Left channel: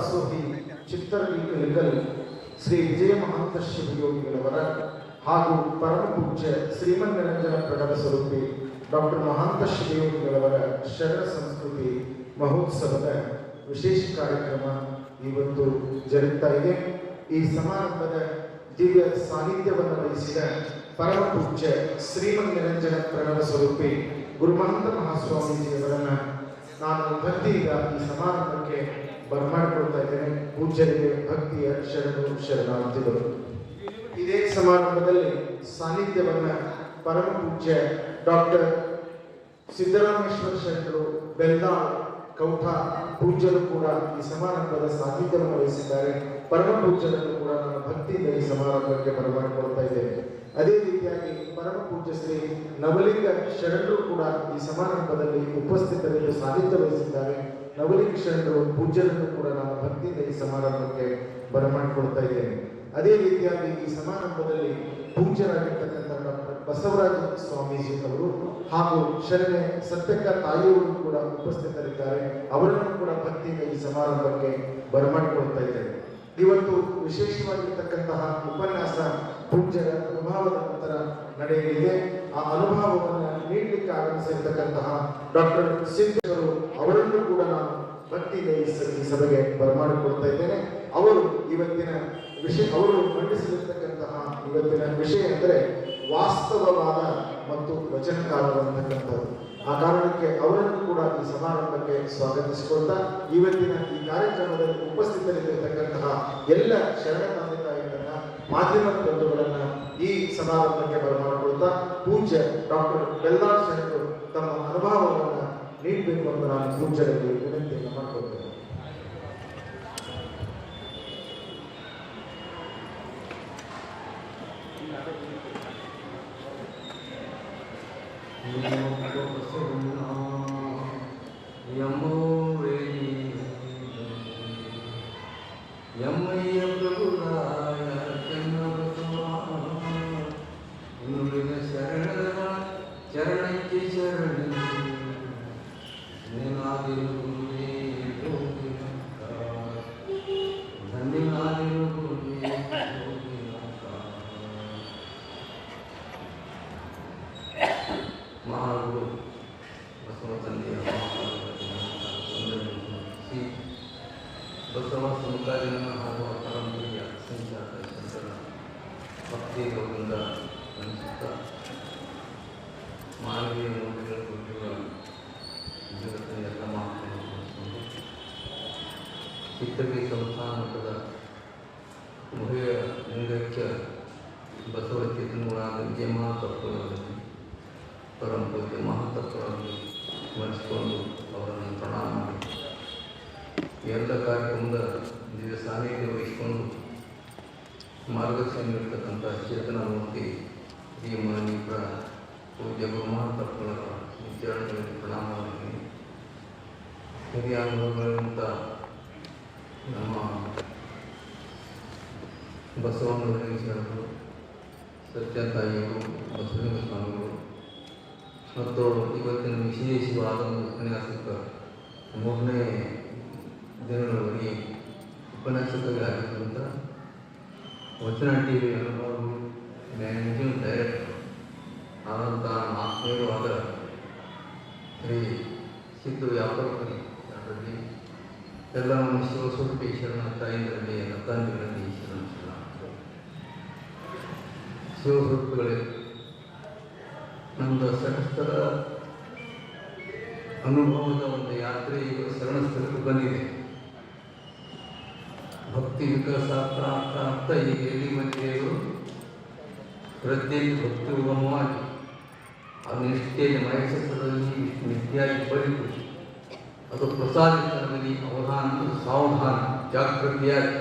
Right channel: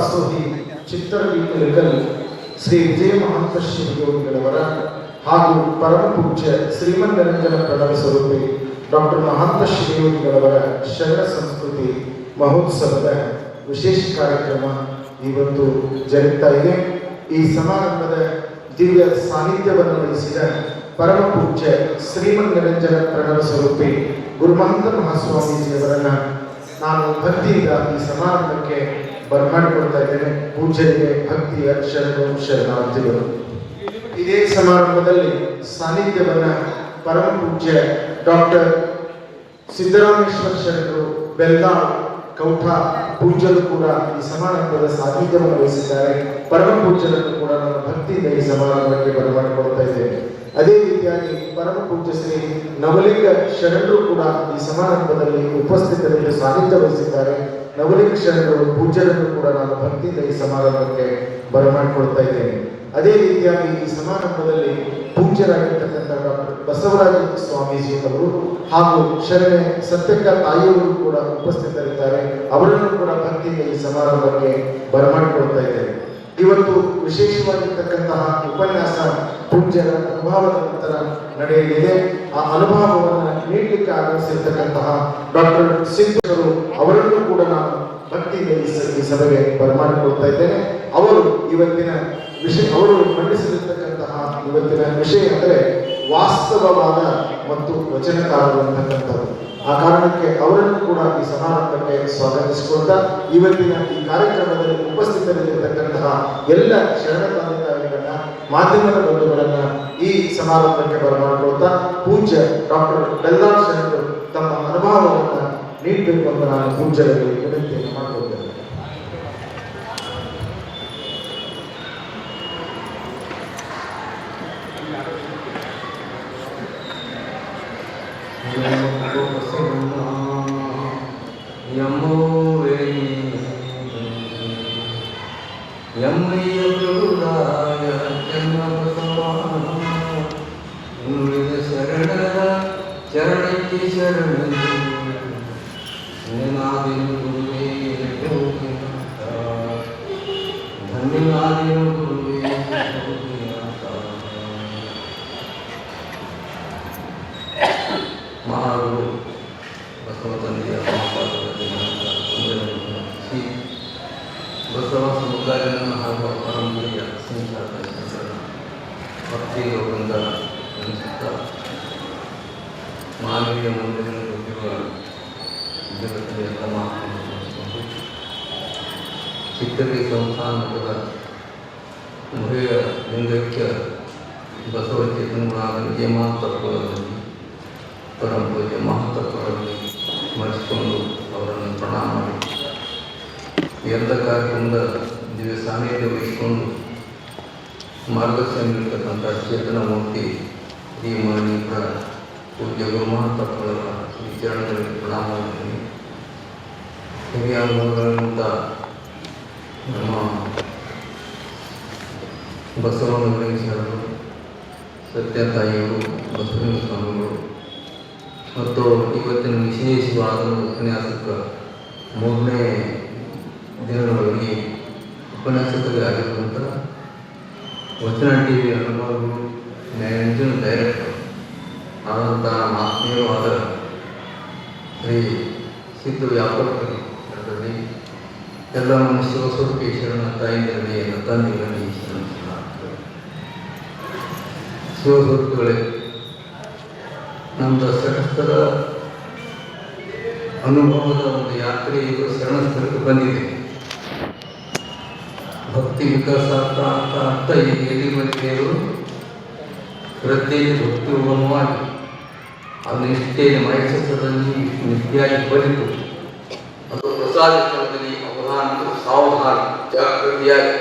ದಾಸೋಹಿ ಚಿತ್ತರವಿಕಲಿಕಲ್ ಶ್ರೀ ವಿಜಯ ಮಹಂತ ಶಿವಯೋಗಿಗಳವರ ಹಾಗೂ ಪರಮ ಪೂಜ್ಯ ಶ್ರೀಮನ್ನಿರಂಜನ ಪ್ರಣವ ಸ್ವರೂಪಿ ಡಾಕ್ಟರ್ ಮಹಾಂತ ಶಿವಯೋಗಿಗಳವರ ಶರಣ ಸಂಸ್ಕೃತಿ ಮಹೋತ್ಸವದ ವಿಶೇಷ ಕಾರ್ಯಕ್ರಮ ಇವತ್ತು ಜರುಗ್ತಾ ಇದೆ. ಈ ಸಮಾರಂಭದ ದಿವ್ಯ ಸಾನ್ನಿಧ್ಯವನ್ನು ವಹಿಸಿದ ಪರಮ ಪೂಜ್ಯ ಶ್ರೀಮನ್ನಿರಂಜನ ಪ್ರಣವ ಸ್ವರೂಪಿ ಗುರುಮಹಂತ ಮಹಾಸ್ವಾಮೀಜಿಯವರನ್ನ ನಾನು ಭಕ್ತಿಯಿಂದ ಈ ಸಮಾರಂಭಕ್ಕೆ ಬರಮಾಡಿಕೊಳ್ತಾ ಇದ್ದೇನೆ. ಪೂಜ್ಯರಿಗೆ ಭಕ್ತಿಯ ಶರಣಾರ್ಥಿಗಳು. ಇದೇ ಸಮಾರಂಭದಲ್ಲಿ ಸಾನ್ನಿಧ್ಯವನ್ನ ಪರಮ ಪೂಜ್ಯ ಡಾಕ್ಟರ್ ಸಿದ್ದರಾಮೇಶ್ವರ ಶರಣರು ಬೆಲ್ದಾಳ್ ಕೌಠ ಪೂಜ್ಯರು ಕೂಡ ಈ ಸಮಾರಂಭದ ಸಾನ್ನಿಧ್ಯವನ್ನು ವಹಿಸಿದ್ದಾರೆ. ಪರಮ ಪೂಜ್ಯರನ್ನು ಕೂಡ ನಾನು ಭಕ್ತಿಯಿಂದ ಈ ಸಮಾರಂಭಕ್ಕೆ ಬರಮಾಡಿಕೊಳ್ತಾ ಇದ್ದೇನೆ. ಅದೇ ರೀತಿಯಾಗಿ ಪರಮ ಪೂಜ್ಯ ಶ್ರೀ ನವಲಿಂಗ ಶರಣರು ಕೂಡ ಈ ಸಮಾರಂಭದಲ್ಲಿ ಉಪಸ್ಥಿತರಿದ್ದು ಸಾನ್ನಿಧ್ಯ ವಹಿಸಿದ್ದಾರೆ. ನವಲಿಂಗ ಶರಣರು ಪೂಜ್ಯರನ್ನು ಕೂಡ ನಾನು ಭಕ್ತಿಯಿಂದ ಈ ಸಮಾರಂಭಕ್ಕೆ ಬರಮಾಡಿಕೊಳ್ತಾ ಇದ್ದೇನೆ. ಅದೇ ರೀತಿಯಾಗಿ ಈ ಸಮಾರಂಭದಲ್ಲಿ ಪೂಜ್ಯರಾಗಿರ್ತಕ್ಕಂಥ ಡಾಕ್ಟರ್ ಬಸವರಾಜ ಸ್ವಾಮೀಜಿ ಅವರು ಹಾಗೂ ಶರಣೆ ಸತ್ಯಕ್ಕ ತಾಯಿಯವರು ಕೂಡ ಉಪಸ್ಥಿತರಿದ್ದಾರೆ. ಅವರನ್ನು ಕೂಡ ಭಕ್ತಿಯಿಂದ ಈ ಸಮಾರಂಭಕ್ಕೆ ಬರಮಾಡಿಕೊಳ್ತಾ ಇದ್ದೇನೆ. ಇವತ್ತು ವಿಶೇಷವಾಗಿರ್ತಕ್ಕಂತಹ ಉಪನ್ಯಾಸ ಪೂಜ್ಯರ ಅನುಭವದ ನಂತರ ನಡೆಯಲಿದೆ. ಆ ಅನುಭವವನ್ನು ನೀಡಲಿಕ್ಕೆ ಆಗಮಿಸಿರ್ತಕ್ಕಂತಹ ಡಾಕ್ಟರ್ ಸಿಂಧರು ಅವರನ್ನು ಕೂಡ ನಾನು ಭಕ್ತಿಯಿಂದ ಈ ಸಭೆಗೆ ಬರಮಾಡಿಕೊಳ್ತಾ ಇದ್ದೇನೆ. ಅವರು ಮಂಡಿಸಿರ್ತಕ್ಕಂತಹ ಇವತ್ತಿನ ವಿಷಯ ಅಂದರೆ ವಾಸ್ತವವಾದ ಮತ್ತು ವಚನಕಾರರು ಅಂತಕ್ಕಂಥದ್ದು. ಆ ಕಾರಣಕ್ಕೆ ಅವರನ್ನು ಕೂಡ ಈ ಸಮಾರಂಭಕ್ಕೆ ಸ್ವಾಗತಿಸಿಕೊಳ್ತಾ ಇವತ್ತಿನ ಈ ಕಾರ್ಯಕ್ರಮದಲ್ಲಿ ಉಪಸ್ಥಿತರಿರತಕ್ಕಂತಹ ಎಲ್ಲ ಶರಣ ತಂದೆತಾಯಿಗಳನ್ನ ಮಾಧ್ಯಮದ ಬಂಧುಗಳನ್ನ ಈ ಸಮಾರಂಭಕ್ಕೆ ಬರಮಾಡಿಕೊಳ್ತಾ ಪೂಜ್ಯ ಡಾಕ್ಟರ್ ಬೆಲ್ದಾಳ್ ಶರಣರು ತಮ್ಮ ಅನುಭವವನ್ನು ನೀಡಬೇಕು ಅಂತ ನಾನು ಪೂಜ್ಯರಲ್ಲಿ ವಿನಂತಿಯನ್ನು ಮಾಡಿಕೊಳ್ತೇನೆ. ಬಸವ ಸಮುದಾಯವನ್ನು ಹಾಗೂ ಪರಂಪರೆಯ ಸಂಚಾರ ಭಕ್ತಿಯಿಂದ ಅನಿಸುತ್ತಾ ಮಾನವೀಯ ಮೌಲ್ಯಗಳನ್ನು ಹೊಂದಿರುವ ಜಗತ್ತಿನ ಎಲ್ಲ ಮಾತನ್ನು ಚಿಕ್ಕದಿ ಸಂಸ್ಥಾನದ ಮಹಿಳೆಯ ಲಿಂಗೈಕ್ಯ ಬಸವ ಚೇತನರಾದ ವಿಜಯಮಾತತ್ವದಲ್ಲಿ ಪರಂಪರೆಯ ಮಹತ್ವವನ್ನು ಸ್ಮರಿಸಿಕೊಂಡು ಅವರನ್ನು ಪ್ರಣಾಮ ಮಾಡಿ ಎಲ್ಲ ಕಾರ್ಯಕ್ರಮದ ದಿವ್ಯ ಸಾನ್ನಿಧ್ಯ ವಹಿಸಿಕೊಂಡು ಮಾರ್ಗದರ್ಶನ ನೀಡತಕ್ಕಂಥ ಚೇತನ ಮೂರ್ತಿ ಈ ಮಾನೀಯ ಪೂಜ್ಯ ಗುರುಮಹತ್ವಗಳ ಚರಣದಲ್ಲಿ ಪ್ರಣಾಮ ಮಾಡ್ತೀನಿ. ಹಿರಿಯ ಅನುಭವಗಳಿಂದ ನಮ್ಮ ಬಸವನವಲಿಂಗ ಶರಣರು, ಸತ್ಯತಾಯಿಯವರು, ಬಸವಲಿಂಗ ಸ್ವಾಮಿಗಳು ಮತ್ತು ಇವತ್ತಿನ ವಿಶೇಷವಾದ ಉಪನ್ಯಾಸಕ್ಕೆ 3ನೇ ದಿನಗಳಲ್ಲಿ ಉಪನ್ಯಾಸಕರಿಗೆ ಆಗಿರುವಂಥ ವಚನ ಟಿವಿ ಅನುಭವಗಳು ಮ್ಯಾನೇಜಿಂಗ್ ಡೈರೆಕ್ಟರ್ ಆದಂಥ ಆತ್ಮೀಯವಾದ ಶ್ರೀ ಸಿದ್ದು ವ್ಯಾಪಾರಕರಿ ಅದರಲ್ಲಿ ಎಲ್ಲ ನಮ್ಮ ಶಿವಸ್ವರೂಪಿ ಶರಣ ತಾಯಿಗಳಲ್ಲಿ ಎಲ್ಲ ತಂದೆಗಳಲ್ಲಿ ಶಿವಸ್ವರೂಪಿಗಳೇ, ನಮ್ಮ ಸಡಸ್ಥರ ಅನುಭವದ ಒಂದು ಯಾತ್ರೆ ಇದು ಶರಣಸ್ಥಳಕ್ಕೆ ಬಂದಿದೆ. ಭಕ್ತಿ ವಿಕಾಸ ಅರ್ಥ ಈ ಎಲ್ಲಿಮಂತೆಯವರು ಶ್ರದ್ಧೆಯಲ್ಲಿ ಭಕ್ತಿ ಉಗಮವಾಗಿ ಅದು ನಿಷ್ಠೆಯಲ್ಲಿ ಮಹೇಶ್ವರದಲ್ಲಿ ನಿಷ್ಠೆಯಾಗಿ ಬಲಿತು ಅದು ಪ್ರಸಾದಿತದಲ್ಲಿ ಅವಧಾನ ಸಾವಧಾನ ಜಾಗೃತಿಯಾಗಿ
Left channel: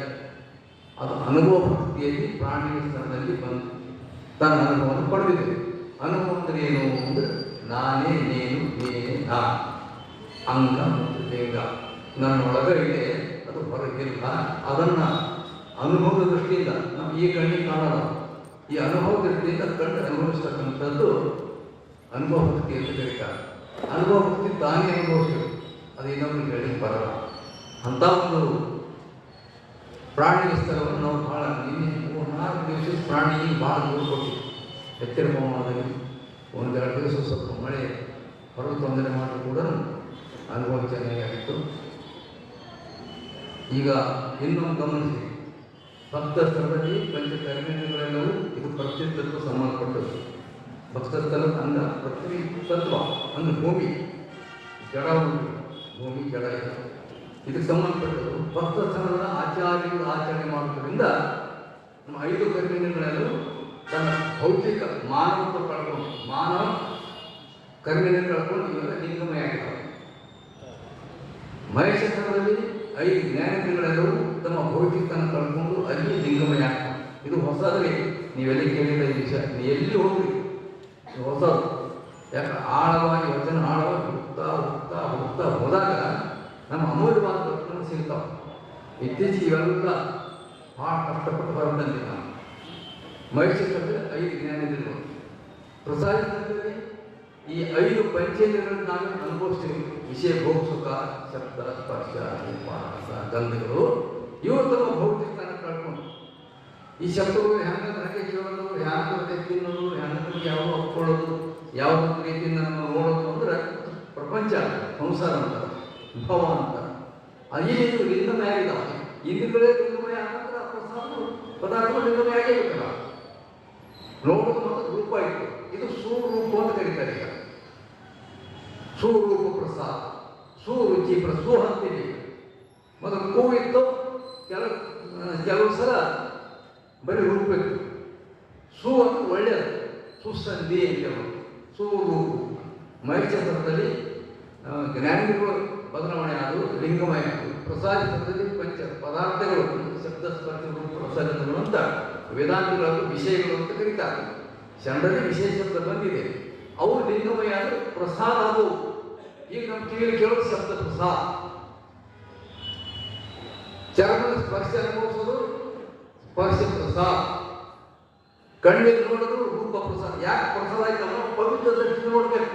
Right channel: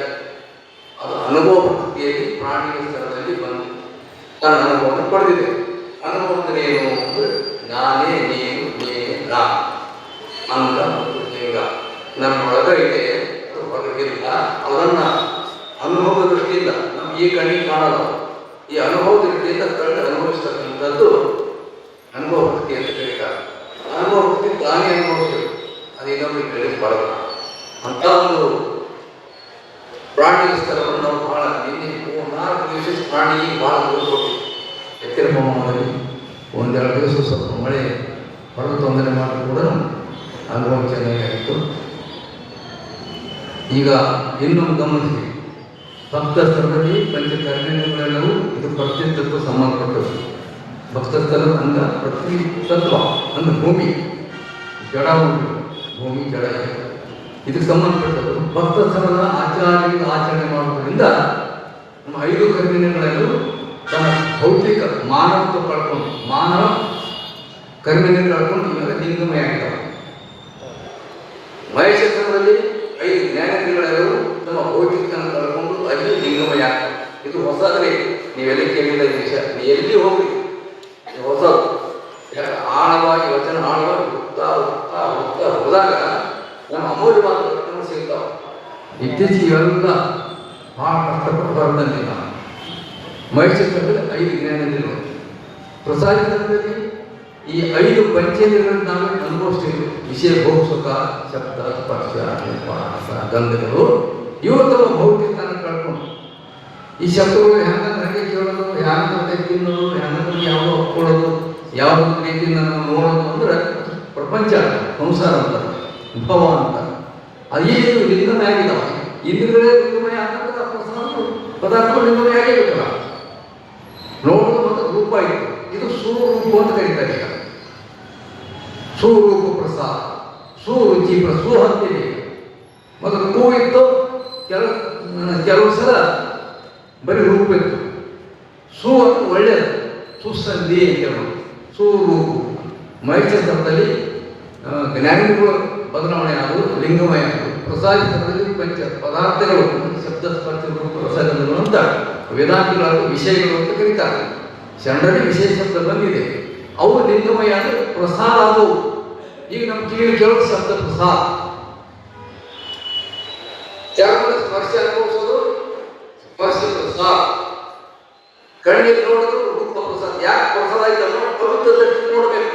ಅದು ಅನುಭವ ಭಕ್ತಿಯಲ್ಲಿ ಪ್ರಾಣಿಯ ಸ್ಥಳದಲ್ಲಿ ಬಂದು ತನ್ನ ಅನುಭವವನ್ನು ಪಡೆದಿದೆ. ಅನುಭವದಲ್ಲಿ ಏನು ಅಂದರೆ ನಾನೇ ನೀನು ನೀನೇ ನಾ ಅಂಗ ಮತ್ತು ಲಿಂಗ ನಮ್ಮೊಳಗಿದೆ, ಅದು ಹೊರಗಿಲ್ಲ. ಅದನ್ನು ಅನುಭವದ ದೃಷ್ಟಿಯಿಂದ ನಾವು ಈ ಕಣ್ಣಿಗೆ ಕಾಣೋದು, ಈ ಅನುಭವದ ದೃಷ್ಟಿಯಿಂದ ಕಂಡು ಅನುಭವಿಸ್ತಕ್ಕಂಥದ್ದು ಅನುಭವ ಭಕ್ತಿ ಅಂತ ಹೇಳ್ತಾರೆ. ಅನುಭವ ಭಕ್ತಿ ತಾನೇ ಅನುಭವಿಸಬೇಕು, ಅದು ಇನ್ನೊಬ್ಬರಿಗೆ ಹೇಳಿಕ್ಕೆ ಬರಲ್ಲ. ಅಂಥ ಒಂದು ಪ್ರಾಣಿಗಳ ಸ್ಥಳವನ್ನು ನಾವು ಭಾಳ ನಿನ್ನೆ 4 ದಿವಸ ಪ್ರಾಣಿ ಭಾಳ ದೂರ ಎತ್ತಿರ ಪ್ರಮಾಣದಲ್ಲಿ 1-2 ದಿವಸ ಸ್ವಲ್ಪ ಮಳೆ ಹೊರ ತೊಂದರೆ ಮಾಡಿ ಕೂಡ ಅನುಭವ ಚೆನ್ನಾಗಿತ್ತು. ಈಗ ಇನ್ನೊಂದು ಗಮನಿಸಿ, ಭಕ್ತ ಸ್ಥಳದಲ್ಲಿ ಪಂಚಕರ್ಮೇಂದ್ರಗಳೆಲ್ಲವೂ ಇದು ಪ್ರತಿತತ್ವ ಸಂಬಂಧಪಟ್ಟದ್ದು. ಭಕ್ತ ಸ್ಥಳ ಅಂದ ಪ್ರತಿ ತತ್ವ ಅಂದ್ರೆ ಭೂಮಿ ಜಡ ಉಂಟು, ಭೂಮಿ ಜಡ ಇದೆ, ಇದಕ್ಕೆ ಸಂಬಂಧಪಟ್ಟದ್ದು. ಭಕ್ತ ಸ್ಥಳದ ಆಚಾರ್ಯರು ಆಚರಣೆ ಮಾಡುವುದರಿಂದ ನಮ್ಮ 5 ಕರ್ಮೇಂದ್ರಗಳೆಲ್ಲವೂ ತಮ್ಮ ಭೌತಿಕ ಮಾನವತ್ವ ಕಳ್ಕೊಂಡು, ಮಾನವ ಕರ್ಮೇಂದ್ರಗಳು ಕಳ್ಕೊಂಡು ಇವಾಗ ಲಿಂಗಮಯ ಆಗ್ತವೆ. ಮಹೇಶ ಸ್ಥಳದಲ್ಲಿ 5 ಜ್ಞಾನೇಂದ್ರಿಯಗಳೆಲ್ಲವೂ ತಮ್ಮ ಭೌತಿಕವನ್ನು ಕಳ್ಕೊಂಡು ಅಲ್ಲಿ ಲಿಂಗಮಯ. ಇದು ಹೊಸದ್ರೆ ನೀವೆಲ್ಲ ಕೇಳಿದ ಈ ವಿಷಯ, ನೀವು ಎಲ್ಲಿ ಹೋಗ್ರಿ ಹೊಸದು. ಯಾಕೆ ಆಳವಾಗಿ ವಚನ ಆಳವಾಗಿ ಹುಡ್ತಾ ಹುಡ್ತಾ ಹುಡ್ತಾ ಹೋದಾಗ ನಮ್ಮ ಅಮೂಲ್ಯವಾದ ರತ್ನಗಳು ಸಿಗ್ತಾವೆ. ಇತ್ತೀಚೆಗೆ ಇವೆಲ್ಲ ಭಾಳ ಕಷ್ಟಪಡ್ಬಾರ್ದಂತೆ ನಾನು ಮಹೇಶ್ವರದಲ್ಲಿ 5 ಜ್ಞಾನೇಂದ್ರಿಯಗಳು, ಪ್ರಸಾದಿತದಲ್ಲಿ ಈ 5 ಪಂಚೇಂದ್ರಿಯಗಳನ್ನು ನಾವೇ ಅನುಭವಿಸ್ತೀವಿ. ವಿಷಯ ಭೋಗ್ಸುಖ, ಶಬ್ದ, ಸ್ಪರ್ಶ, ರಸ, ಗಂಧಗಳು ಇವು ತಮ್ಮ ಭೌತಿಕನ ಕಳ್ಕೊಂಡು ಈ ಶಬ್ದಗಳು ಹೆಂಗಂದ್ರೆ ಹಂಗೆ ಕೇಳೋದು, ಹ್ಯಾಂಗಂತೆ ತಿನ್ನೋದು, ಹ್ಯಾಂಗಂದ್ರೆ ಯಾವುದು ಹಾಕೊಳ್ಳೋದು, ಯಾವ ರೀತಿ ನಾನು ನೋಡೋದು ಅಂದ್ರೆ ಪ್ರಪಂಚ ಸಂಸಾರ ಅಂತ ಭವ ಅಂತ ಅದೇ ಲಿಂಗಮಯ ಆಗಿದ್ದಾವೆ. ಇಂದ್ರಿಯಗಳೇ ಲಿಂಗಮಯ ಆಗ್ತಕ್ಕಂಥ ಪದಾರ್ಥಗಳು ಲಿಂಗಮಯ ಆಗಿರುತ್ತಲ್ಲ. ನೋಡೋದು ಮತ್ತು ರೂಪ ಇತ್ತು, ಇದು ಸುರೂಪ ಅಂತ ಕರೀತಾರೆ. ಈಗ ಸುರೂಪ ಪ್ರಸಾದ, ಸುರುಚಿ ಸುಹಂತಿದೆ. ಮತ್ತು ಹೂ ಇತ್ತು, ಕೆಲವು ಸಲ ಬರೀ ರೂಪ ಇತ್ತು. ಸು ಅಂತ ಒಳ್ಳೆಯದು, ಸುಸಂಧಿ ಅಂತ ಸುರೂಪ. ಮಹೇಶ್ವರದಲ್ಲಿ ಜ್ಞಾನಿಗಳು ಬದಲಾವಣೆ ಆದವು, ಲಿಂಗಮಯ ಆದವು. ಪ್ರಸಾದಿತದಲ್ಲಿ ಪಂಚ ಪದಾರ್ಥಗಳು, ಶಬ್ದ, ಸ್ಪರ್ಶ, ರೂಪ, ರಸಗಳು ಅಂತ ವೇದಾಂತಗಳು ವಿಷಯಗಳು ಅಂತ ಕರೀತಾರೆ. ಶರಣರಲ್ಲಿ ವಿಷಯ ಶಬ್ದ ಬಂದಿದೆ, ಅವು ಲಿಂಗಮಯ ಅಂದರೆ ಪ್ರಸಾದ ಆದವು. ಈಗ ನಮ್ಮ ಕಿವಿಯಲ್ಲಿ ಕೇಳೋದು ಶಬ್ದ ಪ್ರಸಾದ. ಚರ್ಮದ ಸ್ಪರ್ಶ ಅನುಭವಿಸೋದು ಸ್ಪರ್ಶ ಪ್ರಸಾದ. ಕಣ್ಣಿಗೆ ನೋಡಿದ್ರು ರೂಪ ಪ್ರಸಾದ. ಯಾಕೆ ಪ್ರಸಾದ ಆಯ್ತಲ್ಲ, ಪವಿತ್ರ ದೃಷ್ಟಿ ನೋಡ್ಬೇಕು,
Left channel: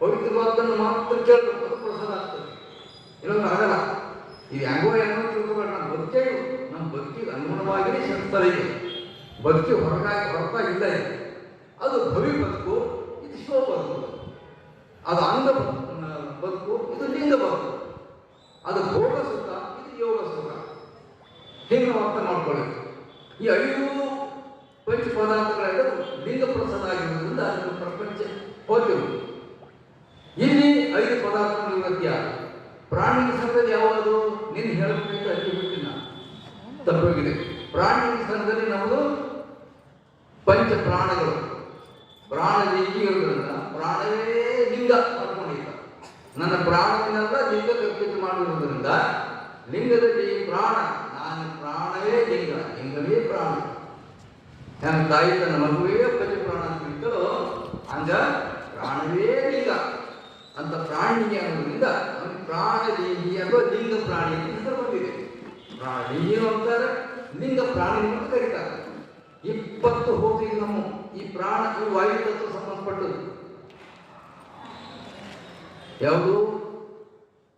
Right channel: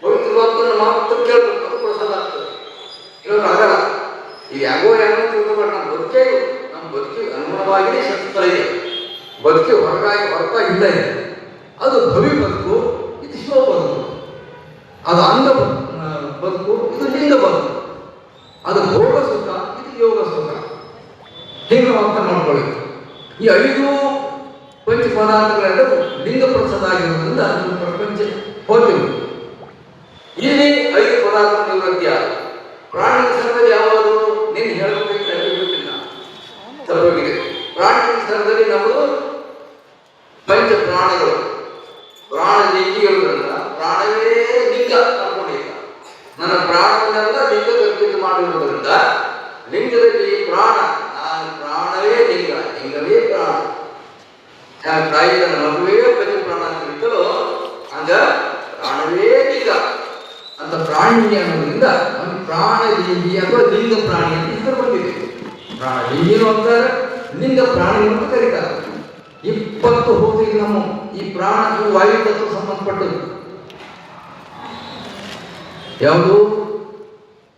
ಪವಿತ್ರವಾದನ್ನು ಮಾತ್ರ ಕೇಳಬೇಕು, ಅದು ಪ್ರಸಾದ ಆಗ್ತದೆ. ಇನ್ನೊಂದು ಆಗಲ್ಲ. ಈಗ ಯಾಗೋ ತಿಳ್ಕೊಬೇಡ, ನಮ್ಮ ಬದುಕಿಗೆ ಅನುಗುಣವಾಗಿಯೇ ಶಕ್ತಿಗಳ ಇದೆ. ಬದುಕಿ ಹೊರತಾಗಿ ಇಲ್ಲ ಇದೆ. ಅದು ಭವಿ ಬದುಕು, ಇದು ಶಿವ ಬದುಕು. ಅದು ಅಂಗ ಬದುಕು, ಇದು ಲಿಂಗ ಬದುಕು. ಅದು ಭೋಗ ಸುಖ, ಇದು ಯೋಗ ಸುಖ. ಹೀಗೆ ಅರ್ಥ ಮಾಡ್ಕೊಳ್ಳಿ. ಈ 5 ಪಂಚ ಪದಾರ್ಥಗಳೆಲ್ಲವೂ ಲಿಂಗ ಪ್ರಸಾದ ಆಗಿರೋದ್ರಿಂದ ಅದು ಪ್ರಪಂಚ ಹೋಗ್ತೀವಿ. ಇಲ್ಲಿ 5 ಪದಾರ್ಥ ನಿವೃತ್ತಿ ಆದ ಪ್ರಾಣಿ ಸ್ಥಳದಲ್ಲಿ ಯಾವುದು ನೀನು ಹೇಳಬೇಕಿಲ್ಲ, ಹೇಳಬೇಕಿಲ್ಲ, ತಪ್ಪಾಗಿದೆ. ಪ್ರಾಣಿ ಸ್ಥಳದಲ್ಲಿ ನಮ್ಮದು ಪಂಚ ಪ್ರಾಣಗಳು, ಪ್ರಾಣ ಲಿಂಗಿ ಹೇಳುವುದರಿಂದ ಪ್ರಾಣವೇ ಲಿಂಗ ಅನ್ಕೊಂಡಿಲ್ಲ. ನನ್ನ ಪ್ರಾಣವನ್ನೆಲ್ಲ ಲಿಂಗ ಕಲ್ಪಿತ ಮಾಡಿರುವುದರಿಂದ ಲಿಂಗದಲ್ಲಿ ಪ್ರಾಣ, ನಾನು ಪ್ರಾಣವೇ ಲಿಂಗ, ಲಿಂಗವೇ ಪ್ರಾಣ. ತಾಯಿ ತನ್ನ ಮಗುವೇ ಪಂಚ ಪ್ರಾಣ ಅಂತ ಇರ್ತಲೋ ಹಂಗ ಪ್ರಾಣವೇ ಲಿಂಗ ಅಂತ ಪ್ರಾಣಿ ಅನ್ನೋದ್ರಿಂದ ಒಂದು ಪ್ರಾಣ ಲಿಂಗಿ ಅಥವಾ ಲಿಂಗ ಪ್ರಾಣಿ ಅಂತ ಹೆಸರು ಬಂದಿದೆ. ಪ್ರಾಣ ಲಿಂಗಿನು ಅಂತಾರೆ, ಲಿಂಗ ಪ್ರಾಣಿ ಅಂತ ಕರೀತಾರೆ. 20 ಹೋಗಿ ನಮ್ಮ ಈ ಪ್ರಾಣ ಇವು ವಾಯು ತತ್ವ ಸಂಬಂಧಪಟ್ಟದ್ದು. ಯಾವುದು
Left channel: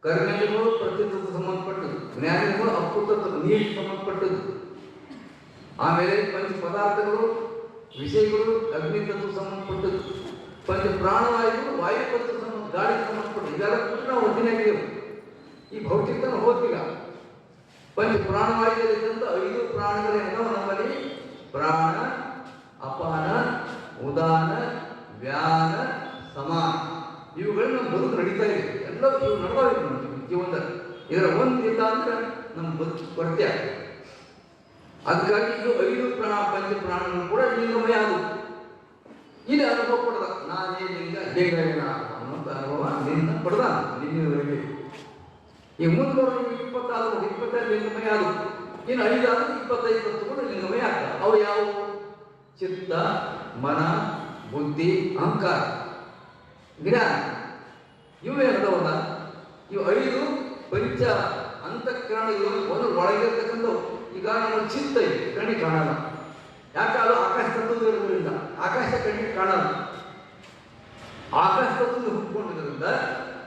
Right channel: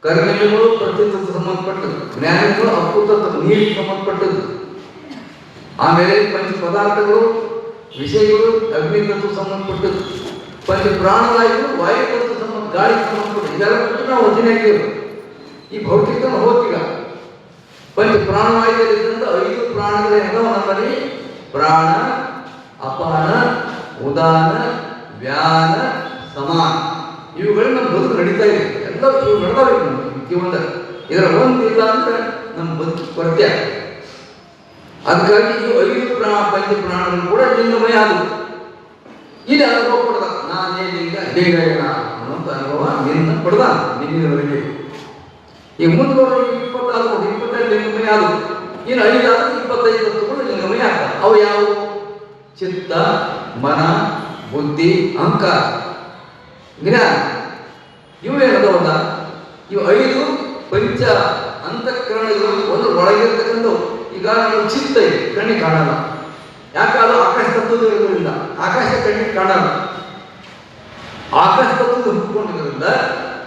ಕರ್ಮೇಂದ್ರಿಯಗಳು ಪ್ರತಿತತ್ವ ಸಂಬಂಧಪಟ್ಟದ್ದು, ಜ್ಞಾನೇಂದ್ರಿಯಗಳು ಅಪ್ಪುತತ್ವ ನೀರಿಗೆ ಸಂಬಂಧಪಟ್ಟದ್ದು. ಆಮೇಲೆ ಪಂಚ ಪದಾರ್ಥಗಳು ವಿಷಯಗಳು ಅಗ್ನಿ ತತ್ವ ಸಂಬಂಧಪಟ್ಟದ್ದು. ಪಂಚ ಪ್ರಾಣವಾಯುಗಳು ವಾಯು ತತ್ವ ಸಂಬಂಧ ಗಾಳಿಗೆ ಸಂಬಂಧಪಟ್ಟದ್ದು. ಇದೆಲ್ಲ ಬಿಟ್ಟು ನಾವು ಒದಿನಾಗಿರು ಈ ಭೌತಿಕ ಹೋಗ್ತೀಗ. ಪಂಚ ಪ್ರಾಣವಾಯುಗಳಿಂದ 5 ಪ್ರಾಣಗಳೇನೋ ನಮ್ಮಲ್ಲಿ ಪ್ರಾಣ, ಅಪಾನ, ಉದಾನ, ವ್ಯಾನ, ಸಮಾನ ಇವುಗಳು ನಮ್ಮ ಬದುಕು ನಡೀತಾ ಇದೆ. ಎಲ್ಲ ಇವು ನಡೆದಾವೆ ನಮ್ಮ ಜೀವನದ. ಇದರ ಒಂದಿಲ್ಲ ಅಂದ್ರೆ ನಮ್ಮ ಬದುಕು ಕೊರತೆ ಆಗ್ತದೆ. ಅದಕ್ಕಾಗಿ ಈ 5 ಪಂಚ ಪ್ರಾಣಗಳು ಕೂಡ ಲಿಂಗಮಯ ಆದವು. ಇಲ್ಲಿ ಅನುಭವ ಪಡೆದ ನಾನೇ ಲಿಂಗ ದೇಹೇನ ಅನ್ನೋಂಥ ಅನುಭವ ನಿನ್ನ ಪಡೆದ ನಿನ್ನಿನವರೆಗೆ. ಈಗ ಮುಂದುವರೆದ 25 ಲಿಂಗಮಯ ಆದವು. ಇನ್ನು 5 25 ತತ್ವಗಳು ಲಿಂಗಮಯ ಆಗ್ತವೆ. ಅವು ಯಾವುವು? ಚಿತ್ತ, ಮನ, ಬುದ್ಧಿ, ಅಹಂಕಾರ, ಜ್ಞಾನ. ಇವು ಏನದವಲ್ಲ, ಇವು 5 ಪಂಚ ಅಂತಃಕರಣಗಳು ಒಂದು ಒಳಗಿರ್ತಕ್ಕಂಥವು. ಈಗ ನಮ್ಮ ಚಿತ್ತ ಇದೆ, ಕಣ್ಣಿಗೆ ಕಾಣಲ್ಲ. ಯಾಕಾದ್ರೂ ಆಕಾಶ ತತ್ವದಿಂದ ಆಕಾಶ ಕಣ್ಣಿಗೆ ಕಾಣಲ್ಲ. ಆಕಾಶ ತತ್ವದ ಹುಟ್ಟಿಕೊಂಡಿರೋದ್ರಿಂದ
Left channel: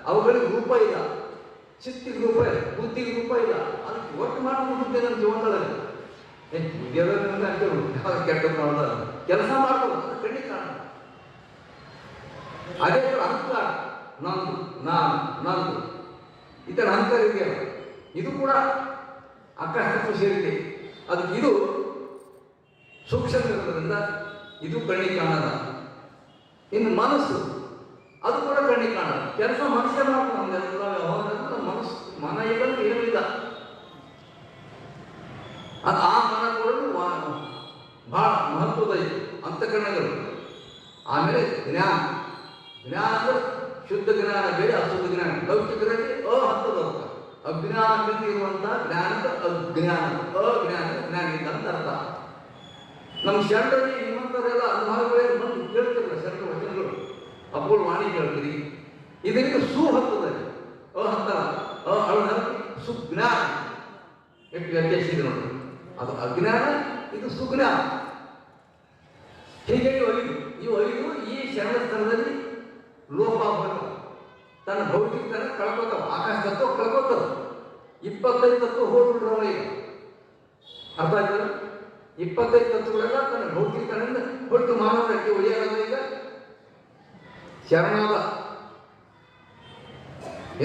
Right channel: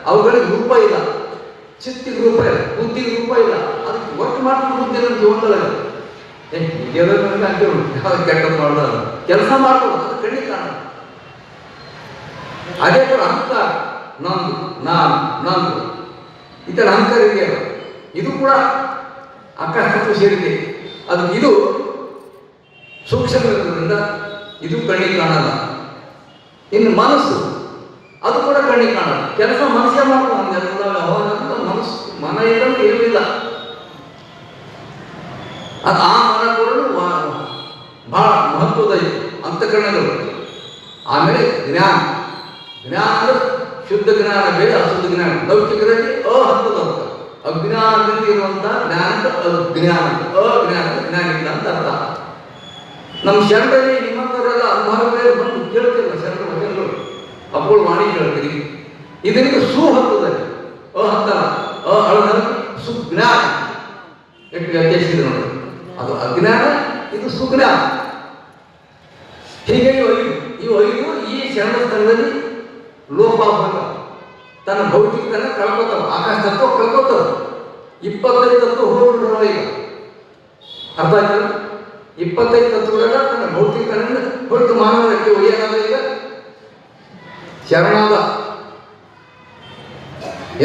ಅವುಗಳಿಗೆ ರೂಪ ಇಲ್ಲ. ಚಿತ್ತಿಗೆ ರೂಪ ಇಲ್ಲ, ಬುದ್ಧಿಗೆ ರೂಪ ಇಲ್ಲ. ಅದಕ್ಕೆ ವರ್ಕ್ ಮಾಡ್ಕೊಂಡು ಬುದ್ಧಿ ನಮ್ಮ ಜೀವನದಲ್ಲಿ ಯಾವ ಕೆಟ್ಟದ್ದು ಮಾಡೋದು ಕೆಲಸ ಮಾಡ್ಬೋದು, ಅದು ಕಣ್ಣಿಗೆ ಕಾಣ. ಅದೇ ಥರ ಅಹಂಕಾರ, ನಂದು ನಾನು ನಂದು ಈ ಥರ ಅಹಂಕಾರ ಇದೆಯಲ್ಲ, ಇದು ಕೂಡ ಆಕಾಶ ಸೇರಿದೆ. ಅದು ಇದು ಸೂಕ್ಷ್ಮ ಇರೋದ್ರಿಂದ ಇದು ಕಣ್ಣಿಗೆ ಕಾಣಲ್ಲ. ಇನ್ನು ಮನಸ್ಸು, ಅದು ಕೂಡ ಕಣ್ಣಿಗೆ ಕಾಣಲ್ಲ. ಕೆಲಸ ಮನಸ್ಸೇ ಮಾಡ್ಕೊಂಡು ಅವಾಗ ಮನಸ್ಸು ಮನ ಇರೋದು ಇರಲಿಲ್ಲ. ಅದು ಆ ಮನ ಕೂಡ ಬಹಳ ಮಹತ್ವದ ಇದು ಅಂತಃಕರಣಗಳು. ಆಮೇಲೆ ಜ್ಞಾನ, ಜ್ಞಾನ ಅಂದ್ರೆ ಶುದ್ಧ ಜ್ಞಾನ ಬೇರೆ, ಅಶುದ್ಧ ಜ್ಞಾನ. ಲೌಕಿಕದಲ್ಲಿ ಹಂತದ ಅರ್ಥ. ಅಜ್ಞಾನದಲ್ಲಿ ಇರುವಂತಹ ಜ್ಞಾನದ ಅಜ್ಞಾನ, ಅಜ್ಞಾನದ ಜ್ಞಾನ ಇಲ್ಲ ಅಂತ ಅರ್ಥ. ನಮ್ಮ ಶರಣರಲ್ಲಿ ನಿಮ್ಮಂತವರೆಲ್ಲ ಅನುಭವವೇ ಬಂದು ಕೇಳ್ತಿರಲ್ಲ, ಶರಣ ವಚನಗಳು ಅಪ್ಪಳು ಮಾಡಿ ಕೇಳ್ತೀರಿ. ಇದರಿಂದ ಸುಹಂತದಲ್ಲಿ ಹಂತ ಅಳದ ಸುಜ್ಞಾನ ಎಷ್ಟು ವ್ಯತ್ಯಾಸಿದೆ ನೋಡಿ. ಅದು ಅಜ್ಞಾನ, ಇದು ಸುಜ್ಞಾನ. ಹೀಗೆ ಇವು ಐದು ಈ ಶರಣ ಸ್ಥಳದಲ್ಲಿ ಲೋಪ ಆಗ್ತಾವ, ತನ್ನ ಭೌತಿಕತನ ಕಳ್ಕೋತಾವ, ಆಕಾಶ ತತ್ವ ಕಳ್ಕೋತಾವ. 25 ತತ್ವ ಹೋಗ್ಬಿಡ್ರವ ಈಗ. ಅರ್ಥ ಆಯ್ತಲ್ಲ? 25 ತತ್ವಗಳ ತನ್ನ ಭೌತಿಕತನ ಹೊರತು ಮಾನವಕ್ಕೆ ಒಯ್ಯಾದ ಈಗ ಶರಣಾದ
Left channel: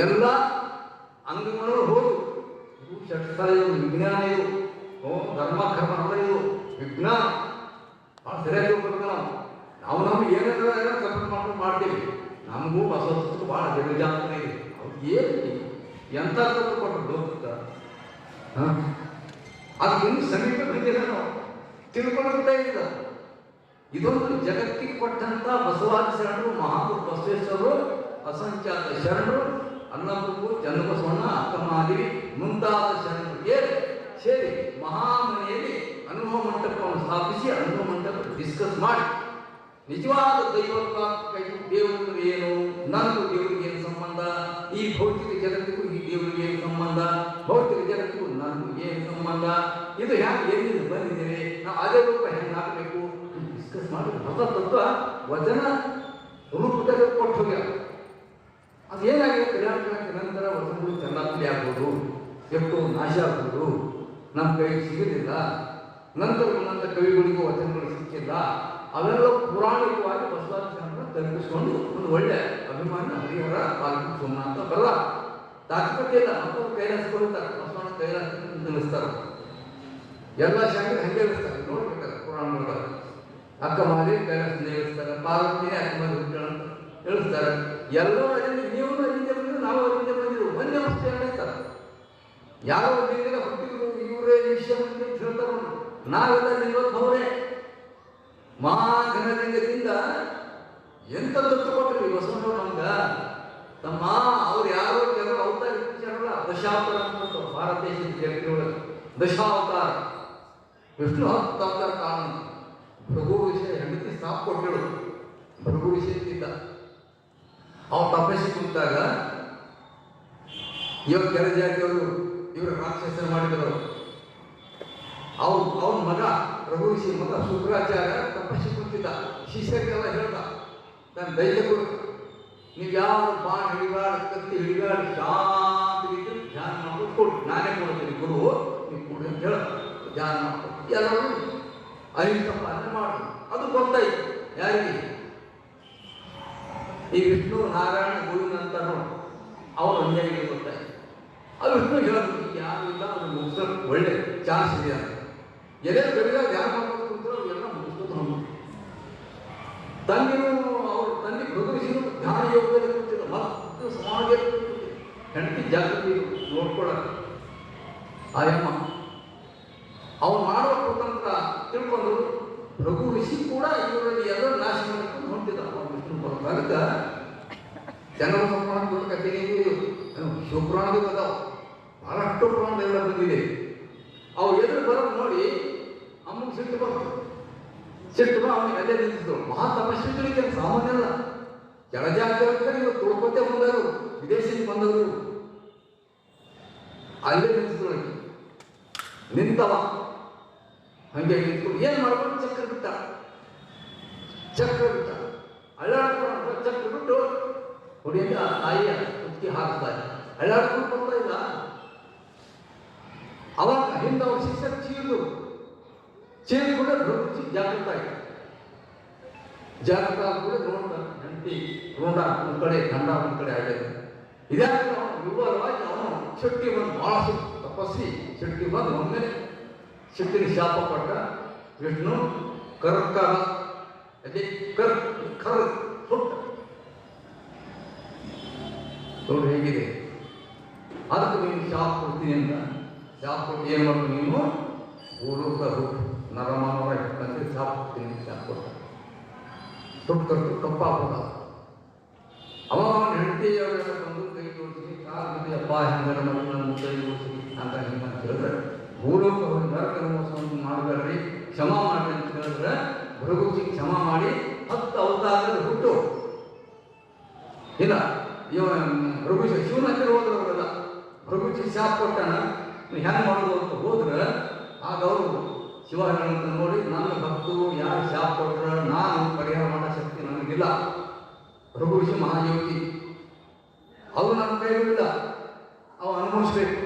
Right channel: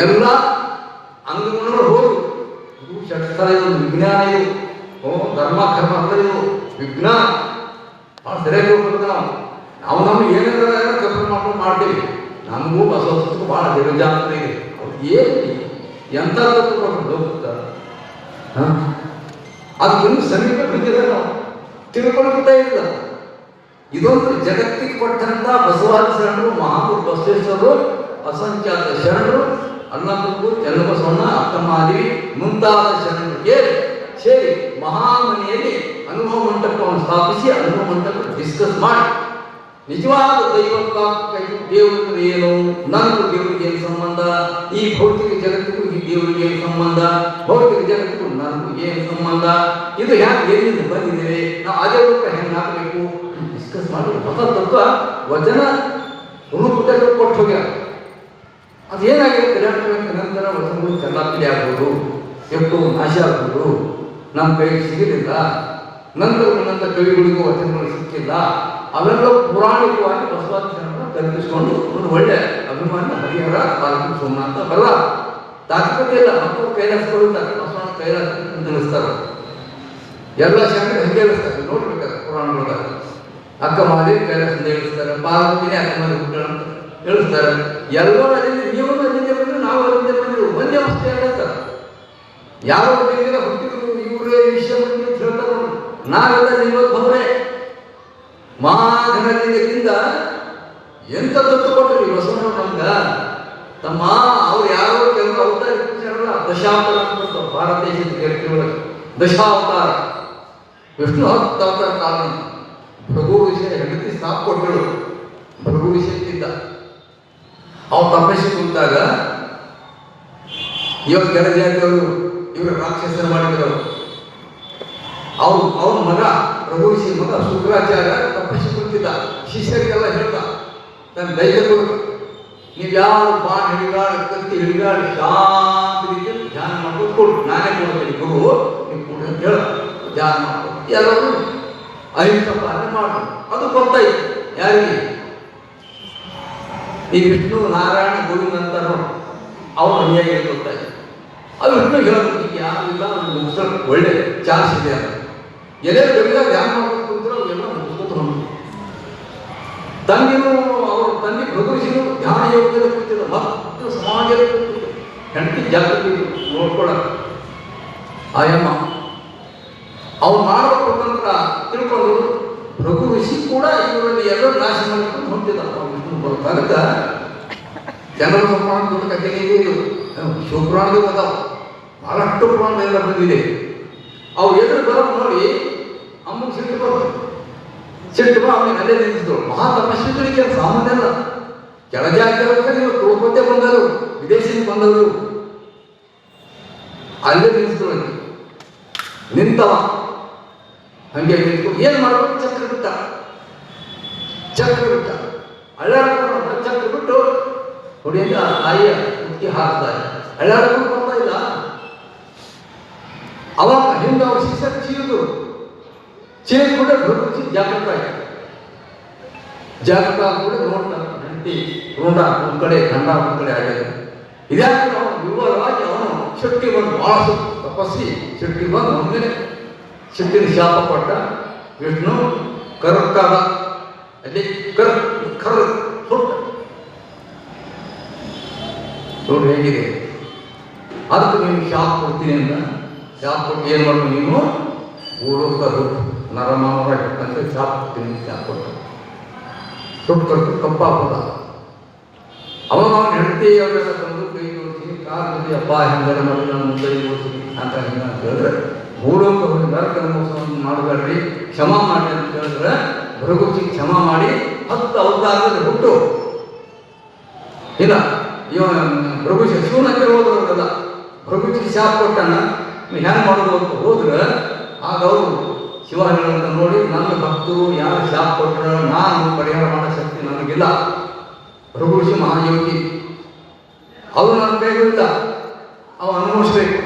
ಎಲ್ಲ ಅಂಗಗಳು ಹೋದು. ಇದು ಷಟ್ಸ್ಥಳ, ಇದು ವಿಜ್ಞಾನ, ಇದು ಧರ್ಮ ಕರ್ಮ ಅಂದ್ರೆ ಇದು ವಿಜ್ಞಾನ. ಭಾಳ ಸರಿಯಾಗಿ ಹೋಗ್ಬೇಕು. ನಾವು ನಮ್ಗೆ ಏನೇನಾರ ಕಲ್ಪನೆ ಮಾಡ್ಕೊಂಡು ಮಾಡ್ತೀವಿ. ನಮಗೂ ಬಸವಸ್ತಕ್ಕೂ ಭಾಳ ದಿನಜಾಂತರ ಇದೆ. ಅವ್ರು ಏನು ಎಂಥ ತತ್ವ ಅದಕ್ಕಿನ್ನೂ ಸಮೀಪ ಬಂದಿಲ್ಲ, ನಾವು ತಿಳ್ಕೊಳ್ತಾ ಇಲ್ಲ. ಇದೊಂದು ಜಗತ್ತಿಗೆ ಕೊಟ್ಟಂತ ಬಸವಾದಿ ಶರಣರು, ಮಹಾಪುರು ಬಸವೇಶ್ವರರು, ಅಸಂಖ್ಯಾತ ಶರಣರು, ಅನ್ನಪುರು, ಚನ್ನಬಸವಣ್ಣ, ಅಕ್ಕಮಾದೇವಿ ಮುಂತಾದ ಶರಣರಿಗೆ ಸೇರಿ ಮಹಾಮನೆಯಲ್ಲಿ ಅನುಭವ ಮಂಟಪವನ್ನು ಸ್ಥಾಪಿಸಿ ಅನುಭವ ಮಂಟಪ ಡಿಸ್ಕಸ್ ಮಾಡಿ ನಿಜವಾದ ದೈವಕ್ಕೆ ದೇವರಿಗೆ ಏನು, ನನಗೂ ದೇವರಿಗೆ ಏನು ಸಂಬಂಧ, ಈ ಭೌತಿಕ ಜಗತ್ತಿಗೂ ಈ ದೇವರಿಗೆ ಏನು ಸಂಬಂಧ, ಭೌತಿಕ ಜಗತ್ತಿಗೂ ನನಗೂ ಏನು ಸಂಬಂಧ, ಇದು ಯಾಕೆ ಎಲ್ಲಿಂದ ಬಂದಿದ್ದೇವೆ, ನಾವು ಅದೇ ರೂಪ ಹೆಂಗೆ ಹಾಕಬೇಕು ಡಿಸ್ಕಸ್ ಮಾಡಿ ಹೊಸ ತತ್ವ ವಚನ ರೂಪದಲ್ಲಿ ಕೊಟ್ಟು ಹೋಗ್ಯಾರ. ಅದೇನಾಗಿದೆ ನಂತರ ವಚನಗಳು ಚೆನ್ನಾಗಿ ಆಗ್ಬೋದು, ಎಷ್ಟು ನಾಶ ಆಗ್ಬೋದು, ನಮ್ಮ ಕೈಗೆ ಸಿಗಲಿಲ್ಲ. ನಂತರ ಕವಿಗಳಿಗೂ ವಚನಗಳು ಸಿಕ್ಕಿಲ್ಲ. ಅವೆಲ್ಲ ಪೌರಾಣಿಕವಾಗಿ ಬಸವಾದಿ ಶರಣರನ್ನು ಕಲ್ಪಿಸಿಕೊಂಡು ಒಂದು ಒಳ್ಳೆ ಅಭಿಮಾನ ಹರಿಹರ ತಾಲೂಕು ಸೋಮನಾಥ ಬರಲ್ಲ. ತಾತ್ವಿಕತೆ ಇಲ್ಲ, ಮಕ್ಕಳು ಕೈಲಾಸ ಕೊಡುತ್ತಾರೆ, ಬಸವಣ್ಣ ಕೈಲಾಸ ತಿಳಿಸ್ತಾರೆ. ಎಲ್ಲ ಶರಣರು ಹಂಗೆ ಹೇಳಿಸ್ತಾರೆ, ನೋಡ್ಬೇಕಾದ್ರೆ ಪುರಾಣಗಳಾಗ ಅಕ್ಕಮಾದೇವಿ ಕೈಲಾಸದಿಂದ ಹೇಳಿಸ್ತಾರೆ, ಪಾರ್ವತಿನೇ ಅಕ್ಕಮಾದೇವಿ ಅಂತ ಹೇಳಿಸ್ತಾರೆ. ಎಲ್ಲರೂ ಅಲ್ಲಿಂದ, ನೀವು ಅಲ್ಲಿಂದ ಬಂದ್ರೆ ನಾವು ಅಲ್ಲಿಂದ ಬಂದಿರು, ಒಂದೇ ಅವಸ್ಥೆ ಹೇಳ್ತಾರೆ. ಯಾವ ದೇವಿನ ಹುಟ್ಟಿದ್ರು ಇವರೇ ವಿಷಯ ಅಂತ ಹೇಳ್ತಾರೆ ನೋಡಿ. ನಾವೆಲ್ಲ ನಿಮ್ಮವರೇ ಮಹಾಘನದಿಂದ ಎಂತ ದತ್ತು ಕೊಟ್ಟರು ಈ ಬಸವಣ್ಣ ನಮ್ಗ. ತಮ್ಮ ಅವ್ರು ಯಾರೋ ಕೆಲವರು ಅವತಾರ ದಶಾವತಾರ ಅಂತ ಭಾರತ ದೇಶದ ಕೇಳ್ತಿರೋದು. ದಶಾವತಾರ ವಿಷ್ಣು 10 ಅವತಾರ ಕಾರಣ. ಭೃಗು ವಿಷಯ ಹೆಂಡತಿ ಸಾಕು ಕೊಟ್ಟರು, ಭೃಗು ವಿಷಯಕ್ಕಿದ್ದ ಅವ್ರು ತಪಸ್ಸಿ ಕೂತಾಗ ಇವಾಗ ಕೆಲ ಜಾತಿಯವರು ಇವರು ರಾಕ್ಷಸನ ಮಾಡಿದ್ರು. ಅವ್ರ ಮಗ ರಘುಋಷಿ ಮಗ ಶುಕ್ರಾಚಾರ್ಯ ತಪಸ್ಸಿ ಕುಂತಿದ್ದ. ಶಿಷ್ಯರಿಗೆಲ್ಲ ಹೇಳ್ದ, ನನ್ನ ದೈವಗಳು ನೀವು ಯಾವ ಬಾಣ ಹಿಡಿಗಾಡು ಕತ್ತಿ ಹಿಡಿಗಾಡು ಶಾಂತ ರೀತಿಯಲ್ಲಿ ಧ್ಯಾನ ಮಾಡ್ಕೊಂಡು ಕೊಡು, ನಾನೇ ಕೊಡ್ತೀನಿ ಗುರು, ನೀವು ಕೊಡು ಅಂತ ಹೇಳ ಧ್ಯಾನ ಮಾಡ್ಕೊಂಡು ಎಲ್ಲರೂ ಅಹಿಂಸ ಪಾಲನೆ ಮಾಡ್ಕೊಂಡು. ಅದು ಗೊತ್ತಾಯ್ತು ಯಾರಿಗೆ, ಈ ವಿಷ್ಣು ನಾರಾಯಣ ಗೋವಿಂದ ಅಂತಾರ ಅವ್ರ ಅನ್ಯಾಯ ಗೊತ್ತಾಯ್ತು. ಅದು ವಿಷ್ಣು ಹೇಳೋದು ಯಾರು ಇಲ್ಲ, ಮುಗಿಸೋದು ಒಳ್ಳೆ ಚಾನ್ಸ್ ಇದೆ ಅಂತ ಎಲ್ಲರೂ ಬೆಳೆದ ಧ್ಯಾನ ಮಾಡ್ಕೊಂಡು ಕೂತಿರೋ ಎಲ್ಲ ಮುಗಿಸ್ಕೊತ ತಂದೆಯೂ ಅವ್ರ ತಂದೆ ಪ್ರಭುಷಿನು ಧ್ಯಾನ ಯೋಗದಲ್ಲಿ ಕೂತಿದ್ದ, ಮತ್ತು ಸಮಾಜದಲ್ಲಿ ಕೂತಿದ್ದ. ಹೆಂಡತಿ ಜಾಗೃತಿ ನೋಡ್ಕೊಳ ಆಯಮ್ಮ ಅವ್ರು ಮಾಡೋ ಸ್ವತಂತ್ರ ತಿಳ್ಕೊಂಡು ರಘು ಋಷಿ ಕೂಡ ಇವರಲ್ಲಿ ಎಲ್ಲರೂ ನಾಶ ಮಾಡ್ಕೊಂಡು ಹೊಂಟಿದ್ದ. ವಿಷ್ಣು ಬರೋದಾಗ ಜನರ ಪ್ರಮಾಣ ದೊಡ್ಡ ಕಥೆಗೆ ಶಿವಪುರಾಣದ ಅದಾವ, ಬಹಳಷ್ಟು ಪುರಾಣ ಎಲ್ಲ ಬಂದಿದೆ. ಅವು ಎದುರು ಬರೋದು ನೋಡಿ ಅಮ್ಮನ ಸಿಟ್ಟು ಬರೋದು, ಸಿಟ್ಟು ಅವನಿಗೆ ಅಲ್ಲೇ ನಿಲ್ಲಿಸಿದ್ರು. ಮಹಾ ತಪಸ್ವಿಗಳಿಗೆ ಸಾಮಾನ್ಯ ಅಲ್ಲ, ಕೆಳಜಾತಿಯವರಿಗೆ ಇವತ್ತು ತಿಳ್ಕೊತೆ ಬಂದರು, ವಿದೇಶಿಗೆ ಬಂದವರು ಅಲ್ಲೇ ನಿಲ್ಲಿಸಿದ್ರು. ನಿಂತವ ಹಂಗೆ ನಿಂತು ಏನ್ ಮಾಡ್ಬೇಕು, ಚಕ್ರ ಬಿಟ್ಟ ಅಳ್ಳಾಡ್ಕೊಂಡು ಚಕ್ರ ಬಿಟ್ಟು ಹುಡಿಯಿಂದ ತಾಯಿಯ ಕುತ್ತಿ ಹಾಕ್ತಾರೆ. ಅಳ್ಳಾಡ್ಕೊಂಡು ಬರ್ತಾ ಇಲ್ಲ. ಅವಾಗ ಹಿಂದೆ ಅವ್ರ ಶಿಷ್ಯರು ಚೀರಿದ್ರು, ಕೂಡ ಭರಗುಚಿ ಜಾಗೃತ ಆಯ್ತು. ಜಾಗೃತ ಕೂಡ ನೋಡ್ತಾರೆ ಹೆಂಡತಿ ಋಣ ಒಂದು ಕಡೆ ಖಂಡ ಒಂದು ಕಡೆ ಆಗಿದೆ. ಇದ್ಯಾಕೆ ನಾವು ವಿವರವಾಗಿ ಅವನು ಶಕ್ತಿ ಬಂದು ಬಹಳ ತಪಸ್ವಿ ಶಕ್ತಿ ಬಂದು ಒಮ್ಮೆಲೆ ಶಕ್ತಿನ ಶಾಪ ಕೊಟ್ಟ. ವಿಷ್ಣು ಕರ್ಕಾದ ಅಲ್ಲಿ ಕರ್ ಹುಟ್ಟು ನೋಡಿ ಹೇಗಿದೆ. ಅದಕ್ಕೆ ನೀನು ಶಾಪ ಕೊಡ್ತೀನಿ ಅಂತ ಶಾಪ ಕೊಟ್ಟು ಏನು ಮಾಡ್ಬೇಕು ನೀನು ಊಳೋಕ ಹುಟ್ಟು ನರಮಾವ ಅಂತ ಶಾಪ ಕೊಡ್ತೀನಿ ಶಾಪ ಕೊಟ್ಟು ಹುಟ್ಟು ಕಟ್ಟು ಕಪ್ಪಾಪದ ಅವಾಗ ಅವನ ಹೆಂಡತಿ ಅವರೆಲ್ಲ ತಂದು ಕೈ ಜೋಡಿಸಿ ಕಾಲು ಜೊತೆ ಹಬ್ಬ ಹೆಂಗಾರ ಮಾಡಿ ನಾನು ಕೈ ಜೋಡಿಸಿ ಅಂತ ಹಿಂಗ ಅಂತ ಹೇಳಿದ್ರೆ ಭೂಲೋಕ ಹೋಗಿ ನರಕದ ಮೋಸವನ್ನು ಮಾಡಬೇಡ್ರಿ ಕ್ಷಮಾ ಮಾಡಿ ಅಂತ ಹೇಳಿದ್ರೆ ಭೃಗುಚಿ ಕ್ಷಮಾ ಮಾಡಿ 10 ಅವತಾರದಲ್ಲಿ ಹುಟ್ಟು ಇಲ್ಲ ಇವನ ಭೃಗುಚಿ ಶಿವನಕ್ಕೆ ಹೋದ್ರಲ್ಲ ಭೃಗುಚಿ ಶಾಪ ಕೊಟ್ಟನ ಹೆಂಗ್ ಮಾಡೋದು ಅಂತ ಹೋದ್ರೆ ಆಗ ಅವರು ಶಿವ ಹೇಳೋದನ್ನ ನೋಡಿ ನನ್ನ ಭಕ್ತರು ಯಾರು ಶಾಪ ಕೊಟ್ಟರು ನಾನು ಪರಿಹಾರ ಮಾಡೋ ಶಕ್ತಿ ನನಗಿಲ್ಲ. ಭೃಗುಷಿ ಮಹಾಯೋಗಿ ಅವರು ನನ್ನ ಕೈಗಳಿಲ್ಲ ಅವ ಅನುಭವಿಸ್ಬೇಕು.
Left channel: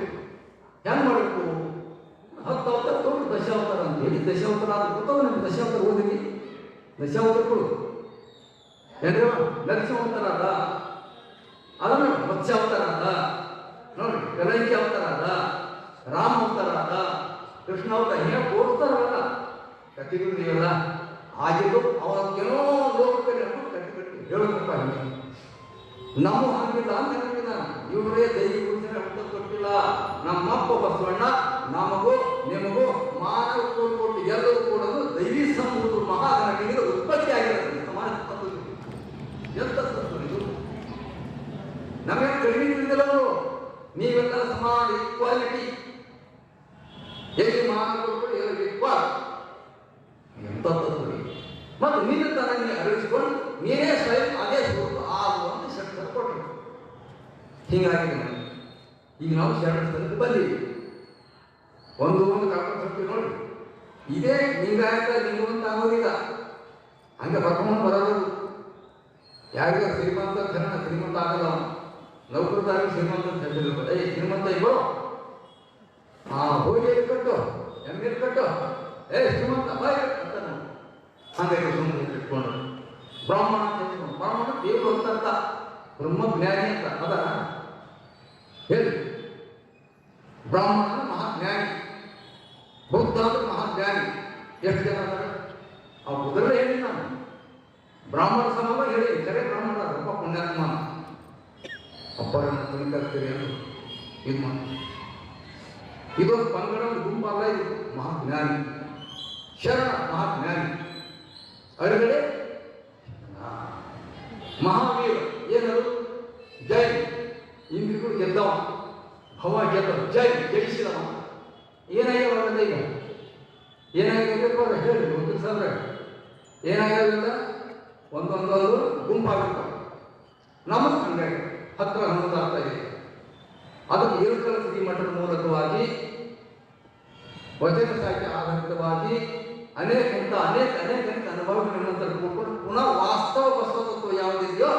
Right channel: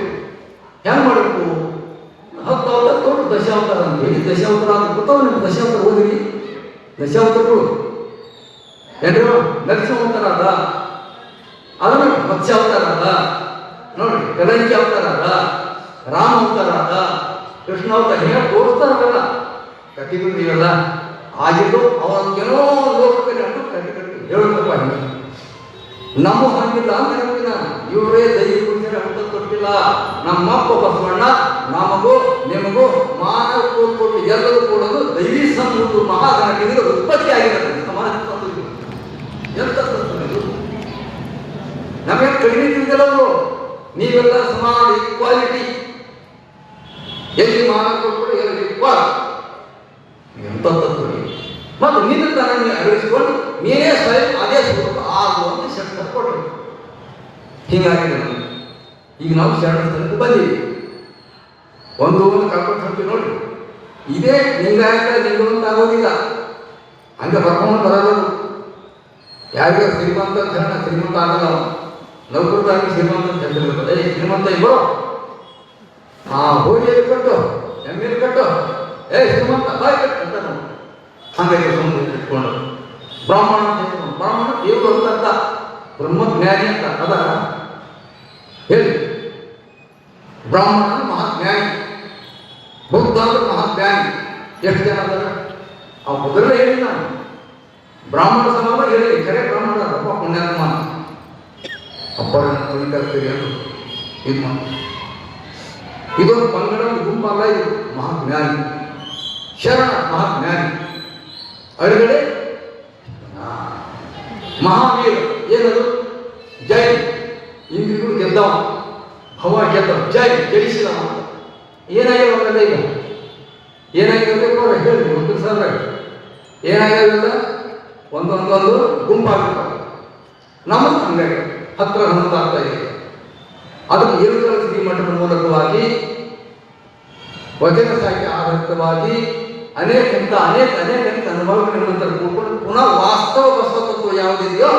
ಹೆಂಗ್ ಮಾಡಬೇಕು 10 ಅವತಾರ ಕೊಟ್ಟು ದಶಾವತಾರ ಅಂತ ಹೇಳಿ ದಶಾವತಾರ ಅಂತ ಗೊತ್ತಾವ ನಿಮ್ಗೆ ದಶಾವತಾರ ಓದಿರಿ ದಶಾವತಾರಗಳು ಎಲ್ಲರೂ ನರಸಿಂಹಾವತಾರ ಅದ ಅದನ್ನ ಮತ್ಸ್ಯಾವತಾರ ಅದ ನೋಡಿ ಕಲಂಕಿ ಅವತಾರ ಅದ ರಾಮ ಅವತಾರ ಅದ ಕೃಷ್ಣ ಅವತಾರ ಹೇಳಿ ತೋರಿಸ್ತಾರಲ್ಲ ಕಟ್ಟಿಗಳು ನೀವೆಲ್ಲ ಆಗಿದ್ದು ಅವನ ಏನೋ ಲೋಕದಲ್ಲಿ ಅಂಟು ಕಟ್ಟಿ ಕಟ್ಟಿ ಹೇಳಬೇಕಪ್ಪ ನಮ್ಮ ಹಾಗಿಲ್ಲ ಅಂತ ಹೇಳ್ತೀನಿ ನಾನು. ಇವರೇ ದೈವ ಪೂಜೆ ಅಂತ ಕೊಟ್ಟಿಲ್ಲ. ನಮ್ಮಪ್ಪ ಬಸವಣ್ಣ ನಮಗೂ ನಿಮಗೂ ಮಾನವ ಕೊಟ್ಟು ಎಲ್ಲರೂ ಕೊಡೋದು ದೈವಿ ಸಂಬಂಧ ಮಹಾಗಣಕ್ಕೆ ಉತ್ಪತ್ತಿ ಆಗಿರುತ್ತೆ ಸಮಾಜ ಎಂತ ನಮಗೆ ಕಡಿಮೆ ತಿಂದಿಲ್ಲ ಅವರು. ನೀವೆಲ್ಲ ಸಮಾನ ಈಕ್ವಾಲಿಟಿ ಎಲ್ಲಿ ಮಾನವ ಕೊಟ್ಟು ಎಲ್ಲಿ ಈಕ್ವಾಲ್ ಎಂತ ಮತ್ತು ನಿನ್ನ ತನ ನೀವು ಅಳವಡಿಸಿಕೊಂಡು ನೀನೇ ಸ್ವಯಂ ಅದೇ ಸ್ವರೂಪ ಆಗುವಂತ ಶಕ್ತಿ ಕೊಟ್ಟರು. ಹೀಗಾಗಿದೆ ನಮಗೆ. ಈಗ ನಾವು ಶರಣಸ್ಥಳಕ್ಕೆ ಬಂದೀವಿ. ಒಂದು ಕರ್ಕೊಂಡು ಹೋಗ್ತೀವಿ ನೋಡಿ ಇದೇ ಲಿಂಗಾಯತ ಲಿಂಗವಂತ ಆಗೋದಿಲ್ಲ ಹಂಗೆ ಬರ್ಕೊಂಡು ಬರೋದು. ಯಾರಿಗ ಶ್ರೀಮಂತ ಅಂತ ಹೇಳ ಶ್ರೀಮಂತ ಆಗಲ್ಲ. ನೌಕರದಾಗಿ ಶ್ರೀಮಂತ ಅಂತ ಹೇಳಿರ್ತದೆ ಶ್ರೀಮಂತ ಇಬ್ಬರು ಹೋಗಿ ಕಟ್ಟು ಎಮ್ಮೆಲ್ ಕಟ್ಟು ಶ್ರೀಮಂತ ಬಾಯ್ ಕಟ್ಟು ಅಂತ ನೋಡಿ ಹಾಗಾಗಿ ಸುಮ್ಮನೆ ಇಟ್ಕೊಂಡು ಬ್ರಾಹ್ಮಣ ಬ್ರಾಹ್ಮಣ ದೇವರು ಅಂತ ಬ್ರಹ್ಮಜ್ಞಾನಿ ಅಂತ ಅದ ಹೇಳಿ. ಬ್ರಾಹ್ಮಣ ಮಹಾಜ್ಞಾನಿ ಬುದ್ಧ ಅಂದ್ರೆ ಮಹಾಜ್ಞಾನಿ. ಎಷ್ಟು ಜನ ಅದಾರ ಆ ಬುದ್ಧರೇ ಹೇಳಿ ನಾನು ಬ್ರಾಹ್ಮಣ ಸಮಾನ ಹೇಳಿ ಕರೆ ಬ್ರಾಹ್ಮಣ ಅಪ್ಪ ಪುಣ್ಯಾತ್ಮ ಅಪ್ಪರ ತಿಳಿಕರ್ತೀರಿ ಅಂತ ಇದು ಇದೊಂದು ಪಂಗಡ ಗುಂಪಲ್ಲ. ಇದು ಮಹಾಜ್ಞಾನಿ ಶರಣ ಮಹಾಜ್ಞಾನಿ ಅಡುಗಡೆ ಮಹಾವೀರ ಏನದು ಜೈ ಇಂದ್ರಿಗಳು ಗೆದ್ದವ ಭವ ಗೆದ್ದವ ಜೈ ಜಯಿಸಿದವ. ಏನಾಗಿರೋಲ್ಲ ಈಗ ಏನಾಗಿರಬೇಕು ಹೇಳಿ ಒಂದು ಸರ್ ಏನಾಗಿರೋದಿಲ್ಲ ಒಂದೊಂದೊಂದು ಗುಂಪಾಗಿರ್ತಾವ. ನಮಗೆ ಹಂಗಾಗಿ ಹತ್ರ ಹನ್ನೊಂದಾಗ್ತಾ ಇದೆ. ಅದಕ್ಕೆ ಏರುಕಲ ಶ್ರೀಮಠದ ಮೂಲಕವಾಗಿ ವಚನ ಸಾಹಿತ್ಯ ಆಧಾರಿತವಾಗಿ ಅನೇಕ ಅನುಭವಗಳ ನಂತರ ಕೂತ್ಕೊಂಡು ಪುನಃ ವಾಸ್ತವ ಬಸವತ್ವ ಯಾವುದಿದೆಯೋ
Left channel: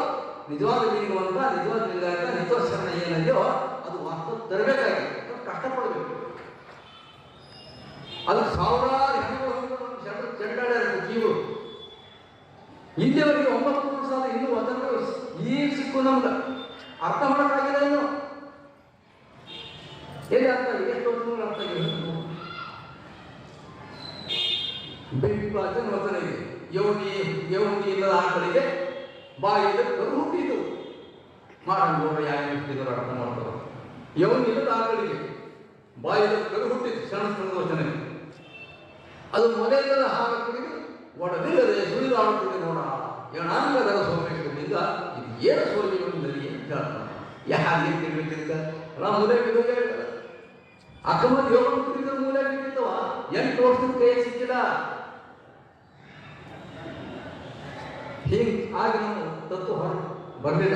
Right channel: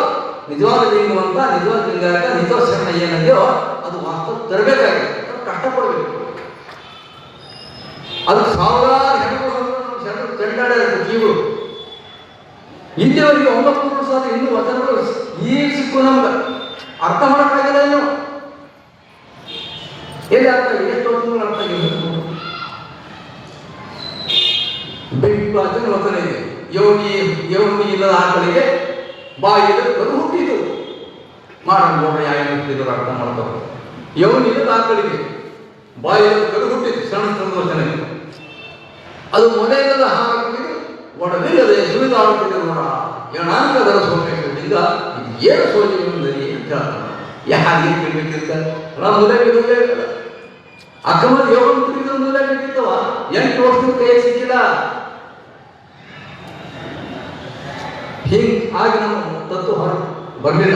ನಿಜವಾದ ಲಿಂಗವಂತ ನಿಜವಾದ ಲಿಂಗಾಯತ ನಿಜವಾದ ಶರಣ ಏನಿದೆಯೋ ಅದು ವಾಸ್ತವ ತರಬೇಕಾಗಿದೆ. ಕಷ್ಟಪಡಬೇಕು. ಅದಕ್ಕೆ ಸಾವಿರಾರು ಹೆಣ್ಣು ಚೆಂಡಾಡ ಜೀವರು ಇಲ್ಲಿವರೆಗೆ 9 ವರ್ಷ ಇನ್ನೂ ವಚನಗಳು ಈಗ ಸಿಕ್ಕು ನಮ್ಗೆ ಅರ್ಥ ಮಾಡೋಕ್ಕಾಗಿಲ್ಲ. ಇನ್ನು ಎಲ್ಲಿ ಅರ್ಥ ಆಗಿದೆ ಎಷ್ಟು ವರ್ಷಗಳು ಅರ್ಥ ಆಗಿದೆ. ವಚನ ಇದೆ ಯೋಗಿ ಇಲ್ಲದ ಆಕಳಿಗೆ ಬಾಯಿಯಲ್ಲಿ ಕರು ಹುಟ್ಟಿತು ಮಾಡೋಣ ಯಾರು ಹುಟ್ಟಿದ್ರು ಅರ್ಥ ಮಾಡ್ತಾರೆ. ಯೋಗಿ ಇಲ್ಲದ ಆಕಳಿಗೆ ಬಾಯಿಯಲ್ಲಿ ಕರು ಹುಟ್ಟಿತು ಶರಣ ವಚನ ಅದು ಮೊದಲಿಲ್ಲದ ಹಾಕಿದ್ದು ಒಡಲಿಲ್ಲದೆ ಸುಳಿದಾಡುತ್ತಿದೆ ನೋಡ ಏನಾಂಗದರ ಸೋಮೇಶ್ವರಿಂದ ಇದು ಏನು ಸೋಜಿಂದರಿ ಅಂತ ಹೇಳ್ತಾನೆ. ಯಾರಿಗೆ ತಿಳ್ಬೇಕಿರ್ತ ನಾವು ಮುಲೆ ಬಿಡುವುದೇ ಇಲ್ಲ. ಅಕ್ಕಮಲ್ಲಿ ಯೋಗ ತಿರುಗಿದ ಮುಲೆ ಬಿಟ್ಟಿತ್ತವ 8 ವರ್ಷದ ಕೈ ಸಿಕ್ಕಿಲ್ಲ. ಹಾಗೆ ನಾವು ತತ್ವ ಹೊರ ಬರಲಿಲ್ಲ.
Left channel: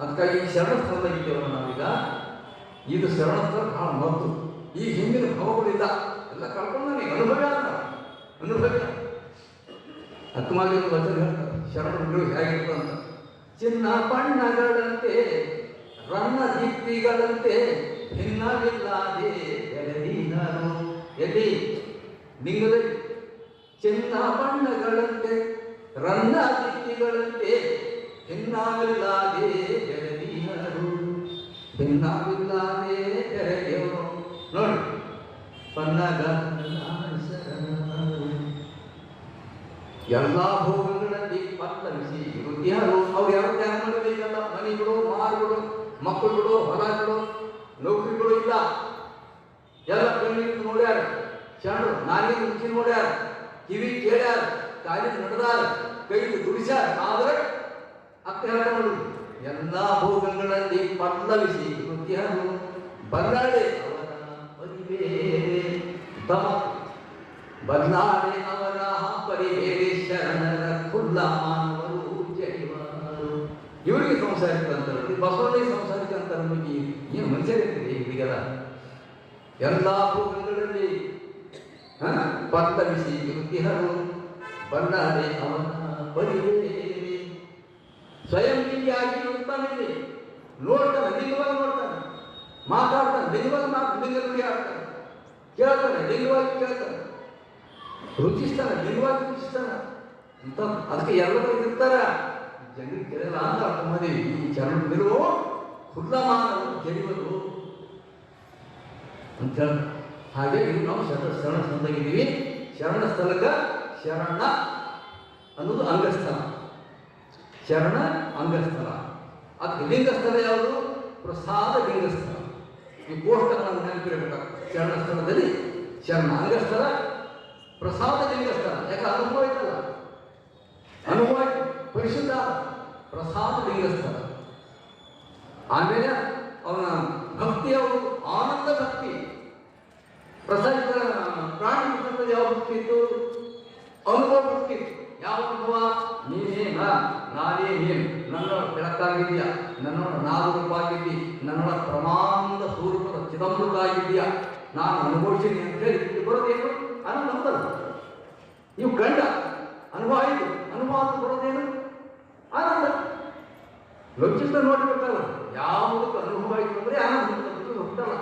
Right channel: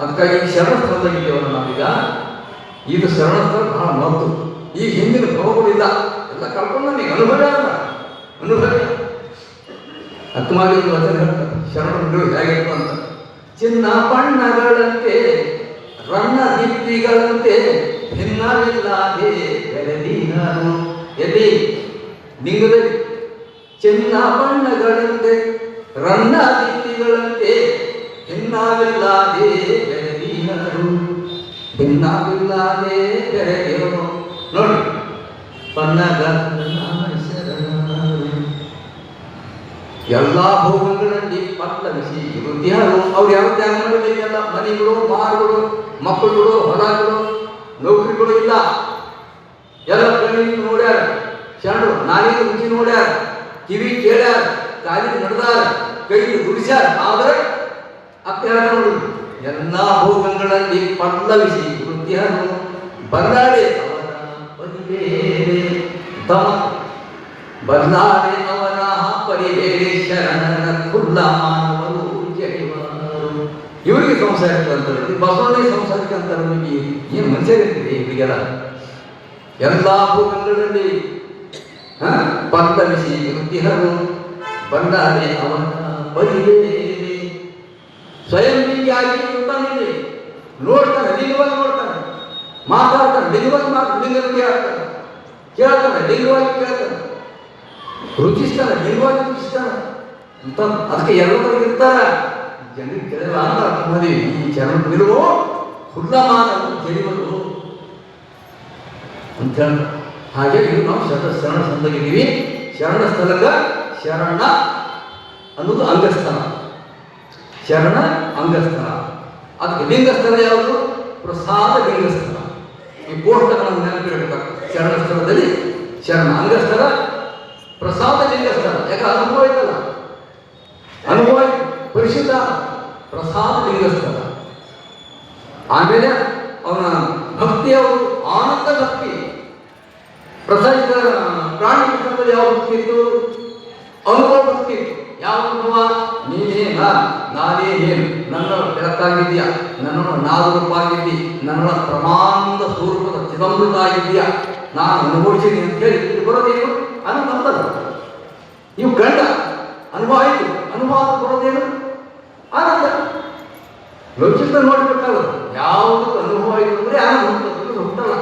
ಅದಕ್ಕಾಗಿ ಶರಣಸ್ಥಳದಾಗಿದ್ದೇವಲ್ಲ ನಾವೀಗ. ಇದು ಶರಣಸ್ಥಳ ಬಹಳ ಮದ್ದು. ಈಗ ಹಿಂದಿನ ಭವಗಳಿಲ್ಲ ಎಲ್ಲ ಕಳ್ಕೊಂಡು ನನಗೆ ಅನುಭವ ಅನುಭವ ಅಕ್ಕಮಾಗಿ ವಚನ ಹೇಳ್ತಾರೆ ಶರಣರು ಹೇಗಿತ್ತು ಅಂತ. ಚಿನ್ನ ಬಣ್ಣಗಳಂತೆ ರನ್ನ ದಿಪ್ಪಿಗಳಂತೆ ಭಿನ್ನವಿಲ್ಲದೆ ಬೆಳೆದಿ ನಾನು ಎಲ್ಲಿ ಲಿಂಗದಲ್ಲಿ ಚೆನ್ನ ಬಣ್ಣಗಳಂತೆ ರನ್ನ ದಿಟ್ಟಿಗಳಂತೆ ಭಿನ್ನವಿಲ್ಲದೆ ಬೆರೆದೀನರು ಭಿನ್ನವಿಲ್ಲದೆ ಬೆರೆದೇವನು ನೋಡಿ ಎಲ್ಲ ಭೋಗಗಳಲ್ಲಿ ಪಲ್ಲವಿಸಿ ವೃದ್ಧಿಯಾರು ಅವ್ರು ಯಾವ ತ್ಯಾಗ ಮಾಡಲಿಲ್ಲ. ಮನೆಗಳು, ಮಾರುಗಳು, ಮಕ್ಕಳುಗಳು, ಹೊಲಗಳು, ನೌಕರಿಗಳು ಇಲ್ಲ. ಎಲ್ಲ ಕಣ್ಣಿಗೆ ನೋಡ್ಯಾರ, ಶರಣರು ನಾಲಿಗೆ ರುಚಿ ನೋಡ್ಯಾರ, ಕಿವಿ ಕೇಳ್ಯಾರ, ಕಾಲಿ ನಡೆದಾರ, ಕೈ ದುಡಿಸ್ಯಾರ. ಆದ್ರೆ ನೋಡಿ ಎಲ್ಲ ಭೋಗಗಳಲ್ಲಿ ಪಲ್ಲವಿಸಿ ವೃದ್ಧಿಯಾರು ಬಲ್ಲಾಡೆ ಅವರ ಪರಿಬೇರೆ ತಮ ಬಲ್ಲಾಡೆ ಅವರ ಪರಿಬೇರೆ ಶರಣನ ಕುಲ್ಲ ಮಾನವರು ಜಡಿವಾರು. ಇವರಿಗೆ ಸಂಸಾರಿಕ ಅಂತಾರೆ, ಬಸವಣ್ಣಿಗೆ ಸಂಸಾರಿಕ ಅಂತಾರೆ. ನಿಮಗೆ ಏನು ಮನುಷ್ಯರಿರ್ತೀರಿ ಇವರಿಗೆಲ್ಲ? ಎಲ್ಲ ಭೋಗಗಳಲ್ಲಿ ಪಲ್ಲವಿಸಿ ವೃದ್ಧಿಹರು ಬಲ್ಲಾಡೆ ಅವರ ಪರಿಬೇರೆ ಸ್ವಯಂ ಲಿಂಗಿಯಾಗಿ ಇರ್ತಾನೆ. ನೋಡ್ತಾನೆ, ಲಿಂಗವಾಗಿ ನೋಡ್ತಾನೆ, ಮಾತಾಡ್ತಾನೆ, ಲಿಂಗವಾಗಿ ಲಿಂಗವಾಗಿ ಹೇಳ್ತಾನೆ, ಕೇಳ್ತಾನೆ, ಲಿಂಗವಾಗಿ ಕೇಳ್ತಾನೆ, ರುಚಿಸ್ತಾನೆ, ಲಿಂಗವಾಗಿ ರುಚಿಸ್ತಾನೆ ಅಂತ. ಅದಕ್ಕೆ ಎಲ್ಲರೂ ಇರ್ತಾರ. ಜನರಿಗೆ ಕೇಳಲ್ಲ ಅಂತ ಮದುವೆ ಈ ಜನ ನಿಲುವು ಹುಲ್ಲಮಾನ ತಿಳಿಯುವುದು ಅಂತ ಹೇಳ. ಹಾಗೆ ನಾವು ಶರಣ ಸಂದಗಿದ್ದೀವಿ. ಶರಣ ಸ್ಥಳಕ ಶರಣ ಅನ್ನೋದು ಅಂಗಸ್ಥಾನ, ಶರಣ ಅಂಗಸ್ಥಳ. ಅದಕ್ಕೆ ಲಿಂಗಸ್ಥಳ ಯಾವುದು? ಪ್ರಸಾದ ಲಿಂಗಸ್ಥಳ. ಈ ಕೋಷ್ಟಗಳನ್ನು ನೆನಪಿರಬೇಕಾಗ್ತದೆ. ಶರಣ ಸ್ಥಳದಲ್ಲಿ ಶರಣ ಅಂಗಸ್ಥಳ, ಪ್ರಸಾದ ಲಿಂಗಸ್ಥಳ. ಯಾಕೆ ಅನುಭವ ಇತ್ತಲ್ಲ, ಅನುಭವ ಪರಿಶುದ್ಧ ಪ್ರಸಾದ ಲಿಂಗಸ್ಥಳ. ಆಮೇಲೆ ಅವನ ಭಕ್ತಿ ಯಾವುದು? ಆನಂದ ಭಕ್ತಿ. ಪ್ರಸಾದ ಪ್ರಾಣಿ ಪುಸ್ತಕದಲ್ಲಿ ಯಾವ ಭಕ್ತಿ ಇತ್ತು? ಅನುಭವ ಭಕ್ತಿ ಇತ್ತು. ಯಾವ ಅನುಭವ? ನೀನೇನ ನಾನೇ ಏನು, ನನ್ನ ಬೆಳಕಾಗಿದೆಯಾ, ನನ್ನ ನಾದರೂಪಾಗಿದ್ದಿ, ನನ್ನ ಪ್ರಮಾಣದ ಸ್ವರೂಪದ ಚಿದಂಬೃತ ಆಗಿದೆಯಾ, ನಾನು ಅನುಭವಿಸಿದ್ದೀನಿ ಅಂತ ಹೇಳಿ ಬರೋದೇನು? ಅನುಭವ. ನೀವು ಗಂಡ ಅನುಭವ ಆಯಿತು, ಅನುಭವ ಬರೋದೇನು? ಆನಂದ. ಲೌಕಿಕ ನೋಡ್ಬೇಕಾದ್ರೆ ಯಾವುದು ಅನುಭವ ಆಯಿತು ಅಂದರೆ ಆನಂದ ಹುಟ್ಟಲ್ಲ.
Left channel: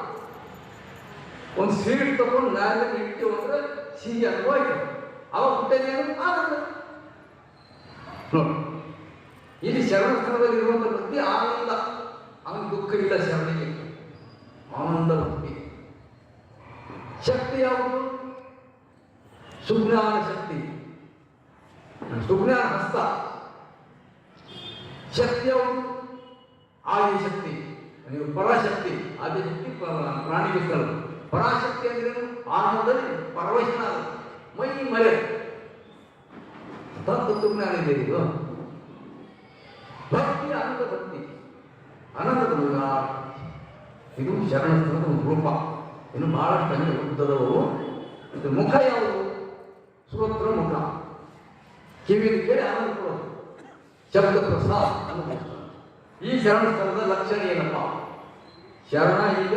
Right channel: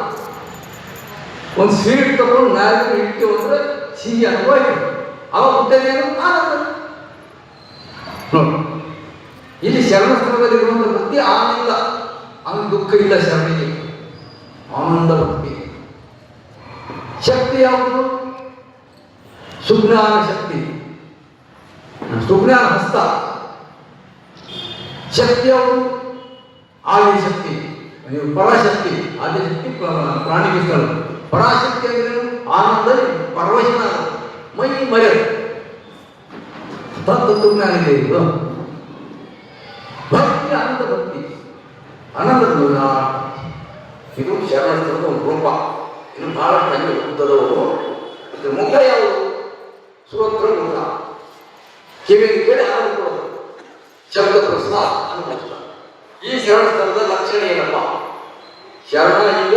ಒಂದು ಸ್ವೀಟ್ ತಗೊಂಡು ನಾಲ್ಕು ಇಟ್ಟು ಅಂದ್ರೆ ಸಿಹಿ ಅನುಭವ ಆಯಿತು, ಅವಾಗ ಹುಟ್ಟದೇನು? ಆನಂದ. ಇಲ್ಲಿ ಶರಣ ಸ್ಥಳದಲ್ಲಿರುವಂಥ ಭಕ್ತಿ ಆನಂದ, ಅವನು ದುಃಖ ಇಲ್ಲ. ಶರಣಿಗೆ ಆನಂದ ಭಕ್ತಿ. ಶಕ್ತಿ ಯಾವುದು? ಸುಜ್ಞಾನ ಶಕ್ತಿ, ಸುಜ್ಞಾನ ಹಸ್ತ. ಶಕ್ತಿ ಯಾವುದು? ಆದಿ ಶಕ್ತಿ, ನೀವು ಪರಾಶಕ್ತಿ. ಆದಿಶಕ್ತಿ ಪ್ರಾಣಿಗೆ ಸ್ಥಳ. ಪರಾಶಕ್ತಿ ಅಂದ್ರೆ ಆನಂದ, ಪರವಶನ, ಮೈ ಮರೆ ತತ್ವಜ್ಞಾನ ಇದೆ. ಇದು ಭಕ್ತಿ, ಆನಂದ ಭಕ್ತಿ, ಆನಂದದ ಇದು ಶರಣದ ಒಂದು ರೂಪ. ಇನ್ನು ಬಹಳ ಕಣ್ಣು ಉದ್ದದವು. ಇದು ಮುಖ ಯಾವುದು? ಶ್ರೋತ್ರ ಮುಖ. ಕಿವಿಗೆ ಕೇಳಿ ಆನಂದ ಕೊಡೋದು, ಶಬ್ದ ಪ್ರಸಾದ ಅನುಭವಿಸ್ತ. ಈ ಶರಣ ಸ್ಥಳದ ಲಕ್ಷಣ ಏನಪ್ಪ? ಶರಣ ಈಗ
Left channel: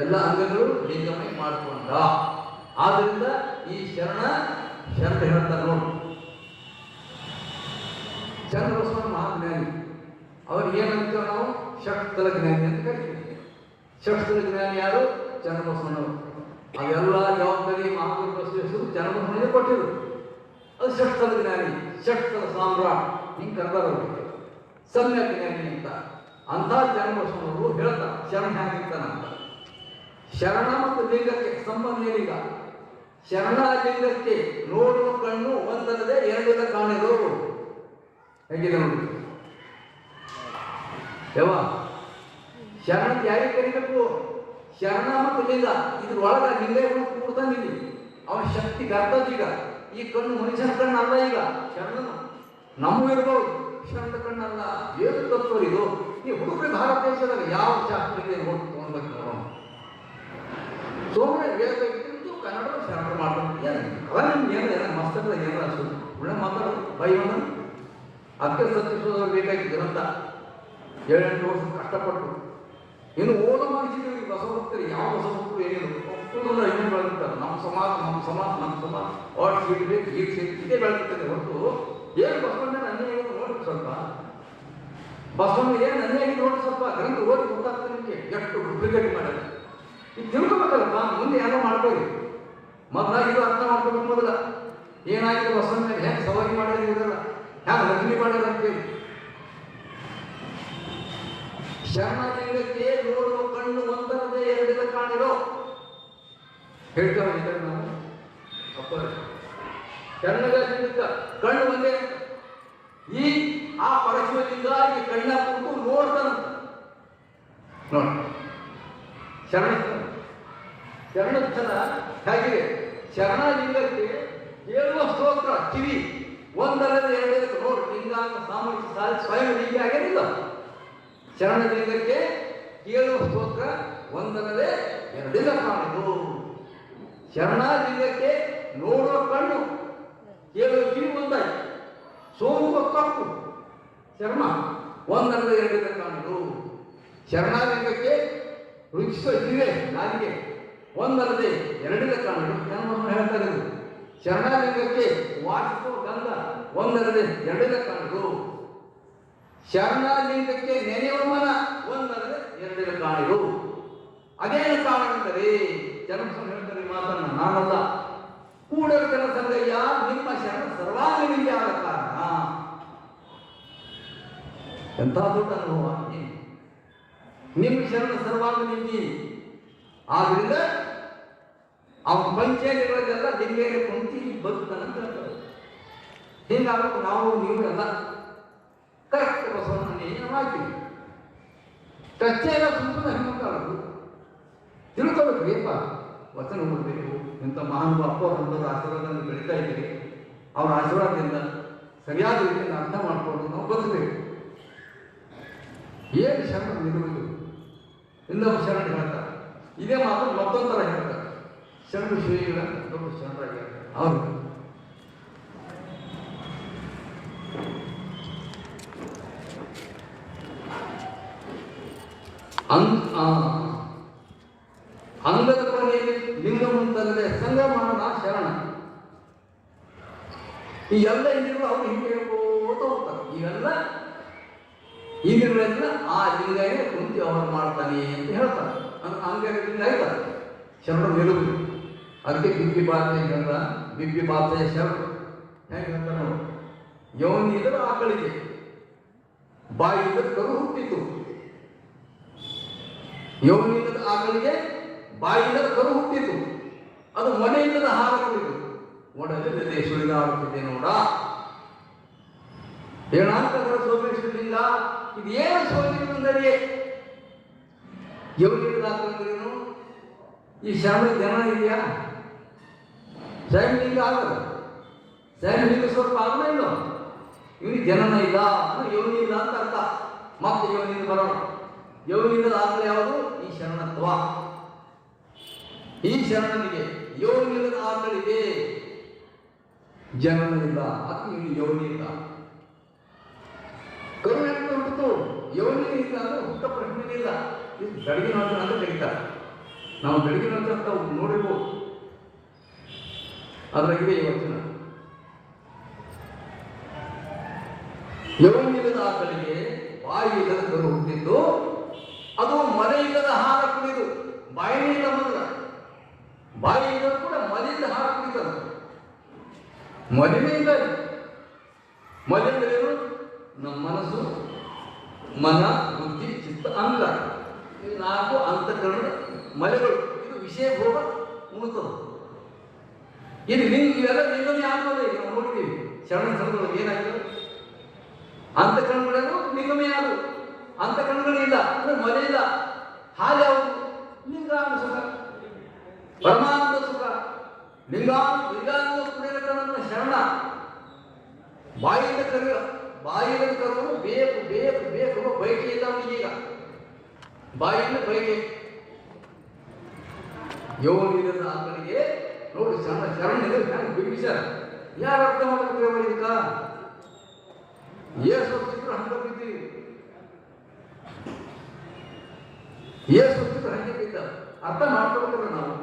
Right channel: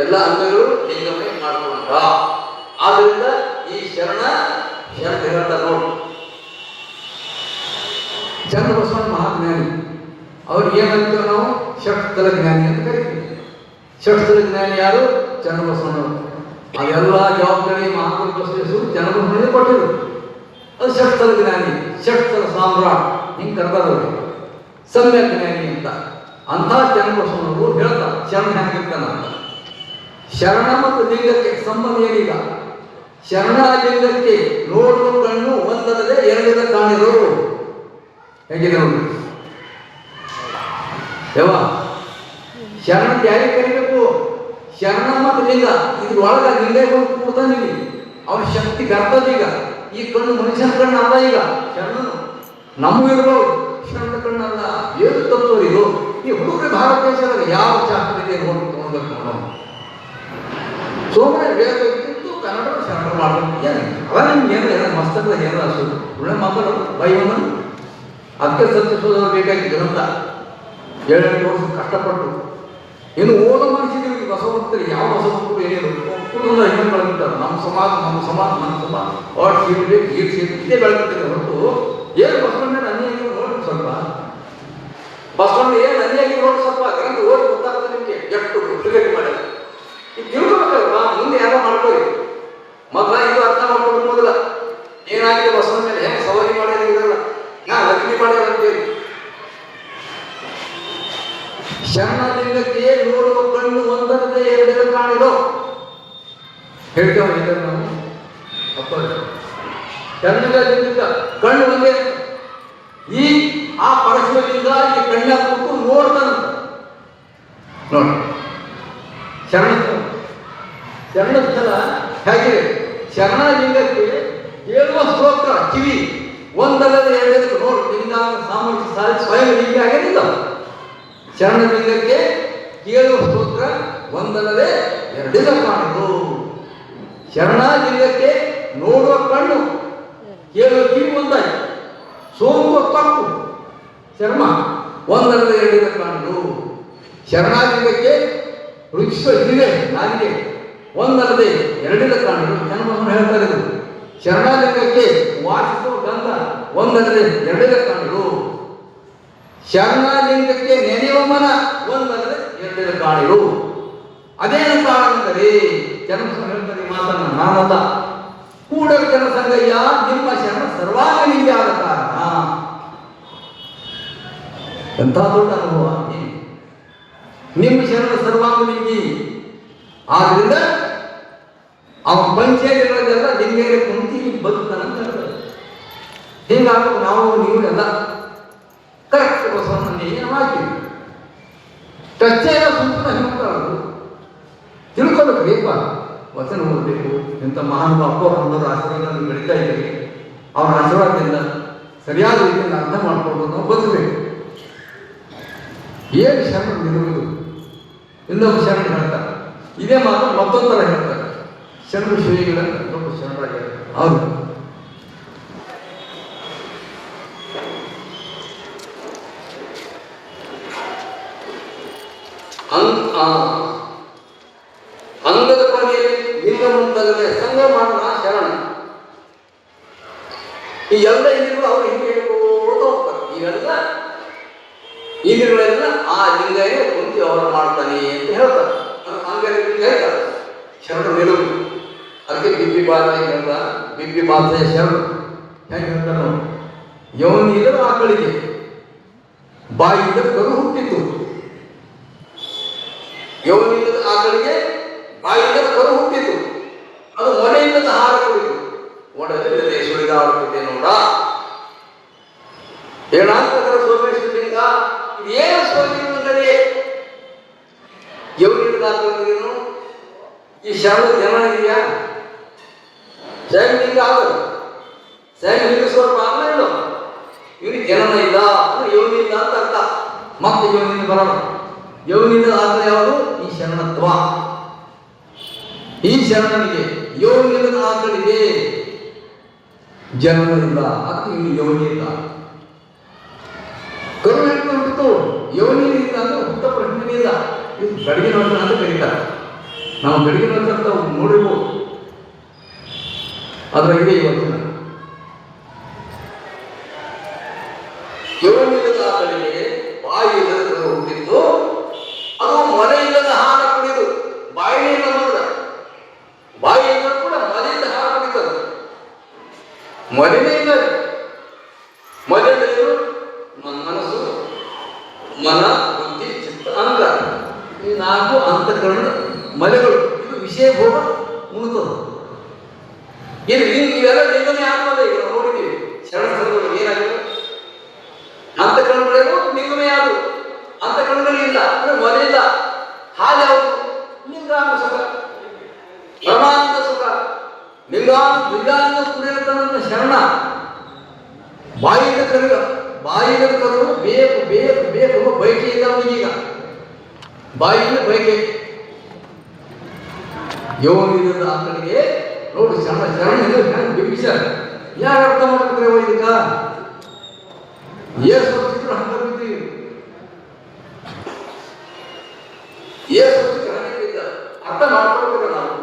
ಎಲ್ಲ ಅಂಗಗಳು ಲಿಂಗಮಯ ಮಾಡಿಕೊಂಡ. ಆದ್ರಿಂದ ಈ ಶರಣ ಶರಣ ಹೇಳ್ತಾರೆ ನೋಡಿ. ಚನ್ನಬಸವಣ್ಣ ಮಹಾಜ್ಞಾನಿ, ಅವ್ರು ಏನಂತೀವಿ ನಾವು? ಷಟ್ಸ್ಥಲ ಜ್ಞಾನಿ ಅಂತ ಕರಿತೀವಿ. ಷಟ್ಸ್ಥಲ ಜ್ಞಾನಿ ಯಾರು? ಚನ್ನಬಸವಣ್ಣವರು. ಅದೆಲ್ಲ ಜವಾಬ್ದಾರಿ ಮಹಾತ್ಮ ಬಸವೇಶ್ವರರು ಚನ್ನಬಸವಣ್ಣನಿಗೆ ಕೊಟ್ಟಿದ್ರು. ಅದು ಷಟ್ಸ್ಥಲ ಜ್ಞಾನಿ, ಷಟ್ಸ್ಥಲ ಸಾಮ್ರಾಟ್ ಹಿಂಗೆ ಕರ್ಕೋದವ್ರು. ಸಮ್ಯಕ್ ಜ್ಞಾನಿ ಅಂತ. ಅಂಥ ಚನ್ನಬಸವಣ್ಣವರು ಹೇಳ್ತಾರೆ ಶರಣ ಹೇಗಿರ್ತಾನ ಅಂತ. ಶರಣ ಮತ್ತು ಲಿಂಗಕ್ಕೆ ಸಂಬಂಧ ಏನಿಲ್ಲ. ಶರಣ ಲಿಂಗಕ್ಕೆ ನೋಡುವ ಕಣ್ಣು ಒಂದಲ್ಲದೆ ಎರಡರ ಕಾಣಿರು. ಹೇಗಿದೆ ನೋಡಿ ಯಾವ ಶರಣ ಯಾರಿಗೆ ಕರಿಬೇಕು? ಶರಣ ಮತ್ತು ಲಿಂಗ ಇದ್ರೊಳಗ ಲಿಂಗ ಕೂತಾನಿವಿ. ಅವನ ಶಕ್ತಿ ಬರ್ತದ. ಈಗ ಈ ಕಣ್ಣು ಮನುಷ್ಯನ ಕಣ್ಣು ಅಲ್ಲ. ಈಗ ಶರಣನು ನಮಗಿರ್ಬೋದು, ಶರಣ ಕಣ್ಣಲ್ಲ. ಏನು ತತ್ವ ಇದು? ಈ ಹುಡುಗರು ಭಾರತ ದೇಶದಾಗ ಯಾವ ಶಾಸ್ತ್ರಕ್ಕೆ ನೋಡ್ಬೇಕು ನೋಡೋಣ. ಸೋಮನೆ ವೇದ ಕನ್ನಡ ಶರಣ ಮಾಡೋದು ಏನು? ಅವ ನಿಮ್ಗೆ ಏನು ಮಸ್ತಕದಾಗ ಏನಾರ ಅನ್ಸೋದು ಒಳ್ಳೆ ಮಾತಾಡೋದು ಬೈವನ. ಅದಕ್ಕೆ ಸತ್ಯಸೋದವ್ರು ಬೇಕಾಗಿದ್ದು ಅಂತ 7 ವರ್ಷ ಕಷ್ಟಪಟ್ಟು ಇನ್ನು ಓದೋ ಮನುಷ್ಯನಿಗೆ ಬಸವಭಕ್ತರು ಯಾವ ಬಸವಭಕ್ತರು ಏನೇನು ಕುಟುಂಬ ಹೆಣ್ಣು ಬೆಳೆದಿರ್ತಾರೆ. ನಮ್ಮ ಸಮಾಜ ವಾಟ್ ಸೀಟ್ ಬೇಕು, ಗೀಟ್ ಸೀಟ್ ಇದೇ ಬೆಳೆದಿರ್ತಾರೆ ಹೊರತು ಏನು ಬಸವಣ್ಣ ಅನ್ಯಾಯ ನೋಡಿ. ಸ್ವಲ್ಪ ಬಸವಣ್ಣ ಏನು ಅನ್ಯಾಯ ನೋಡಿ. ಸ್ವಲ್ಪ ಗ್ರಂಥ ಓದಿ ಗೊತ್ತಾಗ್ತದೆ ನಿಮಗೆ ಎಷ್ಟು ಡುಪ್ಲಿಕೇಟ್ ಮಾಡಿಲ್ಲ. ಈಗ ತಿಳ್ಕೊಬೇಕಲ್ವಾ? ಮುಂದೆ ಯಾರೋ ಮಾಡ್ಕೊಳ್ಳಿ. ಮೊದಲ ಇದು ಅರ್ಥ ಮಾಡ್ಕೊಂಡು ಮೊದಲ ಏನಾಗಿದೆ ಬಸವನ ಮೇಲೆ ಹೆಂಗೆ ಸವಾರಿ ಮಾಡ್ಯಾರ ಇರಲ್ಲ ಲಗ್ನಿ ಮಾಡ್ಯಾರ ಅಂತೇಳಿ. ಶರಣಲಿಂಗಕ್ಕೆ ನೋಡುವ ಕಣ್ಣು ಒಂದರದೇ ಎರಡೆರಡು ಕಾಣಿರೋ ಹೇಳ್ತೇವೆ ನಾವು ಶರಣಲಿಂಗಕ್ಕ ಕಣ್ಣು ಒಂದೇ. ಈ ಆ ಪರಶುಲಿಂಗ ಈ ಕಣ್ಣ ಕೊಟ್ಟು ನೋಡ್ತಾನ ನೋಡಿ. ಶರಣ ಶರಣ ಹೇಗಿದೆ? ಶರಣಲಿಂಗಕ್ಕೆ ಹೇಳುವ ಸ್ತೋತ್ರ ಕಿವಿ ಒಂದಲ್ಲದೆ ಎರಡಕ್ಕೆ ನೋಡಿ. ಲಿಂಗ ಸಾಮರ್ಥ್ಯ ಸ್ವಯಂ ಲಿಂಗ ಆಗಿಲ್ಲ. ಶರಣಲಿಂಗಕ್ಕೆ ಕೇಳುವ ಸ್ತೋತ್ರ ಒಂದಲ್ಲದೆ ಎರಡಿದ ಕಾಣುವುದು. ಶರಣಲಿಂಗಕ್ಕೆ ನೋಡುವ ಕಣ್ಣು ಕೇಳುವ ಕಿವಿ ಒಂದಾಗಿ ಸೋಮುವ ತಪ್ಪು ಚರ್ಮ ಒಂದಲ್ಲದೆ ಎರಡಿದ ಕಾಣುವುದು. ಶರಣಲಿಂಗಕ್ಕೆ ರುಚಿಸುವ ಜಿಲ್ಲೆ ನಾಲಿಗೆ ಒಂದಲ್ಲದೆ ಎರಡಿದ ಕಾಣುವುದು. ಜನ್ಮವನ್ನು ಹೇಳ್ತಾರೆ ಇದು. ಶರಣಲಿಂಗಕ್ಕೆ ವಾಸಿಸುವ ಗಂಧ ಒಂದಲ್ಲದೆ ಎರಡಿದ ಕಾಣುವುದು. ಶರಣಲಿಂಗಕ್ಕೆ ನೆನೆಯುವ ಮನ ಒಂದಲ್ಲದೆ ಎರಡಿದ ಕಾಣುವುದು. ಅದೇನು ಕಾರಣಂದರೆ ಜನ್ಮ ಹೇಳ್ತಾರೆ ಮಾತನ್ನ ನಾನಲ್ಲ ಕೂಡಲ ಜನಸಂಗಯ್ಯ ನಿಮ್ಮ ಶರಣ ಸರ್ವಾಂಗಲಿಂಗ ಆದ ಕಾರಣ. ಎಂಥ ದೊಡ್ಡ ಅನುಭವ. ನಿಮ್ಮ ಶರಣ ಸರ್ವಾಂಗಲಿಂಗಿ ಆದ್ರಿಂದ ಅವನ ಪಂಚೇಂದ್ರಿಯಗಳೆಲ್ಲ ಲಿಂಗೈಗೆ ಕುಂತಿ ಬದುಕ್ತಾನಂತ ಹೇಳ್ತಾರೆ. ಹೀಗಾಗಿ ನಾವು ನೀವು ಎಲ್ಲ ಕರೆಕ್ಟ್ ಬಸವಣ್ಣನ ಏನು ಹಾಕಿವಿ ಕಚ್ಚೆಯ ಸುತ್ತ ಹಿಂಗಾಗೋದು ತಿಳ್ಕೊಬೇಕು. ಬೇಕ ವಚನ ಓದಬೇಕು. ಇಂಥ ಮಹಾನ್ ಅಪ್ಪವರ ಆಶೀರ್ವಾದ ಬೆಳೀತಾ ಇದ್ದೀವಿ. ಅವರ ಆಶೀರ್ವಾದದಿಂದ ಸರಿಯಾದ ರೀತಿಯಿಂದ ಅರ್ಥ ಮಾಡ್ಕೊಂಡು ನಾವು ಬದುಕಬೇಕು. ಏನು ಶರಣ ನಿಲ್ಲುವುದು ಇನ್ನೊಬ್ಬ ಶರಣ ಹೇಳ್ತಾರೆ. ಇದೇ ಮಾತು ಮತ್ತೊಂದರ ಹೇಳ್ತಾರೆ. ಶರಣ ಶ್ರೀಗಳ ದೊಡ್ಡ ಶರಣರಾಗಿ ಹೌದು. ಅಂಗದ ಕೊನೆಯಲ್ಲಿ ಲಿಂಗ ಮುಂತಾಗದೆ ಸಂಘ ಮಾಡೋಣ ಶರಣ. ಈ ಎಲ್ಲ ಇಂದ್ರಿಗಳು ಅವರು ಹಿಂಗೆ ಹೇಳ್ಕೋತ ಹೋಗ್ತಾರೆ. ಇವೆಲ್ಲ ಇಂದ್ರಿಗಳೆಲ್ಲ ಆ ಲಿಂಗನೇ ಕುಂತಿ ಅವರು ಮಾಡ್ತಾನೆ ಅಂತ ಹೇಳ್ತಾರೆ. ಹಂಗೆ ಲಿಂಗ ಹೇಳ್ತಾರೆ ಶರಣ ನಿಲುವು. ಅದಕ್ಕೆ ಬಿಬ್ಬಿ ಬಾಧೆ ಹೇಳ್ದ. ಬಿಬ್ಬಿ ಬಾಧೆ ಶರಣ ಹೆಂಗೆ ಹೇಳ್ತಾರೆ ನೋಡಿ. ಯೋನಿಲ್ಲದ ಆಕಳಿಗೆ ಬಾಯಿಯಿಂದ ಕರು ಹುಟ್ಟಿತು. ಯೋನಿಲ್ಲದ ಆಕಳಿಗೆ ಬಾಯಿಯಿಂದ ಕರು ಹುಟ್ಟಿತು. ಅದು ಮೊನೆಯಿಲ್ಲದ ಹಾರ ಕುಡಿತು. ಒಡಲಿಲ್ಲದೆ ಸುಳಿದಾಡುತ್ತಿದೆ ನೋಡ. ಏನಾಗ್ತದರ ಸೋಮೇಶ್ವರಲಿಂಗ ಇದು ಏನು ಸೋಲಿಂಗ ಅಂದರೆ ಯೋನಿಲ್ಲದ ಆಕಳಿಗೇನು ಈ ಶರಣದ ಜನ ಇದೆಯಾ? ಸೈನಿಕ ಆಗಲ್ಲ. ಸೈನಿಕ ಸ್ವರೂಪ ಆಗಲ್ಲ. ಇವನಿಗೆ ಜನನ ಇಲ್ಲ ಅಂದ್ರೆ ಯೋನಿಲ್ಲ ಅಂತ ಅರ್ಥ. ಮತ್ತೆ ಯೋನಿಂದ ಬರೋಣ. ಯೋನಿಂದ ಆದ್ರೆ ಯಾವುದು? ಈ ಶರಣತ್ವ. ಈ ಶರಣನಿಗೆ ಯೋನಿಲ್ಲದ ಆಕಳಿಗೆ ಜನನವಿಲ್ಲ. ಅದಕ್ಕೆ ಇವನು ಯೋನಿ ಇಲ್ಲ. ಕರು ಹೇಳ್ಕೊಂಡು ಯೋನಿ ಇಲ್ಲ ಅಂದ್ರೆ ಹುಟ್ಟ ಪ್ರಶ್ನೆ ಇಲ್ಲ. ಇದು ಗಡಿಗೆ ನೋಡ ಅಂತ ಕರೀತಾರೆ. ನಾವು ಗಡಿಗೆ ನೋಡ್ತಂತ ನೋಡಿರ್ಬೋದು. ಅದರ ಇದೆ ಇವತ್ತಿನ ಯೋನಿಲ್ಲದ ಆಕಳಿಗೆ ಬಾಯಿಲ್ಲದ ಹುಟ್ಟಿದ್ದು. ಅದು ಮನೆಯಿಲ್ಲದ ಹಾರ ಕುಡಿದು ಬಾಯಿನಿಂದ ನೋಡ. ಬಾಯಿಯಿಂದ ಕೂಡ ಮನೆಯಿಂದ ಹಾರ ಕುಡಿತದೆ. ಮನೆಯೇ ಇದ್ದಾರೆ. ಮನೆಯಲ್ಲಿ ನಮ್ಮ ಮನಸ್ಸು, ಮನ, ಬುದ್ಧಿ, ಚಿತ್ತ, ಅಂಗ ಈ ನಾಲ್ಕು ಅಂತಃಕರಣದ ಮನೆಗಳು. ಇದು ವಿಷಯ ಭೋಗ ಉಣ್ತದೆ. ಇದು ಇವೆಲ್ಲ ಲಿಂಗನೇ ಆತ್ಮದ. ಈಗ ನಾವು ನೋಡಿದ್ದೀವಿ ಶರಣ ಸಂಘಗಳು ಏನಾಗಿದೆ. ಅಂತಃಕರಣಗಳೇನು ಲಿಂಗನೇ ಆದವು. ಅಂತಃಕರಣಗಳಿಲ್ಲ ಅಂದ್ರೆ ಮನೆ ಇಲ್ಲ. ಹಾಗೆ ಯಾವುದು? ಲಿಂಗಾಂಗ ಸುಖ, ಪರಮಾನಂದ ಸುಖ. ಲಿಂಗಾಂಗ ಕುಡಿಯತನ ಶರಣ. ಬಾಯಿಯಿಂದ ಕರೆಯುವ ಬಾಯಿಯಿಂದ ಕರೆಯುವ ಬೇಕು ಬೇಕು ಬೇಕು ಬಯಕೆ ಇಲ್ಲ ಅವನಿಗೀಗ. ಬಾಯಿಯಿಂದ ಬಯಕೆ. ಯೋನಿಲ್ಲದ ಆಕಳಿಗೆ ನೋಡು ಶರಣ ಶರಣ ಬಿಂಬಿಸ್ಯಾರ. ಯಾರು ಅರ್ಥ ಮಾಡ್ತಾರೆ ಇದಕ್ಕ? ಏಸು ಚಿತ್ರ ಹಂಗ ಬಿದ್ದೀವಿ. ಏಸು ಚಿತ್ರ ಹಂಗಿದ್ದ ಅರ್ಥ ಮಾಡ್ಕೊಳ್ತೇವೆ ನಾವು.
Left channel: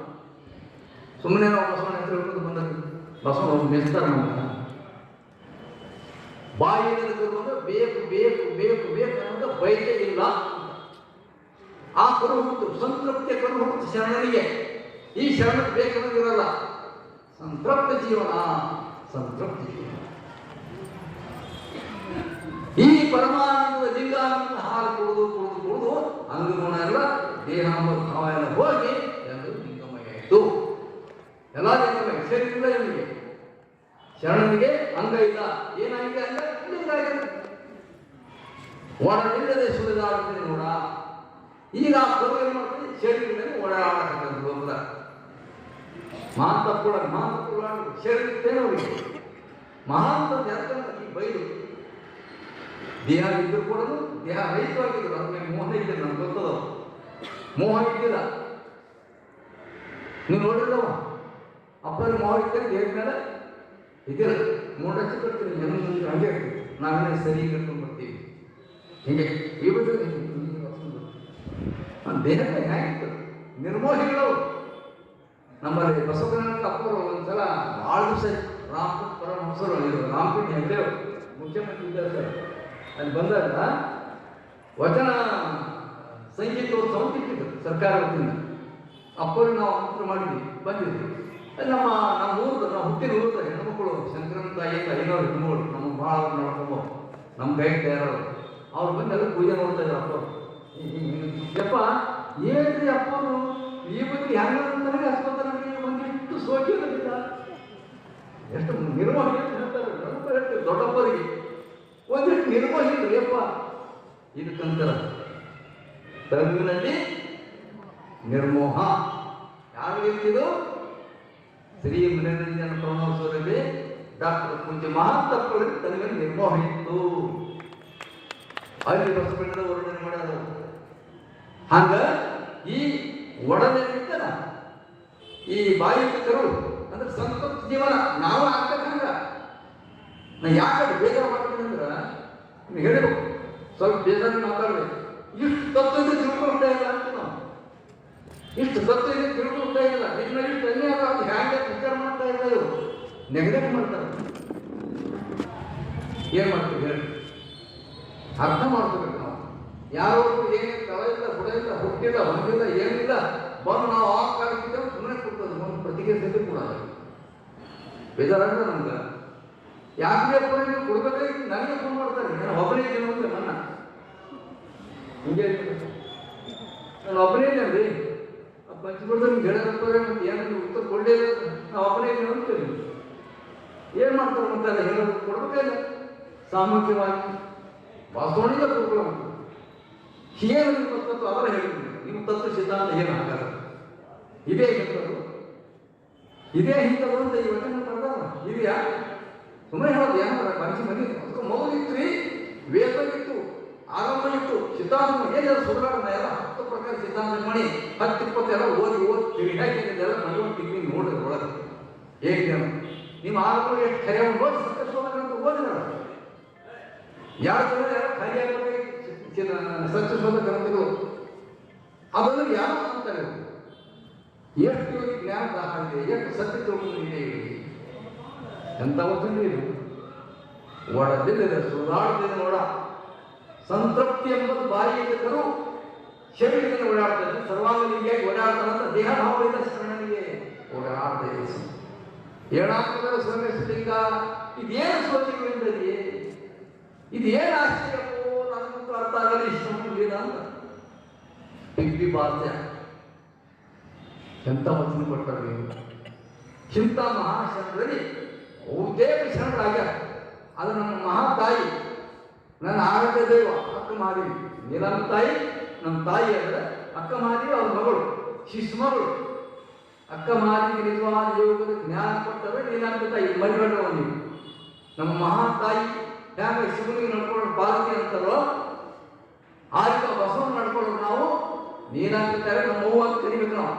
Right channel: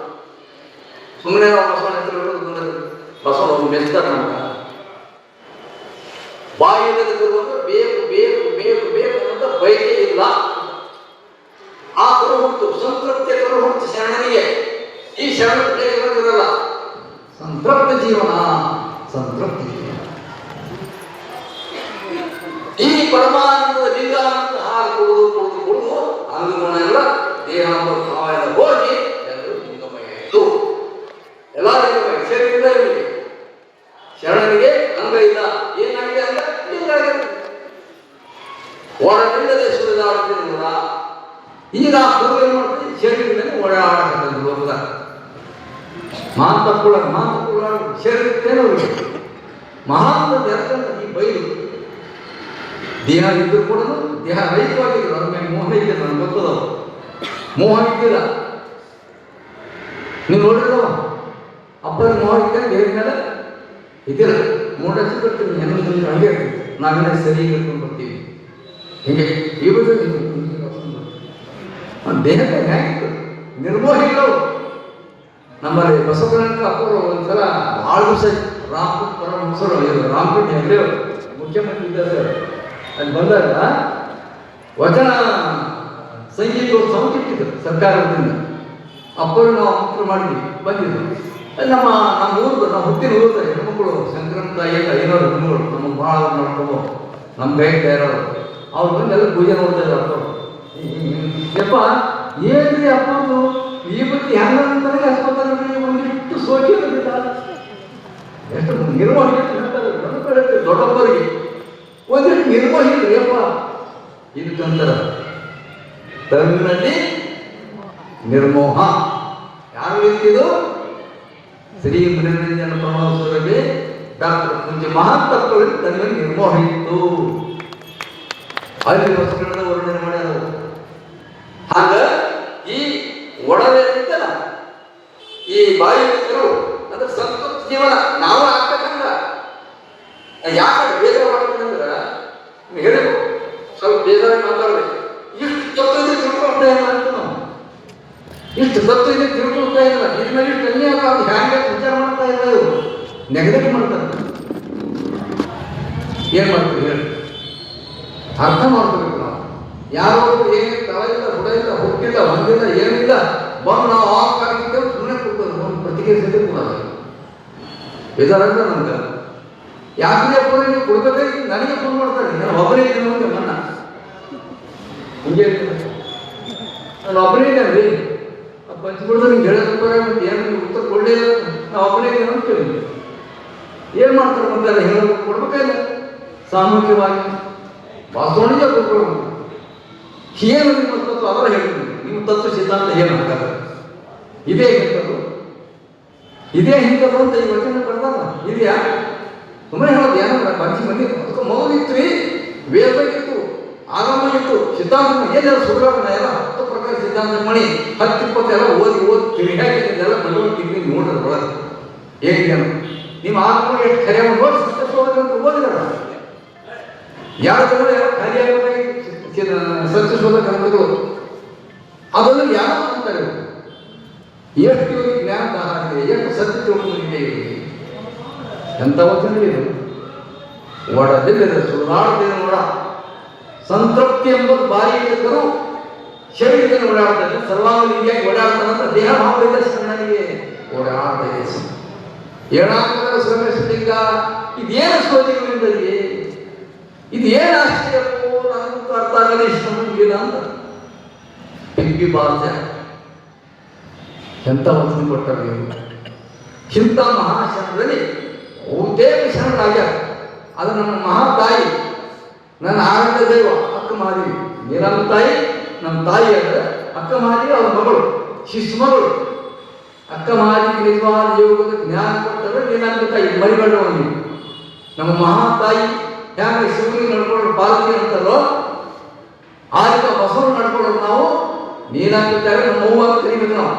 ಸುಮ್ಮನೆ ನಾವು ಬಸವಣ್ಣ ಮೆಚ್ತಾರೆ ನಮಗ. ಬಾಯಿಯಿಂದ ಬೇಕು ಬೇಕು ಬೇಕು ಬೇಕು ಅಂತ ಬಯಕೆ ಇಲ್ಲ. ಆ ಕರು ಹುಟ್ಟು ಸಂತೃಪ್ತಿಯ ಕರು ಹುಟ್ಟು ಶರಣನಿಗೆ. ಈ ಶರಣ ಬೇಕಿರೋದಿರಲ್ಲ. ಸಂತೃಪ್ತ ಜೀವನ, ಸಂತೃಪ್ತ ಜೀವನ. ಈ ಪರಮಾನಂದದ ಲಿಂಗಾನಂದ ಹಾಲು ಕುಡಿದು ಅಂಗಗುಣ ಎಲ್ಲ ದೇಹ ಭಾವ ಎಲ್ಲ ಹೋಗಿ ಎಲ್ಲರೂ ಲಿಂಗಮಯ ಆಯಿತು. ಎಲ್ಲ ಲಿಂಗಮಯ. ಶರೀರ ಇವನಿಗೆ, ಶರಣನಿಗೆ ಅಂಗ ಇಲ್ಲ. ಏನಾಗಿದೆ ಅಂಗ? ಲಿಂಗ ಆಗಿದೆ. ಒಳಗಿಲ್ಲದೆ ಸುರಿದಾಡುತ್ತಿದೆ ನೋಡ. ಈಗ ಗುರು ಏನು ಮಾಡ್ತೀವಿ? ಶರೀರದಲ್ಲಿ ಓಡಾಡತಕ್ಕಂಥ ಹೋಗುದ ಮಾತುಳ ಶರೀರತ್ತೇನೋ ಮಹಾತ್ಮ ಯಾಕಂದ್ರೆ ಈ ಬೈಲು ದೇಹ ಇದ್ದರೂ ಕೂಡ ದೇಹ ರಹಿತವಾಗಿದ್ರು. ಅದ್ರ ಮೇಲೆ ಮೋಹ ಇದ್ದಿಲ್ಲ, ನನಗೆ ಗೊತ್ತದ. ಮೋಹ ಇದ್ದಿಲ್ಲ. ನೀವು ನೋಡಿದ್ರವ ಅಪ್ಪನ ಮೋಹ ಇದ್ದರೆ ದೇವ್ರ ಮೇಲೆ ಇದ್ದಿಲ್ಲ. ಮೂಡ ಹಚ್ಚಿ ಬರ್ತೀವಿ, ಹೆಣ್ಣು ಹಂಗೆ ಇರ್ತೀವಿ. ನಾವೆಲ್ಲ ಸರಿ ಹಿಡ್ಕೊಂಡು ಬರ್ತೀವಿ. ಹೀಗೆ ಇವರು ದೇಹಕ್ಕೆ ಹೇಗಿತ್ತು ನಿರ್ಮೋಹಿಗಳು. ನಮ್ಮಲ್ಲಿ ಬಸವಣ್ಣ ಅಪ್ಪರು ಒಂದ್ಸಲ ಭಾಳ ದಿವಸ ಪರಮಹಂಸರು ರಾಮಕೃಷ್ಣ ಹೆಗಡೆ ಮುಖ್ಯಮಂತ್ರಿ ಇದ್ದಾರೆ. ಅಲ್ಲಿ ಬಂದಾಗ ವಚನ ಸಂಗೀತ ಸಂಕಿಟ್ಟಿದ್ರು ಸರ್ಕಾರದಿಂದ. ಅಪ್ಪರು ನಾವು ಆಮಂತ್ರಣ ಮಾಡಿದ್ವಿ, ಬಂದಿದ್ರು. ಅಲ್ಲಿ ನಮ್ಮ ಊರ್ದು, ನಮ್ಮ ಹುಟ್ಟಿನ ಊರ್ದು ಹೆಣ್ಮಕ್ಳು ಸಂಕ್ರಮ ತಾಯಿ ಎಲ್ಲ ಐನೂರು ಹೆಣ್ಮಗಳು ನಮಗೆ ಭಾಳ ಮಾಡ್ಕೊಂಡು ನಮ್ಮ ಕೈ ತಯಾರವರು ಅವ್ರು ಬಂದು ಎಲ್ಲ ಪೂಜೆ ನೋಡ್ತಾ ಇದ್ದಾರೆ. ಅಪ್ಪ ಯಪ್ಪ ಏನ್ರಿ ಅಪ್ಪಂದು ಈ ಬತ್ತಿ ಹೆಂಗ ನನಗೆ ಆಸ್ಪತ್ರೆ ಒಂದಿಷ್ಟು ಸೋಕಿ ಎಷ್ಟು ನಿರ್ವಹಣೆ ದೊಡ್ಡಪ್ಪರಿಗೆ ಒಂದಿಷ್ಟು ನಿರ್ವಹಣೆ ಯಪ್ಪ ಇದಕ್ಕಂತ ತರುವಿನಲ್ಲಿ ನಿರ್ಮೋಹ. ಯಾರು ಇರ್ತಿದ್ದು? ಶ್ರೀ ಮನೋರಂಜನ ಪರಮಹಂಸರಲ್ಲಿ ಡಾಕ್ಟರ್ ಪೂಜ್ಯ ಮಹಾತ್ಮರಲ್ಲಿ ತನ್ನ ನಿರ್ಮೋಹ ಇತ್ತು. ಅಲ್ಲಿ ವಸ್ತುಗಳನ್ನ ವರ್ಣನೆ ಮಾಡ್ಯಾರ. ಹಾಗ ಈ ಒಡವೆ ಇರ್ತಲ್ಲ, ಈ ಬಾಯಿಕರು ಅಂದ್ರೆ ಸಂತೃಪ್ತ ಜೀವನ ನಾವು ಆಗ್ಬೇಕಂದ್ರ ಯಾಕೆ ಬೇಜಾರು ಮಾಡ್ಬೇಕಂದ್ರ ಹೇಳಬೇಕು. ಸ್ವಲ್ಪ ಬೇಜಾರು ಮಾತಾಡ್ಬೇಕು. ಇಷ್ಟು ತತ್ವ ಇದೆ ತಿಳ್ಕೊಳ್ತಾ ಇಲ್ಲ ಅಂತ ನಾವು, ಇಷ್ಟು ತತ್ವ ಇದೆ ತಿಳ್ಕೊಳ್ತಾ ಇಲ್ಲ. ಇದ್ಮೇಲೆ ಇಷ್ಟು ಅನ್ಯಾಯ ಅದು ಹ್ಯಾಂಗೆ ವಿಚಾರ ಮಾಡ್ತಾ ಇಲ್ಲ. ಇವರು ನೆಗಡಿ ಮಾಡ್ತಾರೆ. ಏನ್ ಮಾಡ್ತೀವಿ ಹೇಳಿ? ಅರ್ಥ ಮಾಡ್ಕೋಬೇಕು ನಾವು. ಯಾರೋ ಏನಿಲ್ಲ, ತಳ ಇಲ್ಲ, ಹುಡ ಇಲ್ಲ, ಹುಟ್ಟಿಲ್ಲ, ಹೊಂದಿಲ್ಲ, ಏನಿಲ್ಲ, ಬಂದು ನಾವು ಆ ಕಾರ್ಯಕ್ಕಿದ್ದೇವೆ ಸುಮ್ಮನೆ ಕೊಡ್ತದೆ. ಒಂದು ಪ್ರತಿಕ್ರಿಯೆ ಕೂಡ ಬೇಜಾರಂತ ನಮ್ಗೆ ಯಾಕೆ ಪೂರ ನೀವು ಕೊಡ್ಬೇಕಾಗಿ ನನಗೆ ಫೋನ್ ಮಾಡ್ತಾರೆ. ನಾನು ಒಬ್ಬನೇ ಇದ್ದೀನಿ ಅಂತ ನನ್ನ ಹಿಂಗೆ ನಾನು ಒಬ್ಬನೇ ಇದ್ದೇನೆ ರೀ. ಪಂಚಬಿಡ್ದು ನಿಮ್ಗೆ ಹೇಳೋದಪ್ಪ ಮತ್ತೆ ಏನು ಉತ್ತರ ಕೊಡಲೇ ನಾವು ಒಬ್ಬನೇ ಇದ್ದೇನೆ ಅಂತ ಕೇಳಿದ್ವಿ. ಏನು ಮಾಡ್ತಾರೆ ಮತ್ತೆ ಎಲ್ಲ ಹೇಳೋದು ಕೊಡ್ಬೇಕಾಗಿಲ್ಲ. ಸಾಮೂಹಿಕವಾಗಿ ವಾಸ್ತವನಿಗೆ ಕೊಡ್ಕೊಳ್ಳೋದು. ಏನು ನಿಮ್ಮ ತತ್ವ ಅವರ ಹೇಳಿದ್ರು. ನಿಮ್ಮ ತತ್ವ ಸಿದ್ಧಾಂತ ಏನು ಹಾಗಾದ್ರೆ ಇದೇ ಹಿಂಗದು, ಇದೇ ಹಿಂಗದು ಅಂತ ಈ ವಚನ ಬರ್ದಲ್ಲ ಇದೆಯಾ? ಸುಮ್ಮನೆ ಹೇಳೋದು ಏನಂದ್ರೆ ಪಂಚ ಮಂದಿ ಮೌಲಿತ್ತು, ವೇದ ಇತ್ತು, ಆಗಮ ಇತ್ತು, ಸಿದ್ಧಾಂತ ಏನೆಲ್ಲ ಸುಧಾರಣೆ ಎಲ್ಲ 10 ಪ್ರಕಾರ ಸಿದ್ಧಾಂತ ಮಣಿ 10-20 ಎಲ್ಲ ಓದಿ ತಿರುಗಾಕಿದ್ದೆಲ್ಲ ಭಗವದ್ಗೀತೆ ನೋಡಿದ್ರೆ ಒಳಗೆ ಹೇಗೆ ನಿಮ್ಮ ಆಗಮ ಎಷ್ಟು ಖರೆ ನೋಡಿ ಸತ್ಯಶೋಧಕ ಓದಿದಾರ. ಯಾರು ಜನ ಎಲ್ಲ ಖಾಲಿಯಾಗಿ ಸತ್ಯಶೋಧ ಗ್ರಂಥಗಳು ಅದನ್ನು ಯಾರು ಅಂತಾರೆ. ಎಷ್ಟು ಇವರಿಗೆ ಜ್ಞಾನ ದಾಹ ಆಗಿದೆ, ಎಷ್ಟು ಸತ್ಯ ತಿಳ್ಕೊಂಡಿದೆ. ಎಂತ ವಚನವಿದು ಒಡದಿಲ್ಲದೆ ಸುಳ್ಳಾಡದೇನು ನೋಡ. ಸಂತೃಪ್ತಿ ಎಂಬುದು ಬಾಯಿ ಇದ್ದರು ಶರೀರದಲ್ಲಿ ಓಡಾಡ್ತಾರೆ. ಸರ್ವಾಂಗಲಿಂಗಿಯಾಗಿ ಓಡಾಡ್ತಾನಂತ ದೇಹ ಭಾವದಿಂದ ಶರಣನಿಗೆ ಓಡಾಡ್ತಾ ಇದೆ. ಏನಾಗ್ತದೆ ಶ್ರಮಿಸಲಿಂಗ ಇದೇನು ಸೋಜಿಗಳಿಂದಲೇ ಇದು ಏನು ಆಶ್ಚರ್ಯಕ್ಕೂ ನನಗೂ ಅರ್ಥ ಆಗಲಿ. ಇಷ್ಟಲ್ಲ ಅಂತ ಪಿಂಪಿ ಭಾಷೆ ಎಂತ ವಚನ ಕೊಟ್ಟರು. ಇಂಥ ಮಹಾಶರಣರಲ್ಲಿ ಬಹುತೇಕ ಶರಣರಾಗ್ಯಾರ. ಅದು ನಮ್ಮ ಮಹಾತಾಯಿ, ನನ್ನ ಆರಾಧ್ಯ ದೈವ ಅಕ್ಕ ಮಾದೇವಿ. ನೀರಮ್ಮ ತಾಯಿ ನಮ್ಮ ತಾಯಿ ಅಂದ್ರೆ ಅಕ್ಕ ಮಾದೇವಿ ಅವ್ರ ಮಗಳು, ಶಿಶು ಮಗಳು. ಅಕ್ಕ ಮಾದೇವಿ ನಿಜವಾದ ಯೋಗದ ಜ್ಞಾನ ಕೊಟ್ಟರೆ ನೀನಂತ ತಾಯಿ ಮರಿಬೇಡ. ನೀವು ನಮ್ಮ ಮಹಾತಾಯಿ ಹ್ಯಾಂಗ ಶಿವನಿಗೆ ನಡ್ಕೊಂಡು ಪಾಲ್ಗೆ ಅಂತಲ್ಲೋ ಆ ರೀತಿ ಬಸವನ ನಡ್ಕೊಳ್ಳೋದು ನಾವು ನೀನಾಗ್ಬಿಟ್ಟಾಗ ನಮ್ಮ ಅವ್ವ ಅಂತ ಕರಿಬೇಕು ನಾವು.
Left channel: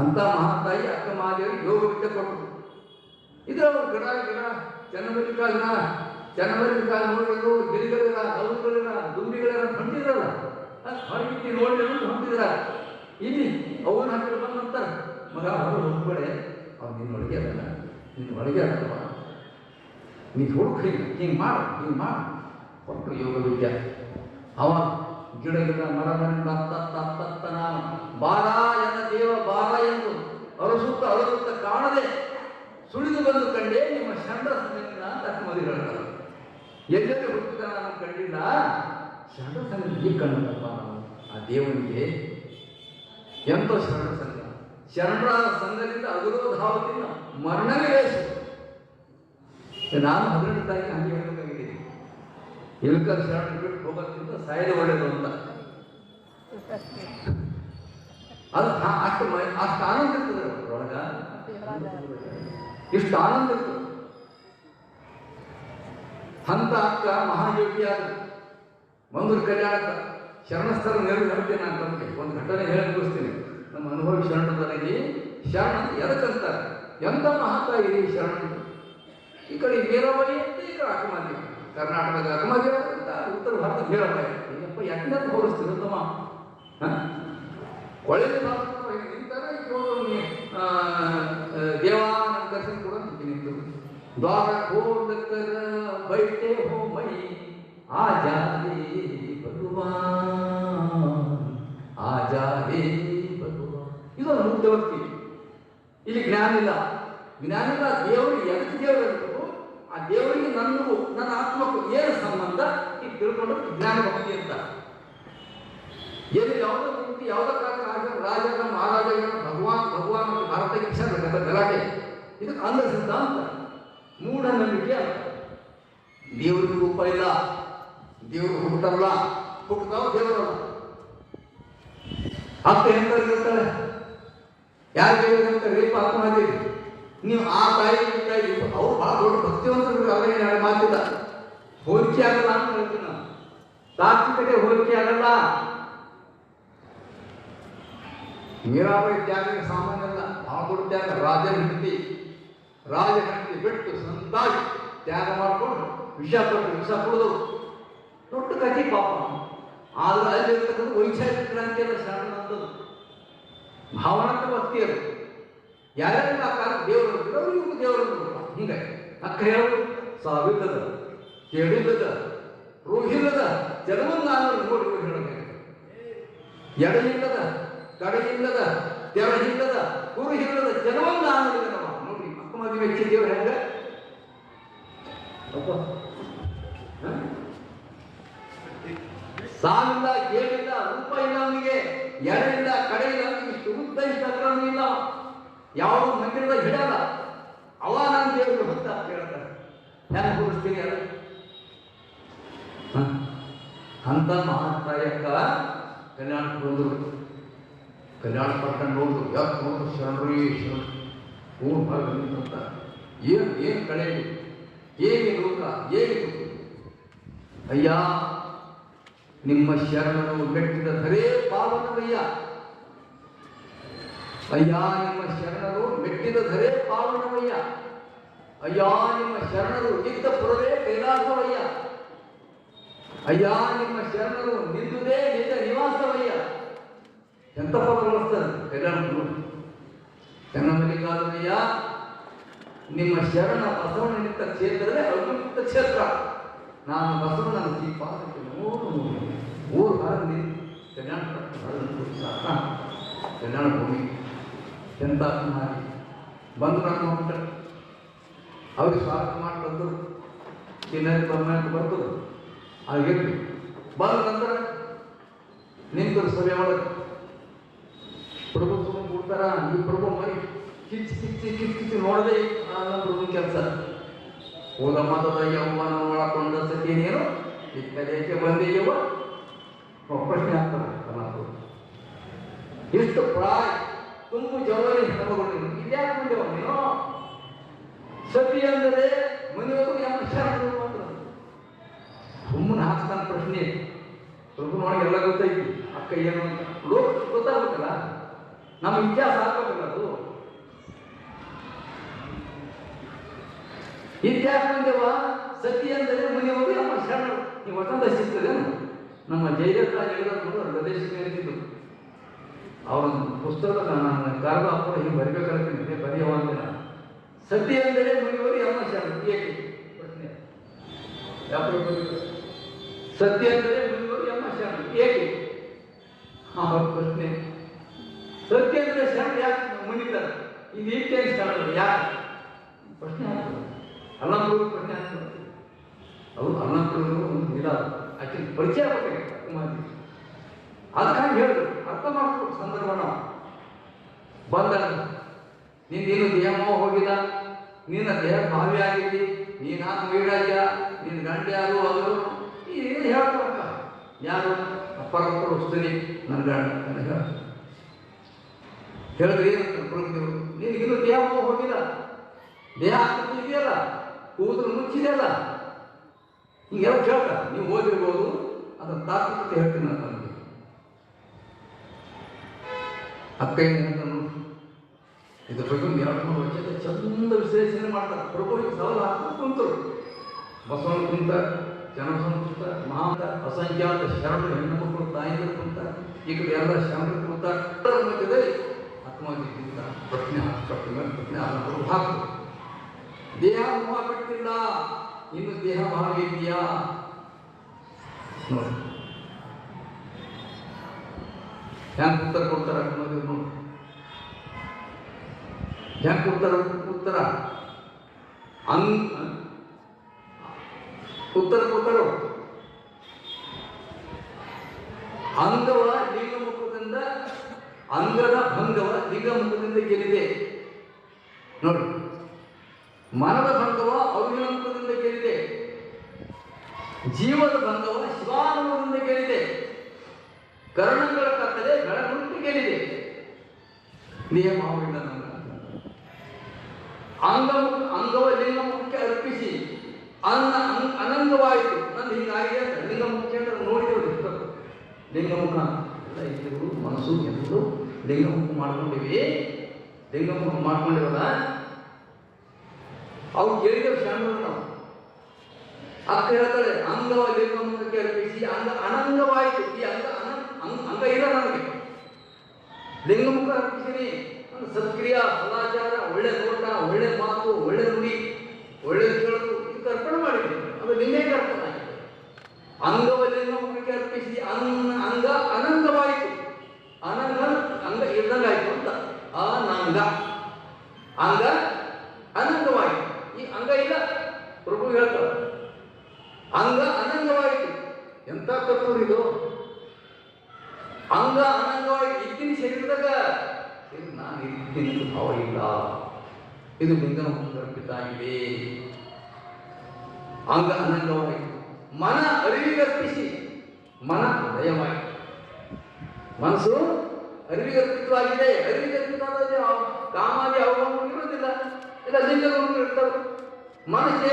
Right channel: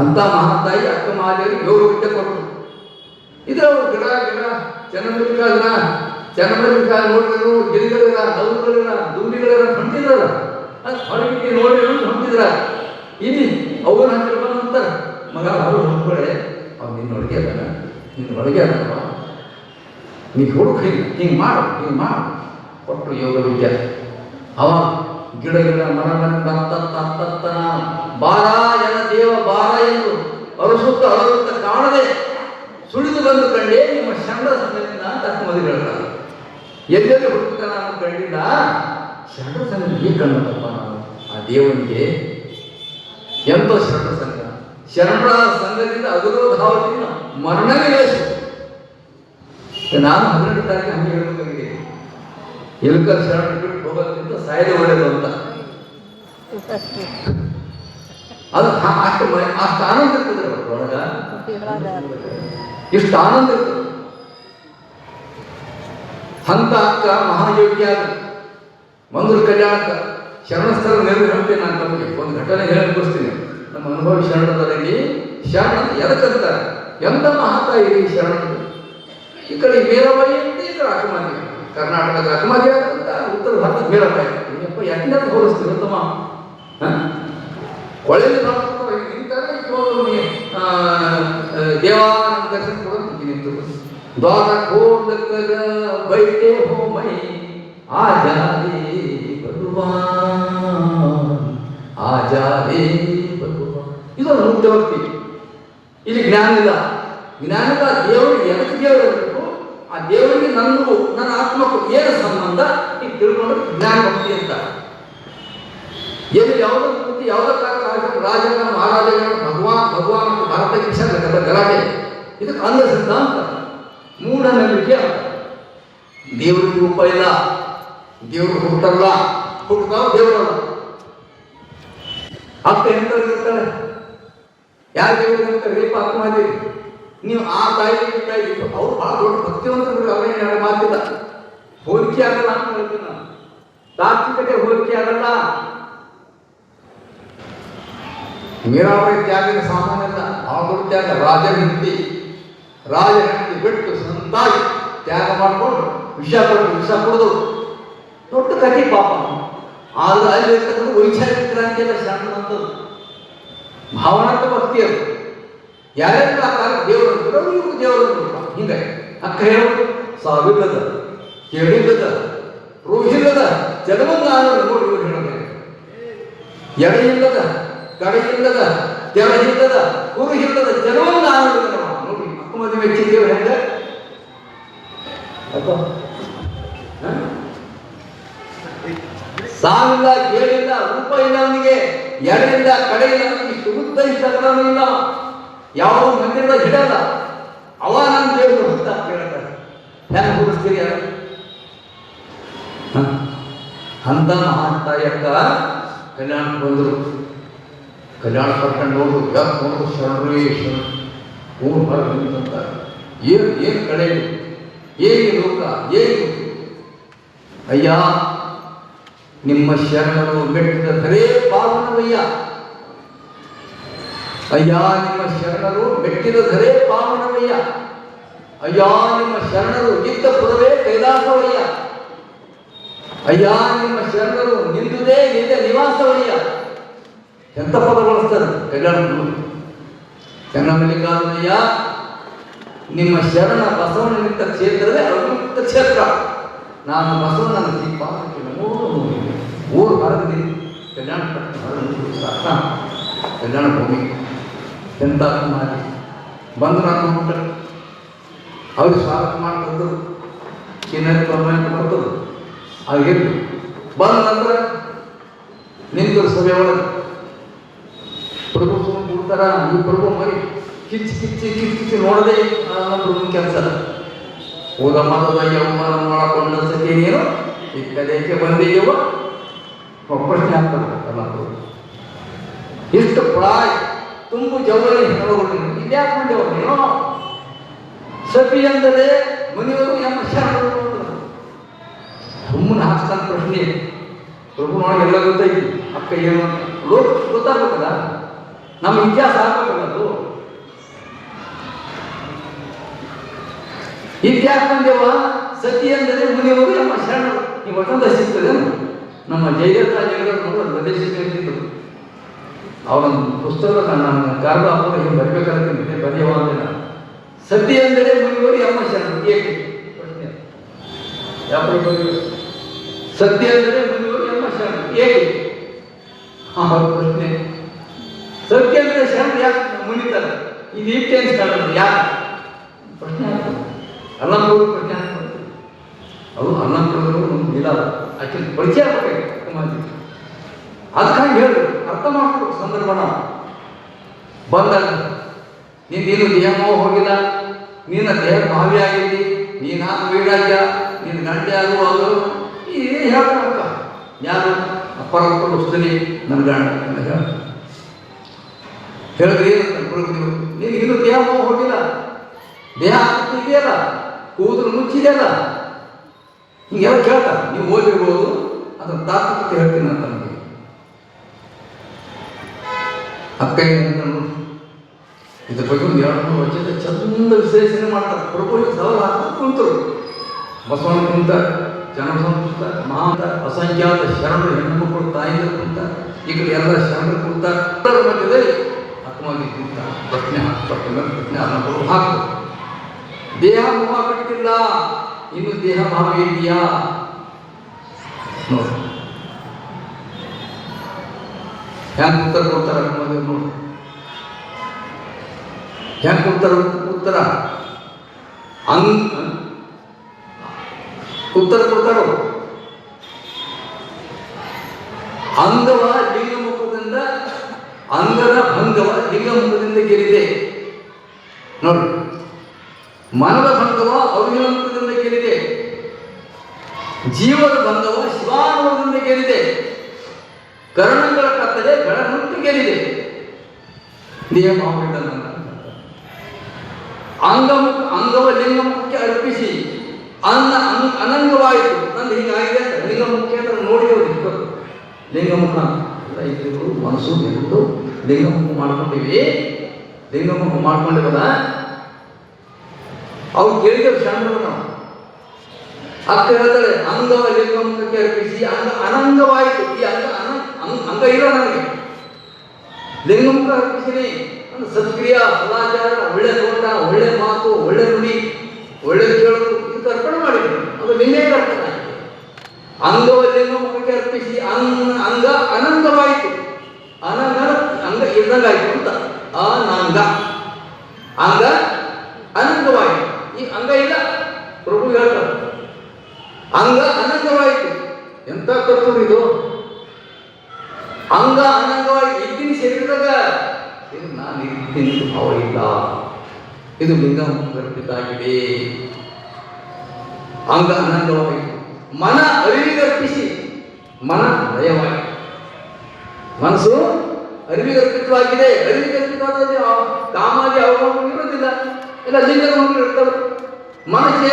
ಅಂತ ಮಹಾತಾಯಿ ಅಕ್ಕ ಮಾದೇವಿ ಯೋಗ ವಿದ್ಯೆ ಕೊಟ್ಟರು. ಇದು ಗಿಡ ಗಿಡ ಚೆನ್ನಮಲ್ಲಿಕ ನೋಡಿದ್ರು, ಗಿರಿಗಳಿಲ್ಲ, ನೌಗಳಿಲ್ಲ, ದುಂಬಿಗಳಿಲ್ಲ, ಹೊಂಟಿದ್ರಲ್ಲ ಹೊರಗಿಟ್ಟು ನೋಡಿದ್ರು ಹೊಂಟಿದ್ರ. ಇಲ್ಲಿ ಅವ್ರು ಹಾಕಿ ಬಂದಂತಾರೆ ಮಗ ಅವರು ಹೊಂದ್ಕೊಳೆ ಅವ್ನು ನಿನ್ನೊಳಗೆ ಅಲ್ಲ, ನಿನ್ನೊಳಗೆ ಅಲ್ಲ, ನೀ ಹುಡುಕ ಹಿಂಗೆ ಮಾಡು ಕೊಟ್ಟರು ಯೋಗ ವಿದ್ಯೆ. ಅವ ಗಿಡ ಗಿಡ ಮರ ಮರ ಬಾರ ಜನ ದೇವ ಬಾರ ಎಂದು ಅರಸುತ್ತ ಕಾಣದೆ ಆತ್ಮವಾದಿ ಹೇಳ್ತಾರೆ. ಎಲ್ಲೆಲ್ಲಿ ಹುಡುಕ ನಾನು ಕಂಡಿಲ್ಲ, ಶರಣ ಸಂಘಕ್ಕೆ ಕಂಡಪ್ಪ ಆ ದೇವನಿಗೆ. ಎಂತ ಶರಣ ಸಂಘ, ಶರಣರ ಸಂಘದಿಂದ ಅವಿರೋಧಾವತಿನ ಮರಣವೇ ಲೇಸು. ನಾನು 12 ತಾರೀಕು ಹಂಗೆ ಹೇಳಬೇಕಾಗಿದೆ, ಎಲ್ಕರ್ ಶರಣ ಬಿಟ್ಟು ಹೋಗೋದ್ರಿಂದ ಸಾಯದೆ ಒಳ್ಳೆಯದು ಅಂತ. ಅದು ಅಷ್ಟು ಆನಂದ ಇರ್ತದೆ ಒಳಗ, ಇಷ್ಟು ಆನಂದ ಇರ್ತದೆ. ಅಂತ ಅಕ್ಕ ಮಹಾಯೋಗಿಯಾದ ಮಂದ್ರು ಕಲ್ಯಾಣಕ್ಕ ಶರಣಸ್ಥಳ ನೆರವು ಹೇಳ್ತೇನೆ. ನಾನು ತಮಗೆ ಒಂದು ಘಟನೆ ಹೇಳಿಸ್ತೀನಿ. ನಮ್ಮ ಅನುಭವಿ ಶರಣದಲ್ಲಿ ಶರಣ ಎದಕ್ಕಂತಾರೆ, ಎಂತ ಮಹಾತಾಯಿ ಶರಣ. ಈ ಕಡೆ ಮೀರಾಬಾಯಿ ಅಂತ, ಈ ಕಡೆ ಅಕ್ಕಮಾದಿ, ಕರ್ನಾಟಕದ ಅಕ್ಕಮಾದಿ ಅಂತ, ಉತ್ತರ ಭಾರತದ ಮೀರಾಬಾಯಿ. ಯಾಕೆ ಹೋಲಿಸ್ತೀವಿ ತಮ್ಮ? ಹೊಳೆಯಲ್ಲಿ ನಿಂತಾರೆ ದೇವಾನಂದ ದರ್ಶನ ಕೂಡ ನಿಂತು ದ್ವಾರ ಖೋಲಕರ ಬೈಟೆ ಹೋ ಮೈ ಆಜಾದೇ ಭಗವಾನ್, ಆಜಾದೇ ಭಗವಾನ್. ಇದು ಮುಕ್ತ ಭಕ್ತಿ. ಇಲ್ಲಿ ಜ್ಞಾನ ಇಲ್ಲ, ಜ್ಞಾನ ಇಲ್ಲ. ದೇವರಿಗೆ ಎದಕ್ಕೆ ದೇವರು ಇರಬೇಕು, ಆ ದೇವರಿಗೆ ನನಗೂ ನನ್ನ ಆತ್ಮಕ್ಕೂ ಏನು ಸಂಬಂಧ ಈ ತಿಳ್ಕೊಂಡ್ರೆ ಜ್ಞಾನ ಭಕ್ತಿ ಅಂತ. ಏನು ಯಾವುದೋ ಕೃತಿ ಯಾವುದೋ ರಾಜನ ಮಹಾರಾಜನ ಭಗವಾನ್ ಮತ್ತು ಭಾರತ ಶಿಕ್ಷಣ ಗಲಾಟೆ, ಇದಕ್ಕೆ ಅಂಧ ಸಿದ್ಧಾಂತ, ಮೂಢನಂಬಿಕೆ ಅಂತ. ದೇವರಿಗೆ ರೂಪ ಇಲ್ಲ, ದೇವರು ಹುಟ್ಟಲ್ಲ, ಹುಟ್ಟದ ದೇವರಲ್ಲ. ಅಪ್ಪ ಎಂತರ್ಗಿರ್ತಾಳೆ, ಯಾರು ದೇವರಿಗೆ ರೀಪ ಅರ್ಥ ಮಾಡಿರಿ ನೀವು. ಆ ತಾಯಿ ಅವ್ರು ಬಹಳ ದೊಡ್ಡ ಭಕ್ತಿವಂತರು, ಅವರೇ ಮಾತಿಲ್ಲ, ಹೋಲಿಕೆ ಆಗಲ್ಲ ಅಂತ ಹೇಳ್ತೀನಿ ನಾನು. ತಾತ್ವಿಕತೆ ಹೋಲಿಕೆ ಆಗಲ್ಲ. ಮೀರಾಬಾಯಿ ತ್ಯಾಗದ ಸಾಮಾನ್ಯ ಇಲ್ಲ, ಬಹಳ ದೊಡ್ಡ ತ್ಯಾಗ. ರಾಜನ ಹೆಂಡತಿ ಬಿಟ್ಟು ಸಂತಾಗಿ ತ್ಯಾಗ ಮಾಡಿಕೊಂಡು ವಿಷ ಕೊಡೋದು ದೊಡ್ಡ ಕಥೆ ಪಾಪ. ಆದ್ರೆ ಅಲ್ಲಿ ಇರ್ತಕ್ಕಂಥ ವೈಚಾರಿಕ ಕ್ರಾಂತಿ ಎಲ್ಲ ಶಾಂತದ್ದು ಭಾವನಾತ್ಮಕ ಭಕ್ತಿ. ಅದು ಯಾರ್ಯಾರು ಆ ಕಾಲ ದೇವರು ಇವರು ದೇವರು ಹಿಂಗಾಗಿ ಅಕ್ಕ ಹೇಳೋದು ಸಾವಿಲ್ಲದ ಕೇಳಿಲ್ಲದ ರೋಹಿಲ್ಲದ ಜಗವಂಗ ನೋಡಿ ಇವರು ಹೇಳೋದು. ಎಡೆಯಿಲ್ಲದ ಕಡೆಯಿಲ್ಲದ ತೆರಹಿಲ್ಲದ ಕುರುಹಿಲ್ಲದ ಜಗವಂಗ ನೋಡಿ ಅಕ್ಕ ಮದುವೆ ಮೆಚ್ಚಿದ್ದೇವೆ ಹೆಂಗ ಸಾವಿಲ್ಲ, ಕೇಳಿಲ್ಲ, ರೂಪ ಇಲ್ಲ ಅವನಿಗೆ, ಎಡೆಯಿಂದ ಕಡೆಯಿಲ್ಲ, ಅವನಿಗೆ ಶುದ್ಧ ಇಷ್ಟಗಳನ್ನು ಇಲ್ಲ. ಯಾವ ಮಂದಿರದ ಹಿಡಲ್ಲ. ಅವ ನಾನು ದೇವರು ಅಂತ ಕೇಳ್ತಾರೆ. ಹೆಂಗೆ ಹುಡುಸ್ತೀರಿ? ಅಂತ ಮಹಾತಾಯಕ್ಕ ಕಲ್ಯಾಣಕ್ಕೆ ಬಂದರು. ಕಲ್ಯಾಣ ಕರ್ಕೊಂಡು ಹೋದ್ರು ಶರಣರು ಊರು ಅಂತ ಏನು ಕಡೆ ಏನು ಲೋಕ ಏನು. ಅಯ್ಯ ನಿಮ್ಮ ಶರಣರು ಮೆಟ್ಟಿದ ಧರೇ ಪಾವನವಯ್ಯ, ಅಯ್ಯ ನಿಮ್ಮ ಶರಣರು ಮೆಟ್ಟಿದ ಧರೇ ಪಾವನವಯ್ಯ, ಅಯ್ಯ ನಿಮ್ಮ ಶರಣರು ಇದ್ದ ಪುರವೇ ಕೈಲಾಸವಯ್ಯ, ಅಯ್ಯ ನಿಮ್ಮ ಶರಣರು ನಿಂದುದೇ ನಿಜ ನಿವಾಸವಯ್ಯ. ಎಂತ ಪದ ಬಳಸ್ತಾರೆ ಕಲ್ಯಾಣಗಳು. ಚೆನ್ನಮಲ್ಲಿಕಾರ್ಜುನಯ್ಯ ನಿಮ್ಮ ಶರಣ ಬಸವನಿಂದ ಕ್ಷೇತ್ರವೇ ಅವಿಮುಕ್ತ ಕ್ಷೇತ್ರ. ನಾನು ಬಸವನ ದೀಪ ಊರು ಹೊರಗೆ ಕಲ್ಯಾಣ ಕಲ್ಯಾಣ ಭೂಮಿ ಎಂತ ಮಾಡಿ ಬಂದು ನಾನು ಹೋಗ್ತಾರೆ. ಅವ್ರಿಗೆ ಸ್ವಾಗತ ಮಾಡ್ಕೊಂಡು ಚಿನ್ನದ ಪ್ರಮಾಣ ಕೊಟ್ಟರು. ಆಗಿರಲಿ ಬಂದ ನಂತರ ನಿಂತು ಸಭೆ ಒಳಗೆ ಪ್ರಭು ಸುಮ್ಮನೆ ಕೂಡ್ತಾರ. ಈ ಪ್ರಭು ಮರಿ ಕಿಚ್ಚಿ ನೋಡದೆ ಪ್ರಭು ಕೆಲಸ ಹೋದ ಮತದಾಗಿ ಅವಮಾನ ಮಾಡಿಕೊಂಡ ಸತಿ ನೀನು ಈ ಕಡೆಗೆ ಬಂದಿದ್ದೀವ ಪ್ರಶ್ನೆ ಆಗ್ತದೆ. ಇಷ್ಟು ಪ್ರಾಯ ತುಂಬು ಜವಳಿ ಹೆಣಗಳು ಇದ್ಯಾಕೆ ಬಂದೇವ ನೀನು? ಸತಿ ಅಂದರೆ ಮನೆಯವರು ಎಂಬ ಶರಣರು ಸುಮ್ಮನೆ ಹಾಕ್ತಾನೆ ಪ್ರಶ್ನೆ. ಪ್ರಭುನೊಳಗೆ ಎಲ್ಲ ಗೊತ್ತೈತಿ. ಅಕ್ಕ ಏನು ಲೋಕ ಗೊತ್ತಾಗಬೇಕಲ್ಲ, ನಮ್ಮ ಇತಿಹಾಸ ಆಗ್ಬೇಕಲ್ಲ. ಅದು ಇತಿಹಾಸ ಬಂದೇವ ಸತಿ ಅಂದರೆ ಮುನಿಯವರು ಎಂಬ ಶರಣರು. ಈ ವಚನ ಸಿಗ್ತದೆ. ನಮ್ಮ ಜಯರಾಜರು ಪ್ರದೇಶಿಸಿದ್ರು. ಅವನ ಪುಸ್ತಕ ನನ್ನ ಕಾರಣ ಹಿಂಗೆ ಬರಬೇಕಾದ್ರೆ ಬರೆಯುವ ಅಂದ್ರೆ ಸತಿ ಅಂದರೆ ಮುನಿಯವರು ಎಂಬ ಶರಣರು. ಏಕೆ ಪ್ರಶ್ನೆ? ಯಾವ ಸತ್ಯ ಅಂದರೆ ಮುನಿಯವರು ಎಂಬ ಶರಣರು ಏಕೆ? ಪ್ರಶ್ನೆ. ಸತ್ಯ ಅಂದರೆ ಶರಣರು ಯಾಕೆ ಮುನಿತಾರೆ? ಇದು ಇಟ್ಟೇನು ಶರಣರು ಯಾಕೆ? ಪ್ರಶ್ನೆ ಆಗ್ತದೆ. ಅಲ್ಲ ಪ್ರಶ್ನೆ ಆಗ್ತದೆ. ಅದು ಅನ್ನ ಕೊಡೋದು ಒಂದು ಇಲ್ಲ ಆಕೆ ಪರಿಚಯ ಆಗಬೇಕು ಮಂದಿ. ಅದಕ್ಕಾಗಿ ಹೇಳಿ ಅರ್ಥ ಮಾಡ್ಬೇಕು ಸಂದರ್ಭನ ಬಂದಾಗ ನೀನು ದೇಹ ಹೋಗಿಲ್ಲ, ನಿನ್ನ ದೇಹ ಭಾವಿ ಆಗಿದ್ದಿ, ನೀನಾಗ ವೀರಾಜ್ಯ, ನಿನ್ನ ಗಂಟೆ ಆಗುವಾಗ ಈ ಹೇಳ್ತಾರಕ್ಕ ಯಾರು ಅಪ್ಪರಪ್ಪ ವಸ್ತುನಿ ನನ್ನ ಗಂಡ ಅಂತ ಹೇಳಿದ್ರಿ ನೀನು ಇನ್ನು ದೇಹ ಹೋಗಿಲ್ಲ, ದೇಹ ಇದೆಯಲ್ಲ, ಕೂದಲು ಮುಚ್ಚಿದೆಯಲ್ಲ, ಹಿಂಗೆಲ್ಲ ಕೇಳ್ತಾರ. ನೀವು ಓದಿರ್ಬೋದು, ಅದನ್ನು ತಾತ್ವಿಕತೆ ಹೇಳ್ತೀನಿ ಅಂತ ನನಗೆ ಅಕ್ಕ ಇದ್ರ ಬಗ್ಗೆ ಒಂದು 2-3 ವರ್ಷದ ಚಂದ ವಿಶ್ಲೇಷಣೆ ಮಾಡ್ತಾರೆ. ಪ್ರಭು ಸವಾಲು ಹಾಕಿ ಕುಂತರು. ಬಸವಣ್ಣ ಕುಂತ, ಜನಸಂಸ್ಕೃತ ಮಹಾಂತ ಅಸಂಖ್ಯಾತ ಶರಣರು ಹೆಣ್ಣು ಮಕ್ಕಳು ತಾಯಿಗಳು ಕುಂತ, ಈ ಕಡೆ ಎಲ್ಲ ಶರಣರು ಕುಂತ ಮಧ್ಯದಲ್ಲಿ ಆತ್ಮವಾಗಿ ಕುಂತ ಪ್ರಶ್ನೆ ಅನ್ನೋದು ಹಾಕು. ದೇಹ ಮೋಹ ಬಿಟ್ಟಿಲ್ಲ, ಇನ್ನು ದೇಹ ಭಾವ ಇದೆಯಾ ನೋಡಿ. ಹೆಂಗ್ ಉತ್ತರ ಕೊಡ್ತಾರ ನೋಡಿ, ಹೆಂಗ್ ಕೊಡ್ತಾರ ಉತ್ತರ ಉತ್ತರ ಕೊಡ್ತಾರೋ. ಅಂಗವ ಲಿಂಗಮುಖದಿಂದ, ಅಂಗದ ಭಂಗವ ಲಿಂಗಮುಖದಿಂದ ಗೆಲ್ಲಿದೆ ನೋಡಿ. ಮನದ ಭಂಗವ ಅವಿನಮುಖದಿಂದ ಗೆಲ್ಲಿದೆ, ಜೀವದ ಭಂಗವ ಶಿವಾನುಭವದಿಂದ ಗೆಲ್ಲಿದೆ, ಕರ್ಣಗಳ ಕತ್ತಲೆ ಬೆಳಗುಂಟು ಗೆಲ್ಲಿದೆ. ದೇಹ ಭಾವವಿಲ್ಲ ಅಂಗವ ಲಿಂಗಮುಖಕ್ಕೆ ಅರ್ಪಿಸಿ ಅನಂಗವಾಯಿತು. ನಂದು ಹೀಗಾಗಿದೆ ಅಂತ ಲಿಂಗಮುಖ ಅಂತ ನೋಡಿದ್ರು. ಲಿಂಗಮುಖ ಇದ್ದು ಮನಸ್ಸು ಎಂದು ಲಿಂಗಮುಖ ಮಾಡ್ಕೊಂಡಿವಿ. ಲಿಂಗಮುಖ ಮಾಡ್ಕೊಂಡಿವಲ್ಲ, ಅವ್ರು ಕೇಳಿದ್ರು ಸಣ್ಣರು ನಾವು. ಅಕ್ಕ ಹೇಳ್ತಾರೆ ಅಂಗವ ಲಿಂಗಮುಖಕ್ಕೆ ಅರ್ಪಿಸಿ ಅನಂಗವಾಯಿತು. ಈ ಅಂಗ ಇಲ್ಲ ನನಗೆ, ಲಿಂಗಮುಖ ಅರ್ಪಿಸಿನಿ. ಸತ್ಕ್ರಿಯ, ಸದಾಚಾರ, ಒಳ್ಳೆ ನೋಟ, ಒಳ್ಳೆ ಮಾತು, ಒಳ್ಳೆ ನುಡಿ, ಒಳ್ಳೆ ಕೇಳೋದು ಇದು ಅರ್ಪಣೆ ಮಾಡಿದ್ರು. ಅದು ನಿನ್ನೆ ಅರ್ಪಣೆ ಆಗಿದೆ. ಅಂಗವ ಲಿಂಗಮುಖಕ್ಕೆ ಅರ್ಪಿಸಿ ಅಂಗ ಅನಂಗವಾಯಿತು. ಅಂಗ ಇದ್ದಂಗಾಯ್ತು ಅಂತ ಅನಂಗ, ಅಂಗ ಅನಂಗವಾಯಿತು. ಈ ಅಂಗ ಇಲ್ಲ, ಪ್ರಭು ಹೇಳ್ತಾರೆ ಅಂಗ ಅನಂಗವಾಯಿತು. ಎಂತ ಕರ್ತವ್ಯ ಇದು! ಅಂಗ ಅನಂಗವಾಗಿ ಇದ್ದೀನಿ ಶರೀರದಾಗ, ಇದು ನಾನು ಇದ್ದೀನಿ ಅವರಿಲ್ಲ. ಇದು ಲಿಂಗಮುಖರ್ಪಿತಾಗಿದೆ. ಅಂಗ ಅನಂಗವಾಯಿತು. ಮನ ಅರಿವಿಗರ್ಪಿಸಿ ಮನ ಲಯವಾಯಿತು. ಮನಸ್ಸು ಅರಿವಿಗರ್ಪಿತವಾಗಿದೆ. ಅರಿವಿಗರ್ಪಿತವಾದಲ್ಲಿ ಕಾಮಾದಿ ಅವಮಾನ ಇರೋದಿಲ್ಲ, ಎಲ್ಲ ಲಿಂಗಮುಖ ಇರ್ತವೆ. ಮನಸ್ಸೇ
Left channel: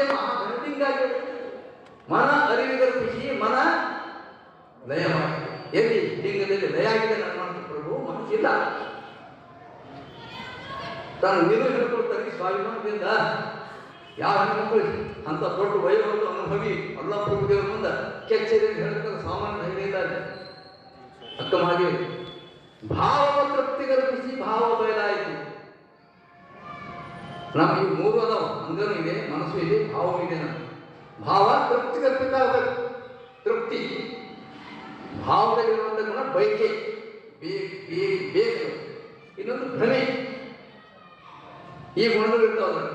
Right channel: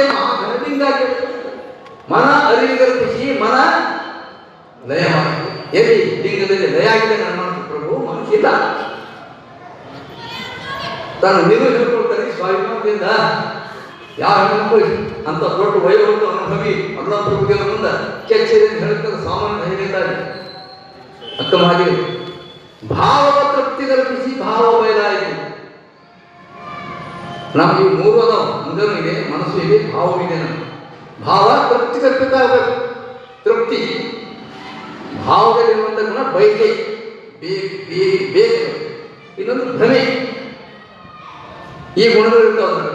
ಲಿಂಗ. ಮನ ಅರಿವಿಗರ್ಪಿಸಿ ಮನ ಲಯವಾಯಿತು. ಎಲ್ಲಿ ಲಿಂಗದಲ್ಲಿ ಲಯ ಆಗಿದೆ ನನ್ನ ಪ್ರಭು, ಮನಸ್ಸಿಲ್ಲ. ತಾನು ನೀವು ಹೇಳ್ಕೊಳ್ತಾರೆ ಸ್ವಾಭಿಮಾನದಿಂದ. ಯಾವ ಹೆಣ್ಮಕ್ಳು ಅಂತ ದೊಡ್ಡ ವೈಭವ ಅನುಭವಿ ಅಲ್ಲ ಪ್ರಭುಗೆ ಮುಂದೆ ಕೆಚ್ಚರಿ ಹೇಳ್ತಾರೆ ಸಾಮಾನ್ಯ ಧೈರ್ಯದಲ್ಲಿ. ಅಕ್ಕ ಮಾಡಿ ಭಾವ ತೃಪ್ತಿಗರ್ಪಿಸಿ ಭಾವ ಬಯಲಾಯಿತು. ನಮ್ಗೆ ಈ 3 ಅದಾವ. ಅಂಗನೂ ಇದೆ, ಮನಸ್ಸು ಇದೆ, ಭಾವವೂ ಇದೆ. ನಮ್ಗೆ ಭಾವ ತೃಪ್ತಿ ಕಲ್ಪಿತ ಆಗಬೇಕು. ತೃಪ್ತಿ ಭಾವದಲ್ಲಿರುವಂಥ ಗುಣ ಬಯಕೆ, ಬೇಕು. ಇನ್ನೊಂದು ಭ್ರಮೆ. ಈ ಗುಣಗಳು ಇರ್ತಾವೆ.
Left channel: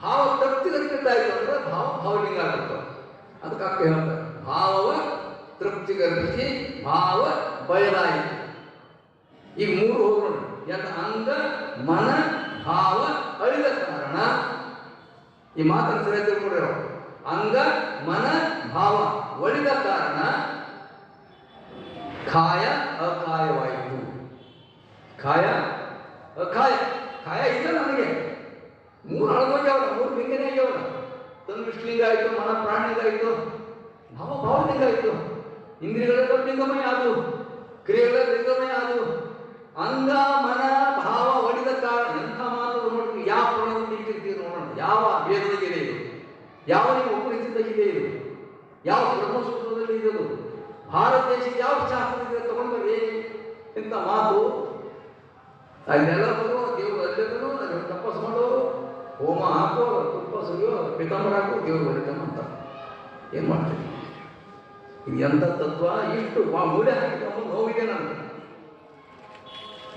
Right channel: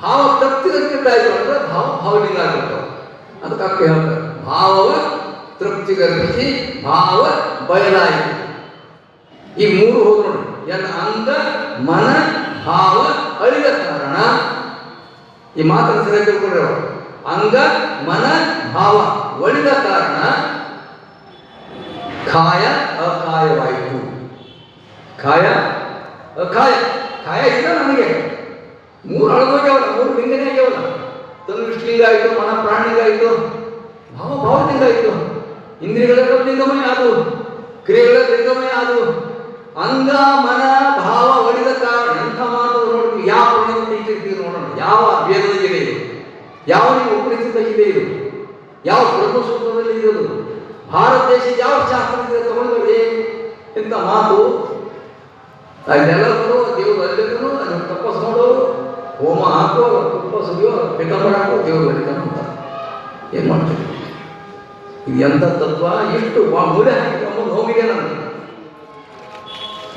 ಭಾವ ತೃಪ್ತಿ ಕಲ್ಪಿತ ಆಯ್ತು ಅಂದ್ರೆ ಭಾವಲಿಂಗ ಆಗಿರ್ತಾವೆ. ಅದಕ್ಕೆ ಹೇಳ್ತಾರೆ ಭಾವವ ತೃಪ್ತಿಗರ್ಪಿಸಿ ಭಾವ ಬಯಲಾಯಿತು. ಈ 3 ಹೋದ್ರು ನೋಡಿ. ಅಂಗ ಮನ ಭಾವ ಅಳಿದ ಕಾರಣ. ಈ ಮಾತನ್ನು ಸರಿಯಾಗಿ ತಿಳ್ಕೊಂಡ್ರೆ ಅಂಗ ಮನ ಭಾವ ಒಳಿದ ಕಾರಣ ಕಾಯ ಅಕಾಯವಾಯಿತು. ಕಾಯ ಅಕಾಯ. ಕಾಯ ಇಲ್ಲ ನನಗೆ. 3 ಅಳಗೋಗ್ಯಾವಲ್ಲ, 3 ಲಿಂಗನೇ ಆಗ್ಯಾವಲ್ಲ. ತನುಷ್ಲಿಂಗ ಆಯಿತು, ಮನ ಪ್ರಾಣಿಲಿಂಗ ಆಯಿತು, ಭಾವಲಿಂಗ ಆಯಿತು. ಇಂದ್ರಿಯಗಳೆಲ್ಲ ಲಿಂಗಮಯ ಆದವು, ಕ್ರಿಯೆಗಳ ಲಿಂಗಮಯ ಆದವು. ಅಂಗ ಮನ ಭಾವ ಒಳಿದ ಕಾರಣ. ಇಂಥ ಮಾತು ನೋಡಿ, ಯಾವ ಪ್ರಣೀತಿ ನೋಡೋಣ, ಯಾವ ವೇದದಲ್ಲಿ ಇದೆ, ಯಾವ ಉಪನಿಷತ್ತಲ್ಲಿ ಇದೆ, ಯಾವ ಬ್ರಹ್ಮಸೂತ್ರದಲ್ಲಿ ಇರೋದು, ಭಾರತ ದೇಶದ ಯಾವ ಶಾಸ್ತ್ರದಿಂದ ತಗೊಂಡ್ರೆ ಇಂಥ ಮಾತು. ಅದೆಲ್ಲರೂ ದೇವರು ಅಲ್ಲಿದ್ರು, ಅದನ್ನು ತಪಸ್ ಮಾಡೋ, ಹೋಮ ಹಾಕೋ, ತಪಸ್ಸು ಪಿತಾಂಬರ ಹಾಕೋ, ದೇವರು ಬರೀತಾನೆ ಅಂತ ಏನು ಮಾಡ್ತೀವಿ? ಇದು ಎಂಥ ತತ್ವ! ಇಷ್ಟು ಮೂಲೆ ಹಾಕಿಕೊಂಡು ನೋವಿದೆ ನನಗೆ.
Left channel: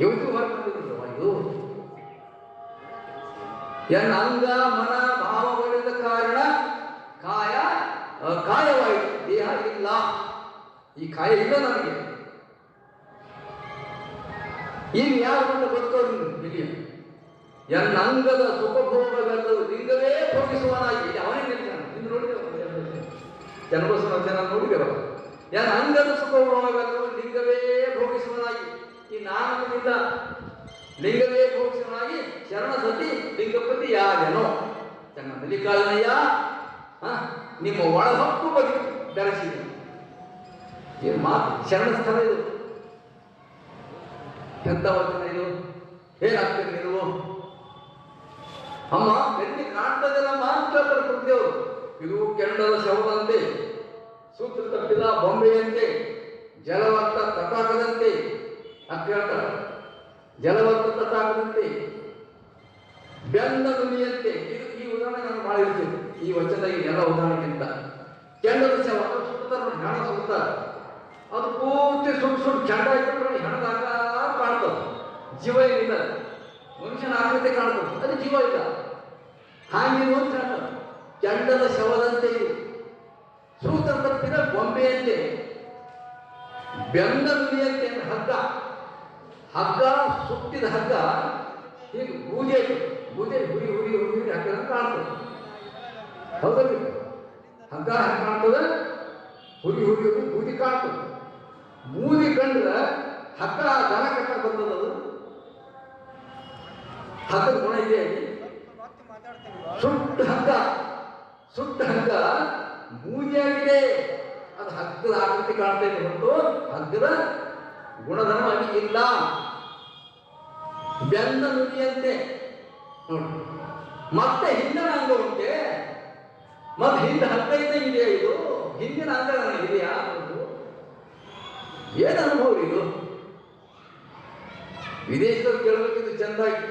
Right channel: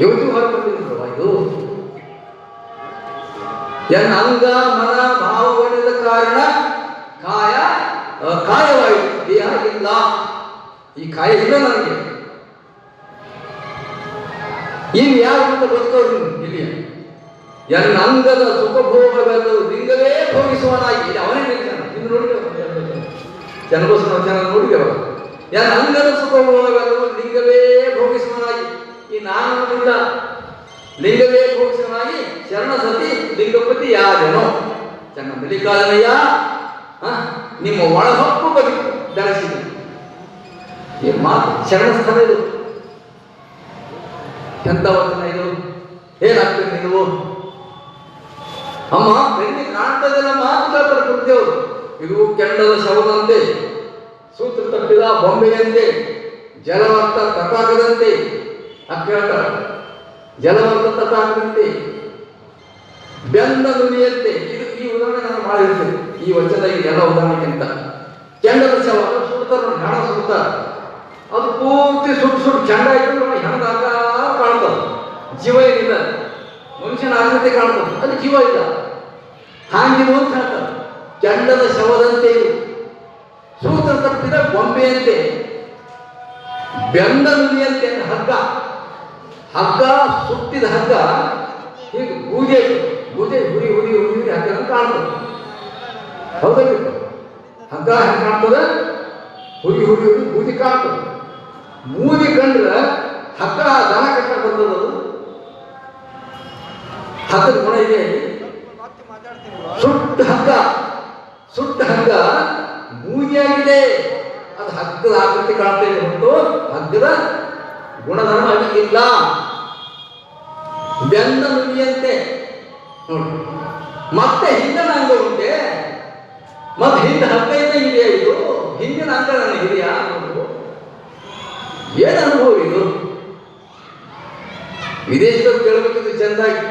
ಇವತ್ತು ಹಾಕೊಂಡಿದ್ರವ ಇದು. ಅಂಗ ಮನ ಭಾವ ಒಡೆದ ಕಾರಣ ಕಾಯ ಕಾಯವಾಯಿತು, ದೇಹ ಇಲ್ಲ. ಈ ಕಾಯ ಇಲ್ಲ ನನಗೆ. ಇನ್ನು ಯಾರು ಅಂತ ಬದುಕೋರು ಇಲ್ಲಿ ಎನ್ನ ಅಂಗದ ಸುಖಭೋಗವೆಲ್ಲೂ ಲಿಂಗವೇ ಭೋಗಿಸುವನಾಗಿ. ಇದು ಅವನೇ ಹೇಳ್ತಾನೆ. ಇನ್ನು ನೋಡಿದ್ದೇವೆ ಜನಬಸನ ವಚನ ನೋಡಿದ್ದೇವ. ಎನ್ನ ಅಂಗದ ಸುಖಭೋಗವೆಲ್ಲೂ ಲಿಂಗವೇ ಭೋಗಿಸುವನಾಗಿ. ಈ ನಾನು ಇಲ್ಲ, ಲಿಂಗವೇ ಭೋಗಿಸುವನಾಗಿ ಶರಣ ಸತಿ ಲಿಂಗಪತಿ ಯಾರೇನೋ ಚೆನ್ನ ಮಲ್ಲಿಕಾರ್ಜುನಯ್ಯ ನಿಮ್ಮ ಒಳಹೊಕ್ಕು ಬದುಕು ಬೆಳೆಸಿದೆ. ಈ ಮಾತು ಶರಣ ಸ್ಥಳ ಇದು. ಎಂತ ವಚನ ಇದು? ಏನಾಗ್ತದೆ ನೀವು? ಅಮ್ಮ ಬೆನ್ನಿ ಕಾಣ್ತದೆಲ್ಲ ಮಾತು ಕೇಳ್ತಾರೆ ಕುಡಿದೇವರು. ಇದು ಕೆಂಡದ ಶವದಂತೆ, ಸೂತ್ರ ತಪ್ಪಿದ ಬೊಂಬೆಯಂತೆ, ಜಲವತ್ತ ತಟಾಕದಂತೆ ಕೇಳ್ತಾರೆ. ಜಲವತ್ತ ತಟಾಕದಂತೆ, ಬೆಂದ ನುಡಿಯಂತೆ. ಇದು ಈ ಉದಾಹರಣೆ ನಾನು ಮಾಡಿರ್ತೇನೆ ಈ ವಚನ. ಈ ಎಲ್ಲ ಉದಾಹರಣೆಗಿಂತ ಕೆಂಡದ ಶವ ಸುಡ್ತಾರೆ, ಹೆಣ ಸುಡ್ತಾರೆ. ಅದು ಪೂರ್ತಿ ಸುಟ್ಟು ಚೆಂಡ ಇಟ್ಟು ಹೆಣದಾಗ ಕಾಣ್ತದೆ. ಜೀವ ಏನಿಲ್ಲ, ಮನುಷ್ಯನ ಆಕೃತಿ ಕಾಣ್ತದೆ, ಅದು ಜೀವ ಇಲ್ಲ. ಹಾಂಗಿರುವ ಅಂತ ಹೇಳ್ತಾರೆ. ಕೆಂಡದ ಶವದಂತೆ ಇದು, ಸೂತ್ರ ತಪ್ಪಿದ ಬೊಂಬೆಯಂತೆ, ಬೆಂದ ನುಡಿಯಂತೆ. ಹಗ್ಗ ಹಗ್ಗ ಸುಟ್ಟಿದ ಹಗ್ಗ ಹೀಗೆ ಬೂದೆ ಬೂದೆ ಹುರಿ ಹುರಿ ಹುರಿ ಹಗ್ಗ ಕಾಣ್ತದೆ. ಹೌದಲ್ಲ? ಹಗ್ಗ ಹೆಂಗೆ ಕಾಣ್ತದೆ? ಹುರಿ ಹುರಿ ಹುರಿ ಬೂದಿ ಕಾಣ್ತದೆ. ಬೂದಿ ಕಂಡ್ರೆ ಹಗ್ಗ ದನ ಕಟ್ಟ ಬರ್ತದ. ಹಗ್ಗದ ಗುಣ ಇದೆ. ಸುಟ್ಟ ಹಗ್ಗ ಬೂದಿಯಾಗಿದೆ. ಅದು ಹಗ್ಗದ ಆಕೃತಿ ಕಾಣ್ತಾ ಇದೆ ಹೊರತು ಹಗ್ಗದ ಗುಣಧರ್ಮ ಇಲ್ಲ. ಬೆಂದ ನುಡಿಯಂತೆ ನೋಡಿ. ಮತ್ತೆ ಹಿಂದಿನ ಅಂಗ ಉಂಟೆ, ಮತ್ತೆ ಹಿಂದೆ ಹಗ್ಗ ಇದೆಯಾ? ಇದು ಹಿಂದಿನ ಅಂಗ ನನಗಿದೆಯಾ? ಏನು ಅನುಭವ ಇದು? ವಿದೇಶದಲ್ಲಿ ಕೇಳಬೇಕಿದ್ದು ಚೆಂದಾಗಿ.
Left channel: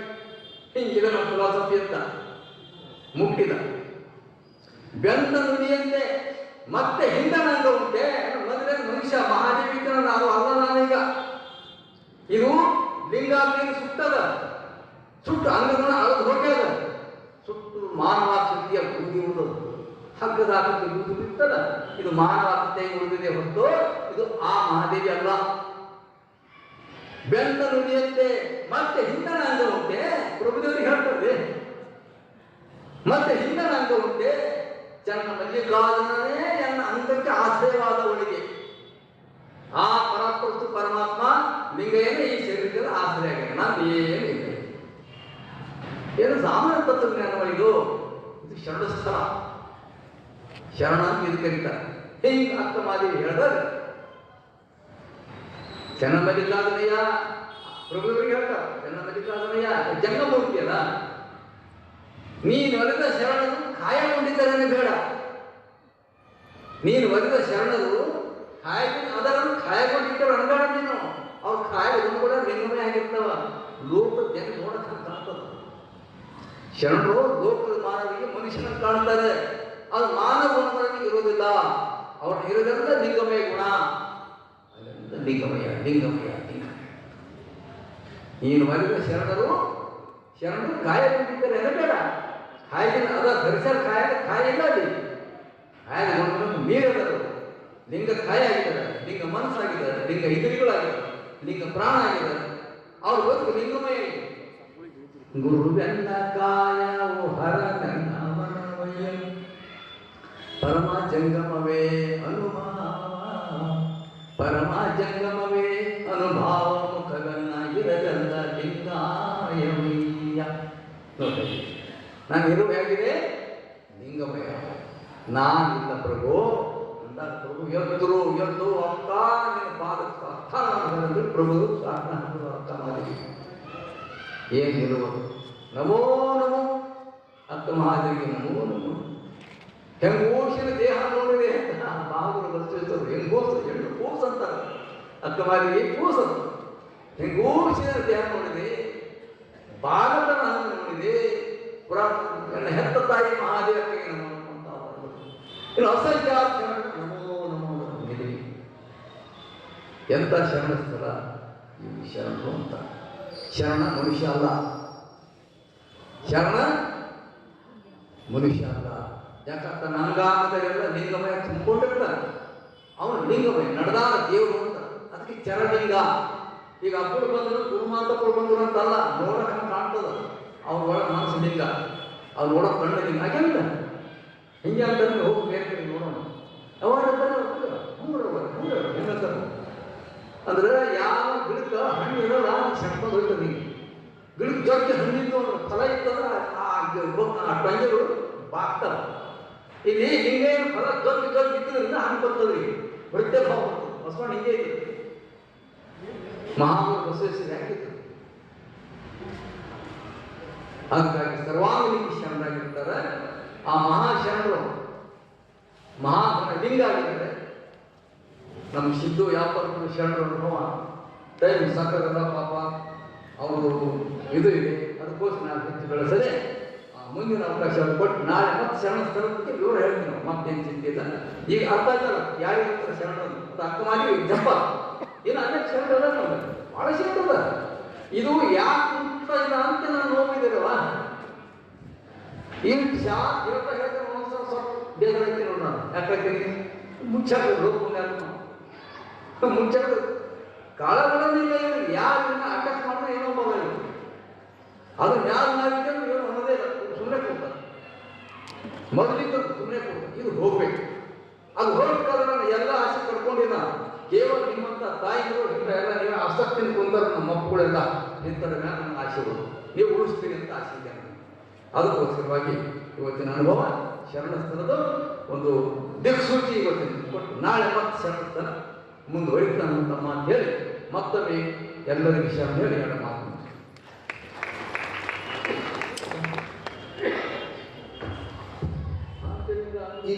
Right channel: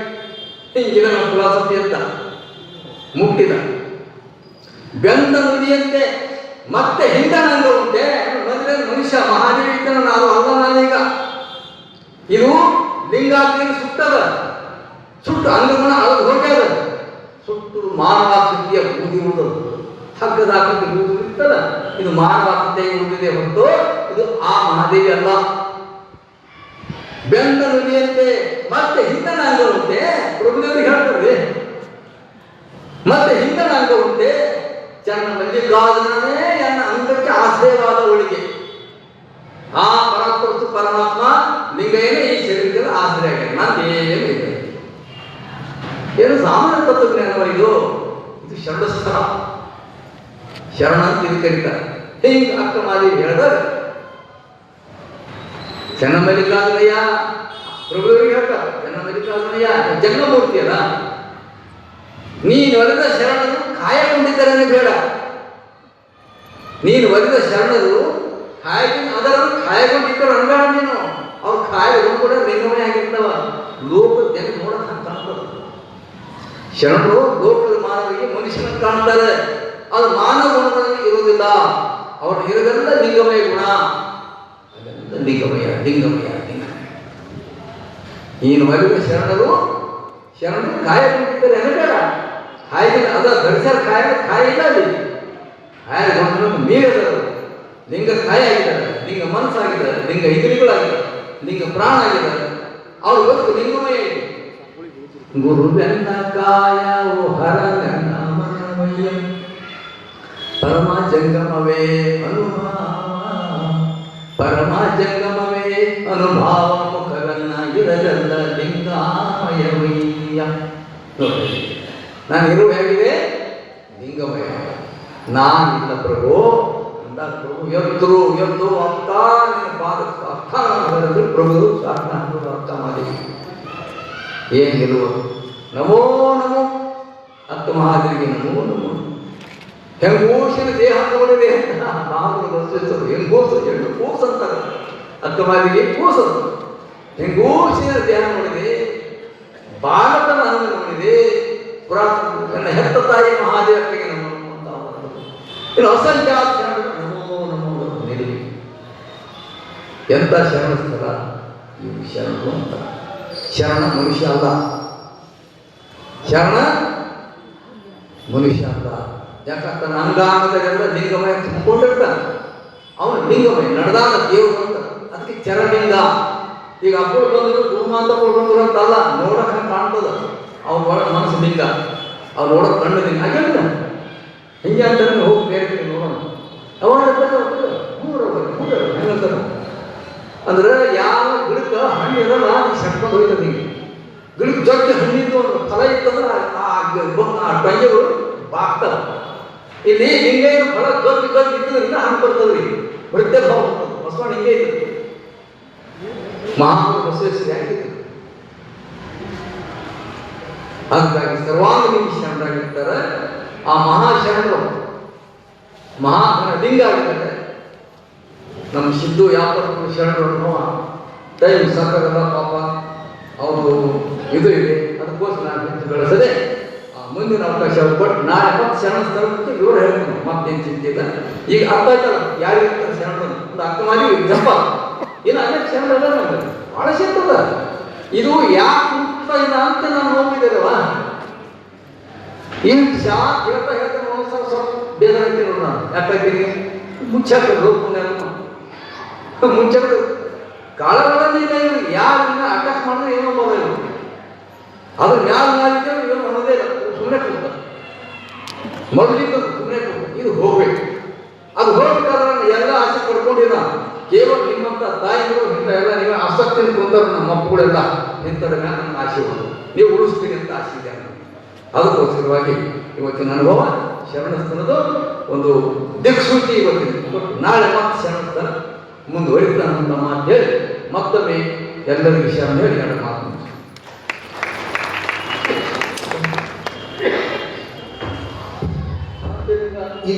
ಹಿಂಗಿನ ನಮ್ಮ ಫಿಲಾಸಫಿ ಅಂತ ಮುಟ್ಟಿದ. ಬೆಂದ ನುಡಿಯಂತೆ ಮತ್ತೆ ಹಿಂದಿನ ಅಂಗ ಉಂಟೆ. ಮೊದಲೇ ಮನುಷ್ಯ ಮಹಾದೇವಿಕನ ನಾವು ಅಲ್ಲ ನಾನೀಗ. ಇದು ಲಿಂಗಾಗ್ನಿಯನ್ನು ಸುಟ್ಟದ, ಸುಟ್ಟು ಅಂಗಗುಣ ಅಳದು ಹೋಗ್ಯದ. ಸುಟ್ಟು ಮಾನವಾಕೃತಿಯ ಬೂದಿ ಉಳಿದದು. ಹಗ್ಗದ ಆಕೃತಿ ಬೂದಿ ಇರ್ತದ. ಇದು ಮಾನವಾಕೃತಿಯಾಗಿ ಉಳಿದಿದೆ ಹೊರತು ಇದು ಆ ಮಹಾದೇವಿ ಅಲ್ಲ. ಬೆಂದ ನುಡಿಯಂತೆ ಮತ್ತೆ ಹಿಂದನ ಅಂಗ ಉಂಟೆ. ಪ್ರಭುದೇವರಿಗೆ ಹೇಳ್ತಾರೆ ಮತ್ತೆ ಹಿಂದನ ಅಂಗ ಉಂಟೆ. ಚೆನ್ನ ಮಲ್ಲಿಕಾರ್ಜುನನೇ ಎನ್ನ ಅಂಗಕ್ಕೆ ಆಶ್ರಯವಾದ ಒಳಿಗೆ. ಆ ಪರಾತ್ಪರಸ್ತು ಪರಮಾತ್ಮ ಲಿಂಗಯ್ಯನೇ ಈ ಶರೀರದಲ್ಲಿ ಆಶ್ರಯ ಆಗಿದೆ. ನಾನೇನು ಇಲ್ಲ. ಏನು ಸಾಮಾನ್ಯ ತತ್ವಜ್ಞಾನವ ಇದು? ಇದು ಶರಣಸ್ಥಳ, ಶರಣ ಅಂತ ಇದು ಕರೀತಾರೆ. ಹಿಂಗೆ ಅರ್ಥ ಮಾಡಿ ಹೇಳಿದಾಗ ಚೆನ್ನ ಮಲ್ಲಿಕಾರ್ಜುನಯ್ಯ ಪ್ರಭುವರಿಗೆ ಹೇಳ್ತಾರೆ. ಚೆನ್ನ ಮಲ್ಲಿಕಾರ್ಜುನಯ್ಯ ಜಂಗಮೂರ್ತಿ ಅಲ್ಲ. ನೀನು ಒಲಿದ ಶರಣರು ಕಾಯಕೊಂಡಿದ್ದರೇ ಬೇಡ. ನೀನು ಒಲಿದ ಶರಣರು ಅದರನ್ನು ಕಾಯಗೊಂಡಿದ್ದರು ಅನ್ಬೇಡ. ನೀನು ಅವ್ರು ಕಾಯಗಳು ಕೂಡ ಲಿಂಗಮಯ ಆಗಿರ್ತಾವ. ಲೋಕದ ಜನ ನೋಡಕ್ ಕಾಣ್ತದ. ಶರಣರು ಲೋಕದ ಮಾನವರಿಗೆ ಮನುಷ್ಯನ ಕಾಣ್ತಾರೆ. ಅದು ಮಾನವ ಗುಣಗಳಲ್ಲಿ ಇರುವುದಿಲ್ಲ. ಅವ್ರು ಇರೋದೆಲ್ಲ ಲಿಂಗಮಯ ಗುಣ. ಅದೆಲ್ಲ ಲಿಂಗಮಯ ಲಿಂಗಮಯ ಲಿಂಗಮಯ. ನೀನು ಒಲಿದ ಶರಣರು ಕಾಯಗೊಂಡಿದ್ದರೆ ಅನ್ಬೇಡ. ಕಾಯಿಲ್ಲ ಅದ ಧರಿಸ್ಯಾರ ಕಾಯ ಇಲ್ಲ. ಅಲ್ಲಿ ಕಾಯಗೊಂಡು ಮೀರದರು. ಲಿಂಗ ಕಾಯ ಆಗಿದ್ದಾರೆ, ಲಿಂಗ ಮನಸ್ಸಾಗಿದ್ದಾರೆ, ಲಿಂಗ ಇಂದ್ರಿಯಗಳಾಗಿದ್ದಾರೆ, ಲಿಂಗ ಪ್ರಾಣ ಆಗಿದ್ದಾರೆ. ಅವ್ರು ಗೊತ್ತು ಲಿಂಗಮಯ. ಗುರು ನನ್ನ ಕಾಯ ಹರ ನನ್ನ ಮನಮಯ ಪರಮ ಜಂಗಮವೇ ಅನುಭಾವ, ಪರಮ ಜಂಗಮವೇ ಅನುಭಾವ. ಮುಖರನ್ನ ಇರಲ್ಲ ಲಿಂಗಾಮಯವಯ್ಯ. ನಾನು ಇರುವ ಹೇಗಿದೆ ಲಿಂಗಮಯ. ನಾನಿಲ್ಲ ಪ್ರಭು ಅಂದ. ಪ್ರಭು ಎದ್ರು ಎದ್ದು ಅಕ್ಕ ನಿನ್ನ ಪಾದಕ್ಕೆ ಅಕ್ಕ ಬರೆದು ಪ್ರಭು ಸಾಧನ ಅಕ್ಕ ಮಾಡಿ ಏನಿರುವ ನಮೋ ನಮೋ ಅಕ್ಕ ಮಹಾದೇವಿಗೆ ನಮೋ ನಮೋ. ಹೆಂಗೋಸಿನ ದೇಹ ತಗೊಂಡಿದೆ ಅಂತ ನಾವು ವಸ್ತು ಹೆಂಗೋಸು ಎರಡು ಕೂಸು ಅಂತಾರೆ. ಅಕ್ಕ ಮಹಾದೇವಿಗೆ ಕೂಸು. ಹೆಂಗೋಸಿನ ದೇಹ ನೋಡಿದೆ, ಭಾರತದ ಹಣ್ಣು ನೋಡಿದೆ. ನನ್ನ ಹೆತ್ತ ತಾಯಿ ಮಹಾದೇವರಿಗೆ ನಮೋ ಅಂತ. ಇನ್ನು ಅಸಂಖ್ಯಾತ ನಮೋ ನಮೋ ನಿಲ್ಲಿ. ಎಂತ ಶರಣ ಸ್ಥಳ ಈ ಶರಣರು ಅಂತ. ಶರಣ ಮನುಷ್ಯ ಅಲ್ಲ, ಶರಣ ಮನುಷ್ಯ ಅಲ್ಲ. ಯಾಕಂತ ನಂಗಾನದೆಲ್ಲ ಲಿಂಗಮಯ ತುಂಬಿಕೊಂಡಿರ್ತಾನೆ. ಅವನು ಲಿಂಗಮಯ ನಡೆದಾದ ದೇವರು ಅಂತ, ಅದಕ್ಕೆ ಚರಲಿಂಗ. ಈಗ ಅಪ್ಪಳು ಬಂದರು ಕುಮಾಂತಪ್ಪಳು ಬಂದರು ಅಂತಲ್ಲ, ನೋಡಕ್ಕೆ ಕಾಣ್ತದ ಅವ್ನ ಒಳಗೆ ಮನಸ್ಸು ಲಿಂಗ, ಅವ್ನು ನೋಡೋಕೆ ಕಣ್ಣು ಲಿಂಗ ಹಾಗೆಲ್ಲ ಹಿಂಗೆ ಅಂತ ಹೋಗಿ ಬೇರೆ ನೋಡೋಣ. ಅವಾಗ ಹೆಂಗಂತಾರ ಅಂದ್ರೆ ಯಾವ ಗಿಡಕ್ಕೆ ಹಣ್ಣು ಇರಲ್ಲ ಸೆಟ್ಕೊಂಡು ಹೋಗ್ತದೆ. ಹಿಂಗೆ ಗಿಡಕ್ಕೆ ಜೊತೆ ಹಣ್ಣಿದ್ದು ಫಲ ಇತ್ತಂದ್ರೆ ಆ ಟೊಂಗೆಗಳು ಬಾಗ್ತಾವ. ಇಲ್ಲಿ ಹಿಂಗೆ ಫಲ ಜೊತೆ ಇತ್ತು ಇನ್ನೂ ಹಣ್ಣು ಬರ್ತದ್ರಿ, ಹೊಡಿತೆ ಭಾವ ಬರ್ತದೆ. ಬಸವಣ್ಣ ಹಿಂಗೆ ಇತ್ತು, ಮಹಾ ಬಸವೇಶ್ವರಿ ಆಗಿತ್ತು. ಹಾಗಾಗಿ ಸರ್ವಾಂಗಲಿಂಗ ಶರಣರಾಗಿರ್ತಾರೆ. ಆ ಮಹಾಶರಣರು ಲಿಂಗ ಆಗಿದ್ದಾರೆ. ನಮ್ಮ ಸಿದ್ದು ಯಾವತ್ತೂ ಶರಣರು ಟೈಮ್ ಸಾಕಾಗಲ್ಲ ಪಾಪ, ಅವರು ಇದು ಇದೆ, ಅದಕ್ಕೋಸ್ಕರ ನಾನು ಹೆಚ್ಚು ಬೆಳೆಸದೆ ಮುಂದಿನ ಅವಕಾಶ ಕೊಟ್ಟು ನಾಳೆ ಮತ್ತೆ ಶರಣ ಸ್ಥಳಕ್ಕೆ ವಿವರ ಹೇಳ್ತೀನಿ. ಮತ್ತೇನು ಚಿಂತಿಲ್ಲ. ಈಗ ಅರ್ಥ ಆಯ್ತಲ್ಲ ಯಾರಿಗ ಶರಣ ಒಂದು ಅರ್ಥ ಮಾಡಿ ಜಪ ಏನು ಅನೇಕ ಶರಣ ಭಾಳ ಶರಣದ. ಇದು ಯಾಕೆ ಇಲ್ಲ ಅಂತ ನಾನು ನೋಡಿದ್ದೇನವ ಏನು ಹೇಳ್ತಾ ಹೇಳ್ತಾನೆ ಒಂದ್ಸಲ ಸ್ವಲ್ಪ ಬೇಜಾರಾಗ್ತೀನಿ ನೋಡ. ಯಾಕಾಗ್ತೀನಿ ಮುಚ್ಚಾಕ ಮುಚ್ಚಾಕ ಕಾಳಗಳಲ್ಲಿ ಯಾರನ್ನ ಅಟ್ಯಾಕ್ ಮಾಡಿದ್ರೆ ಏನೋ ಮೊಬೈಲ್ ಅದು ಯಾರು ಮಾಡಿದ್ದೇವೆ ಏನು ಅನ್ನೋದೇ ಇಲ್ಲ. ಸುಮ್ಮನೆ ಕೊಡ್ತ ಮೊದಲಿಂದ ಸುಮ್ಮನೆ ಕೊಡ್ತ ಇದು ಹೋಗ್ಬೇಕು. ಅದು ಹೋಗ್ಬೇಕಾದ್ರೆ ಎಲ್ಲ ಆಸೆ ಪಡ್ಕೊಂಡಿಲ್ಲ. ಕೇವಲ ನಿಮ್ಮಂತ ತಾಯಿಗಳು ಇಂಥ ಎಲ್ಲ ನೀವು ಆಸಕ್ತಿ ಕೊಂದರು. ನಮ್ಮ ಮಕ್ಕಳೆಲ್ಲ ನಿಂತರ ಮೇಲೆ ನನ್ನ ಆಸೆ ನೀವು ಉಳಿಸ್ತೀನಿ ಅಂತ ಆಸೆ ಇದೆ. ಅದಕ್ಕೋಸ್ಕರವಾಗಿ ಇವತ್ತಿನ ಅನುಭವ ಶರಣಸ್ಥಳದ ಒಂದು ದಿಕ್ಸೂಚಿ ಇವತ್ತಿನ. ನಾಳೆ ಮತ್ತೆ ಶರಣಸ್ಥಳ ಮುಂದುವರಿತಾನೆ ಅಂತ ಮಾತು ಹೇಳಿ ಮತ್ತೊಮ್ಮೆ ಎಲ್ಲರಿಗೂ ಶರಣ ಹೇಳಿ ನನ್ನ ಮಾತು ಈ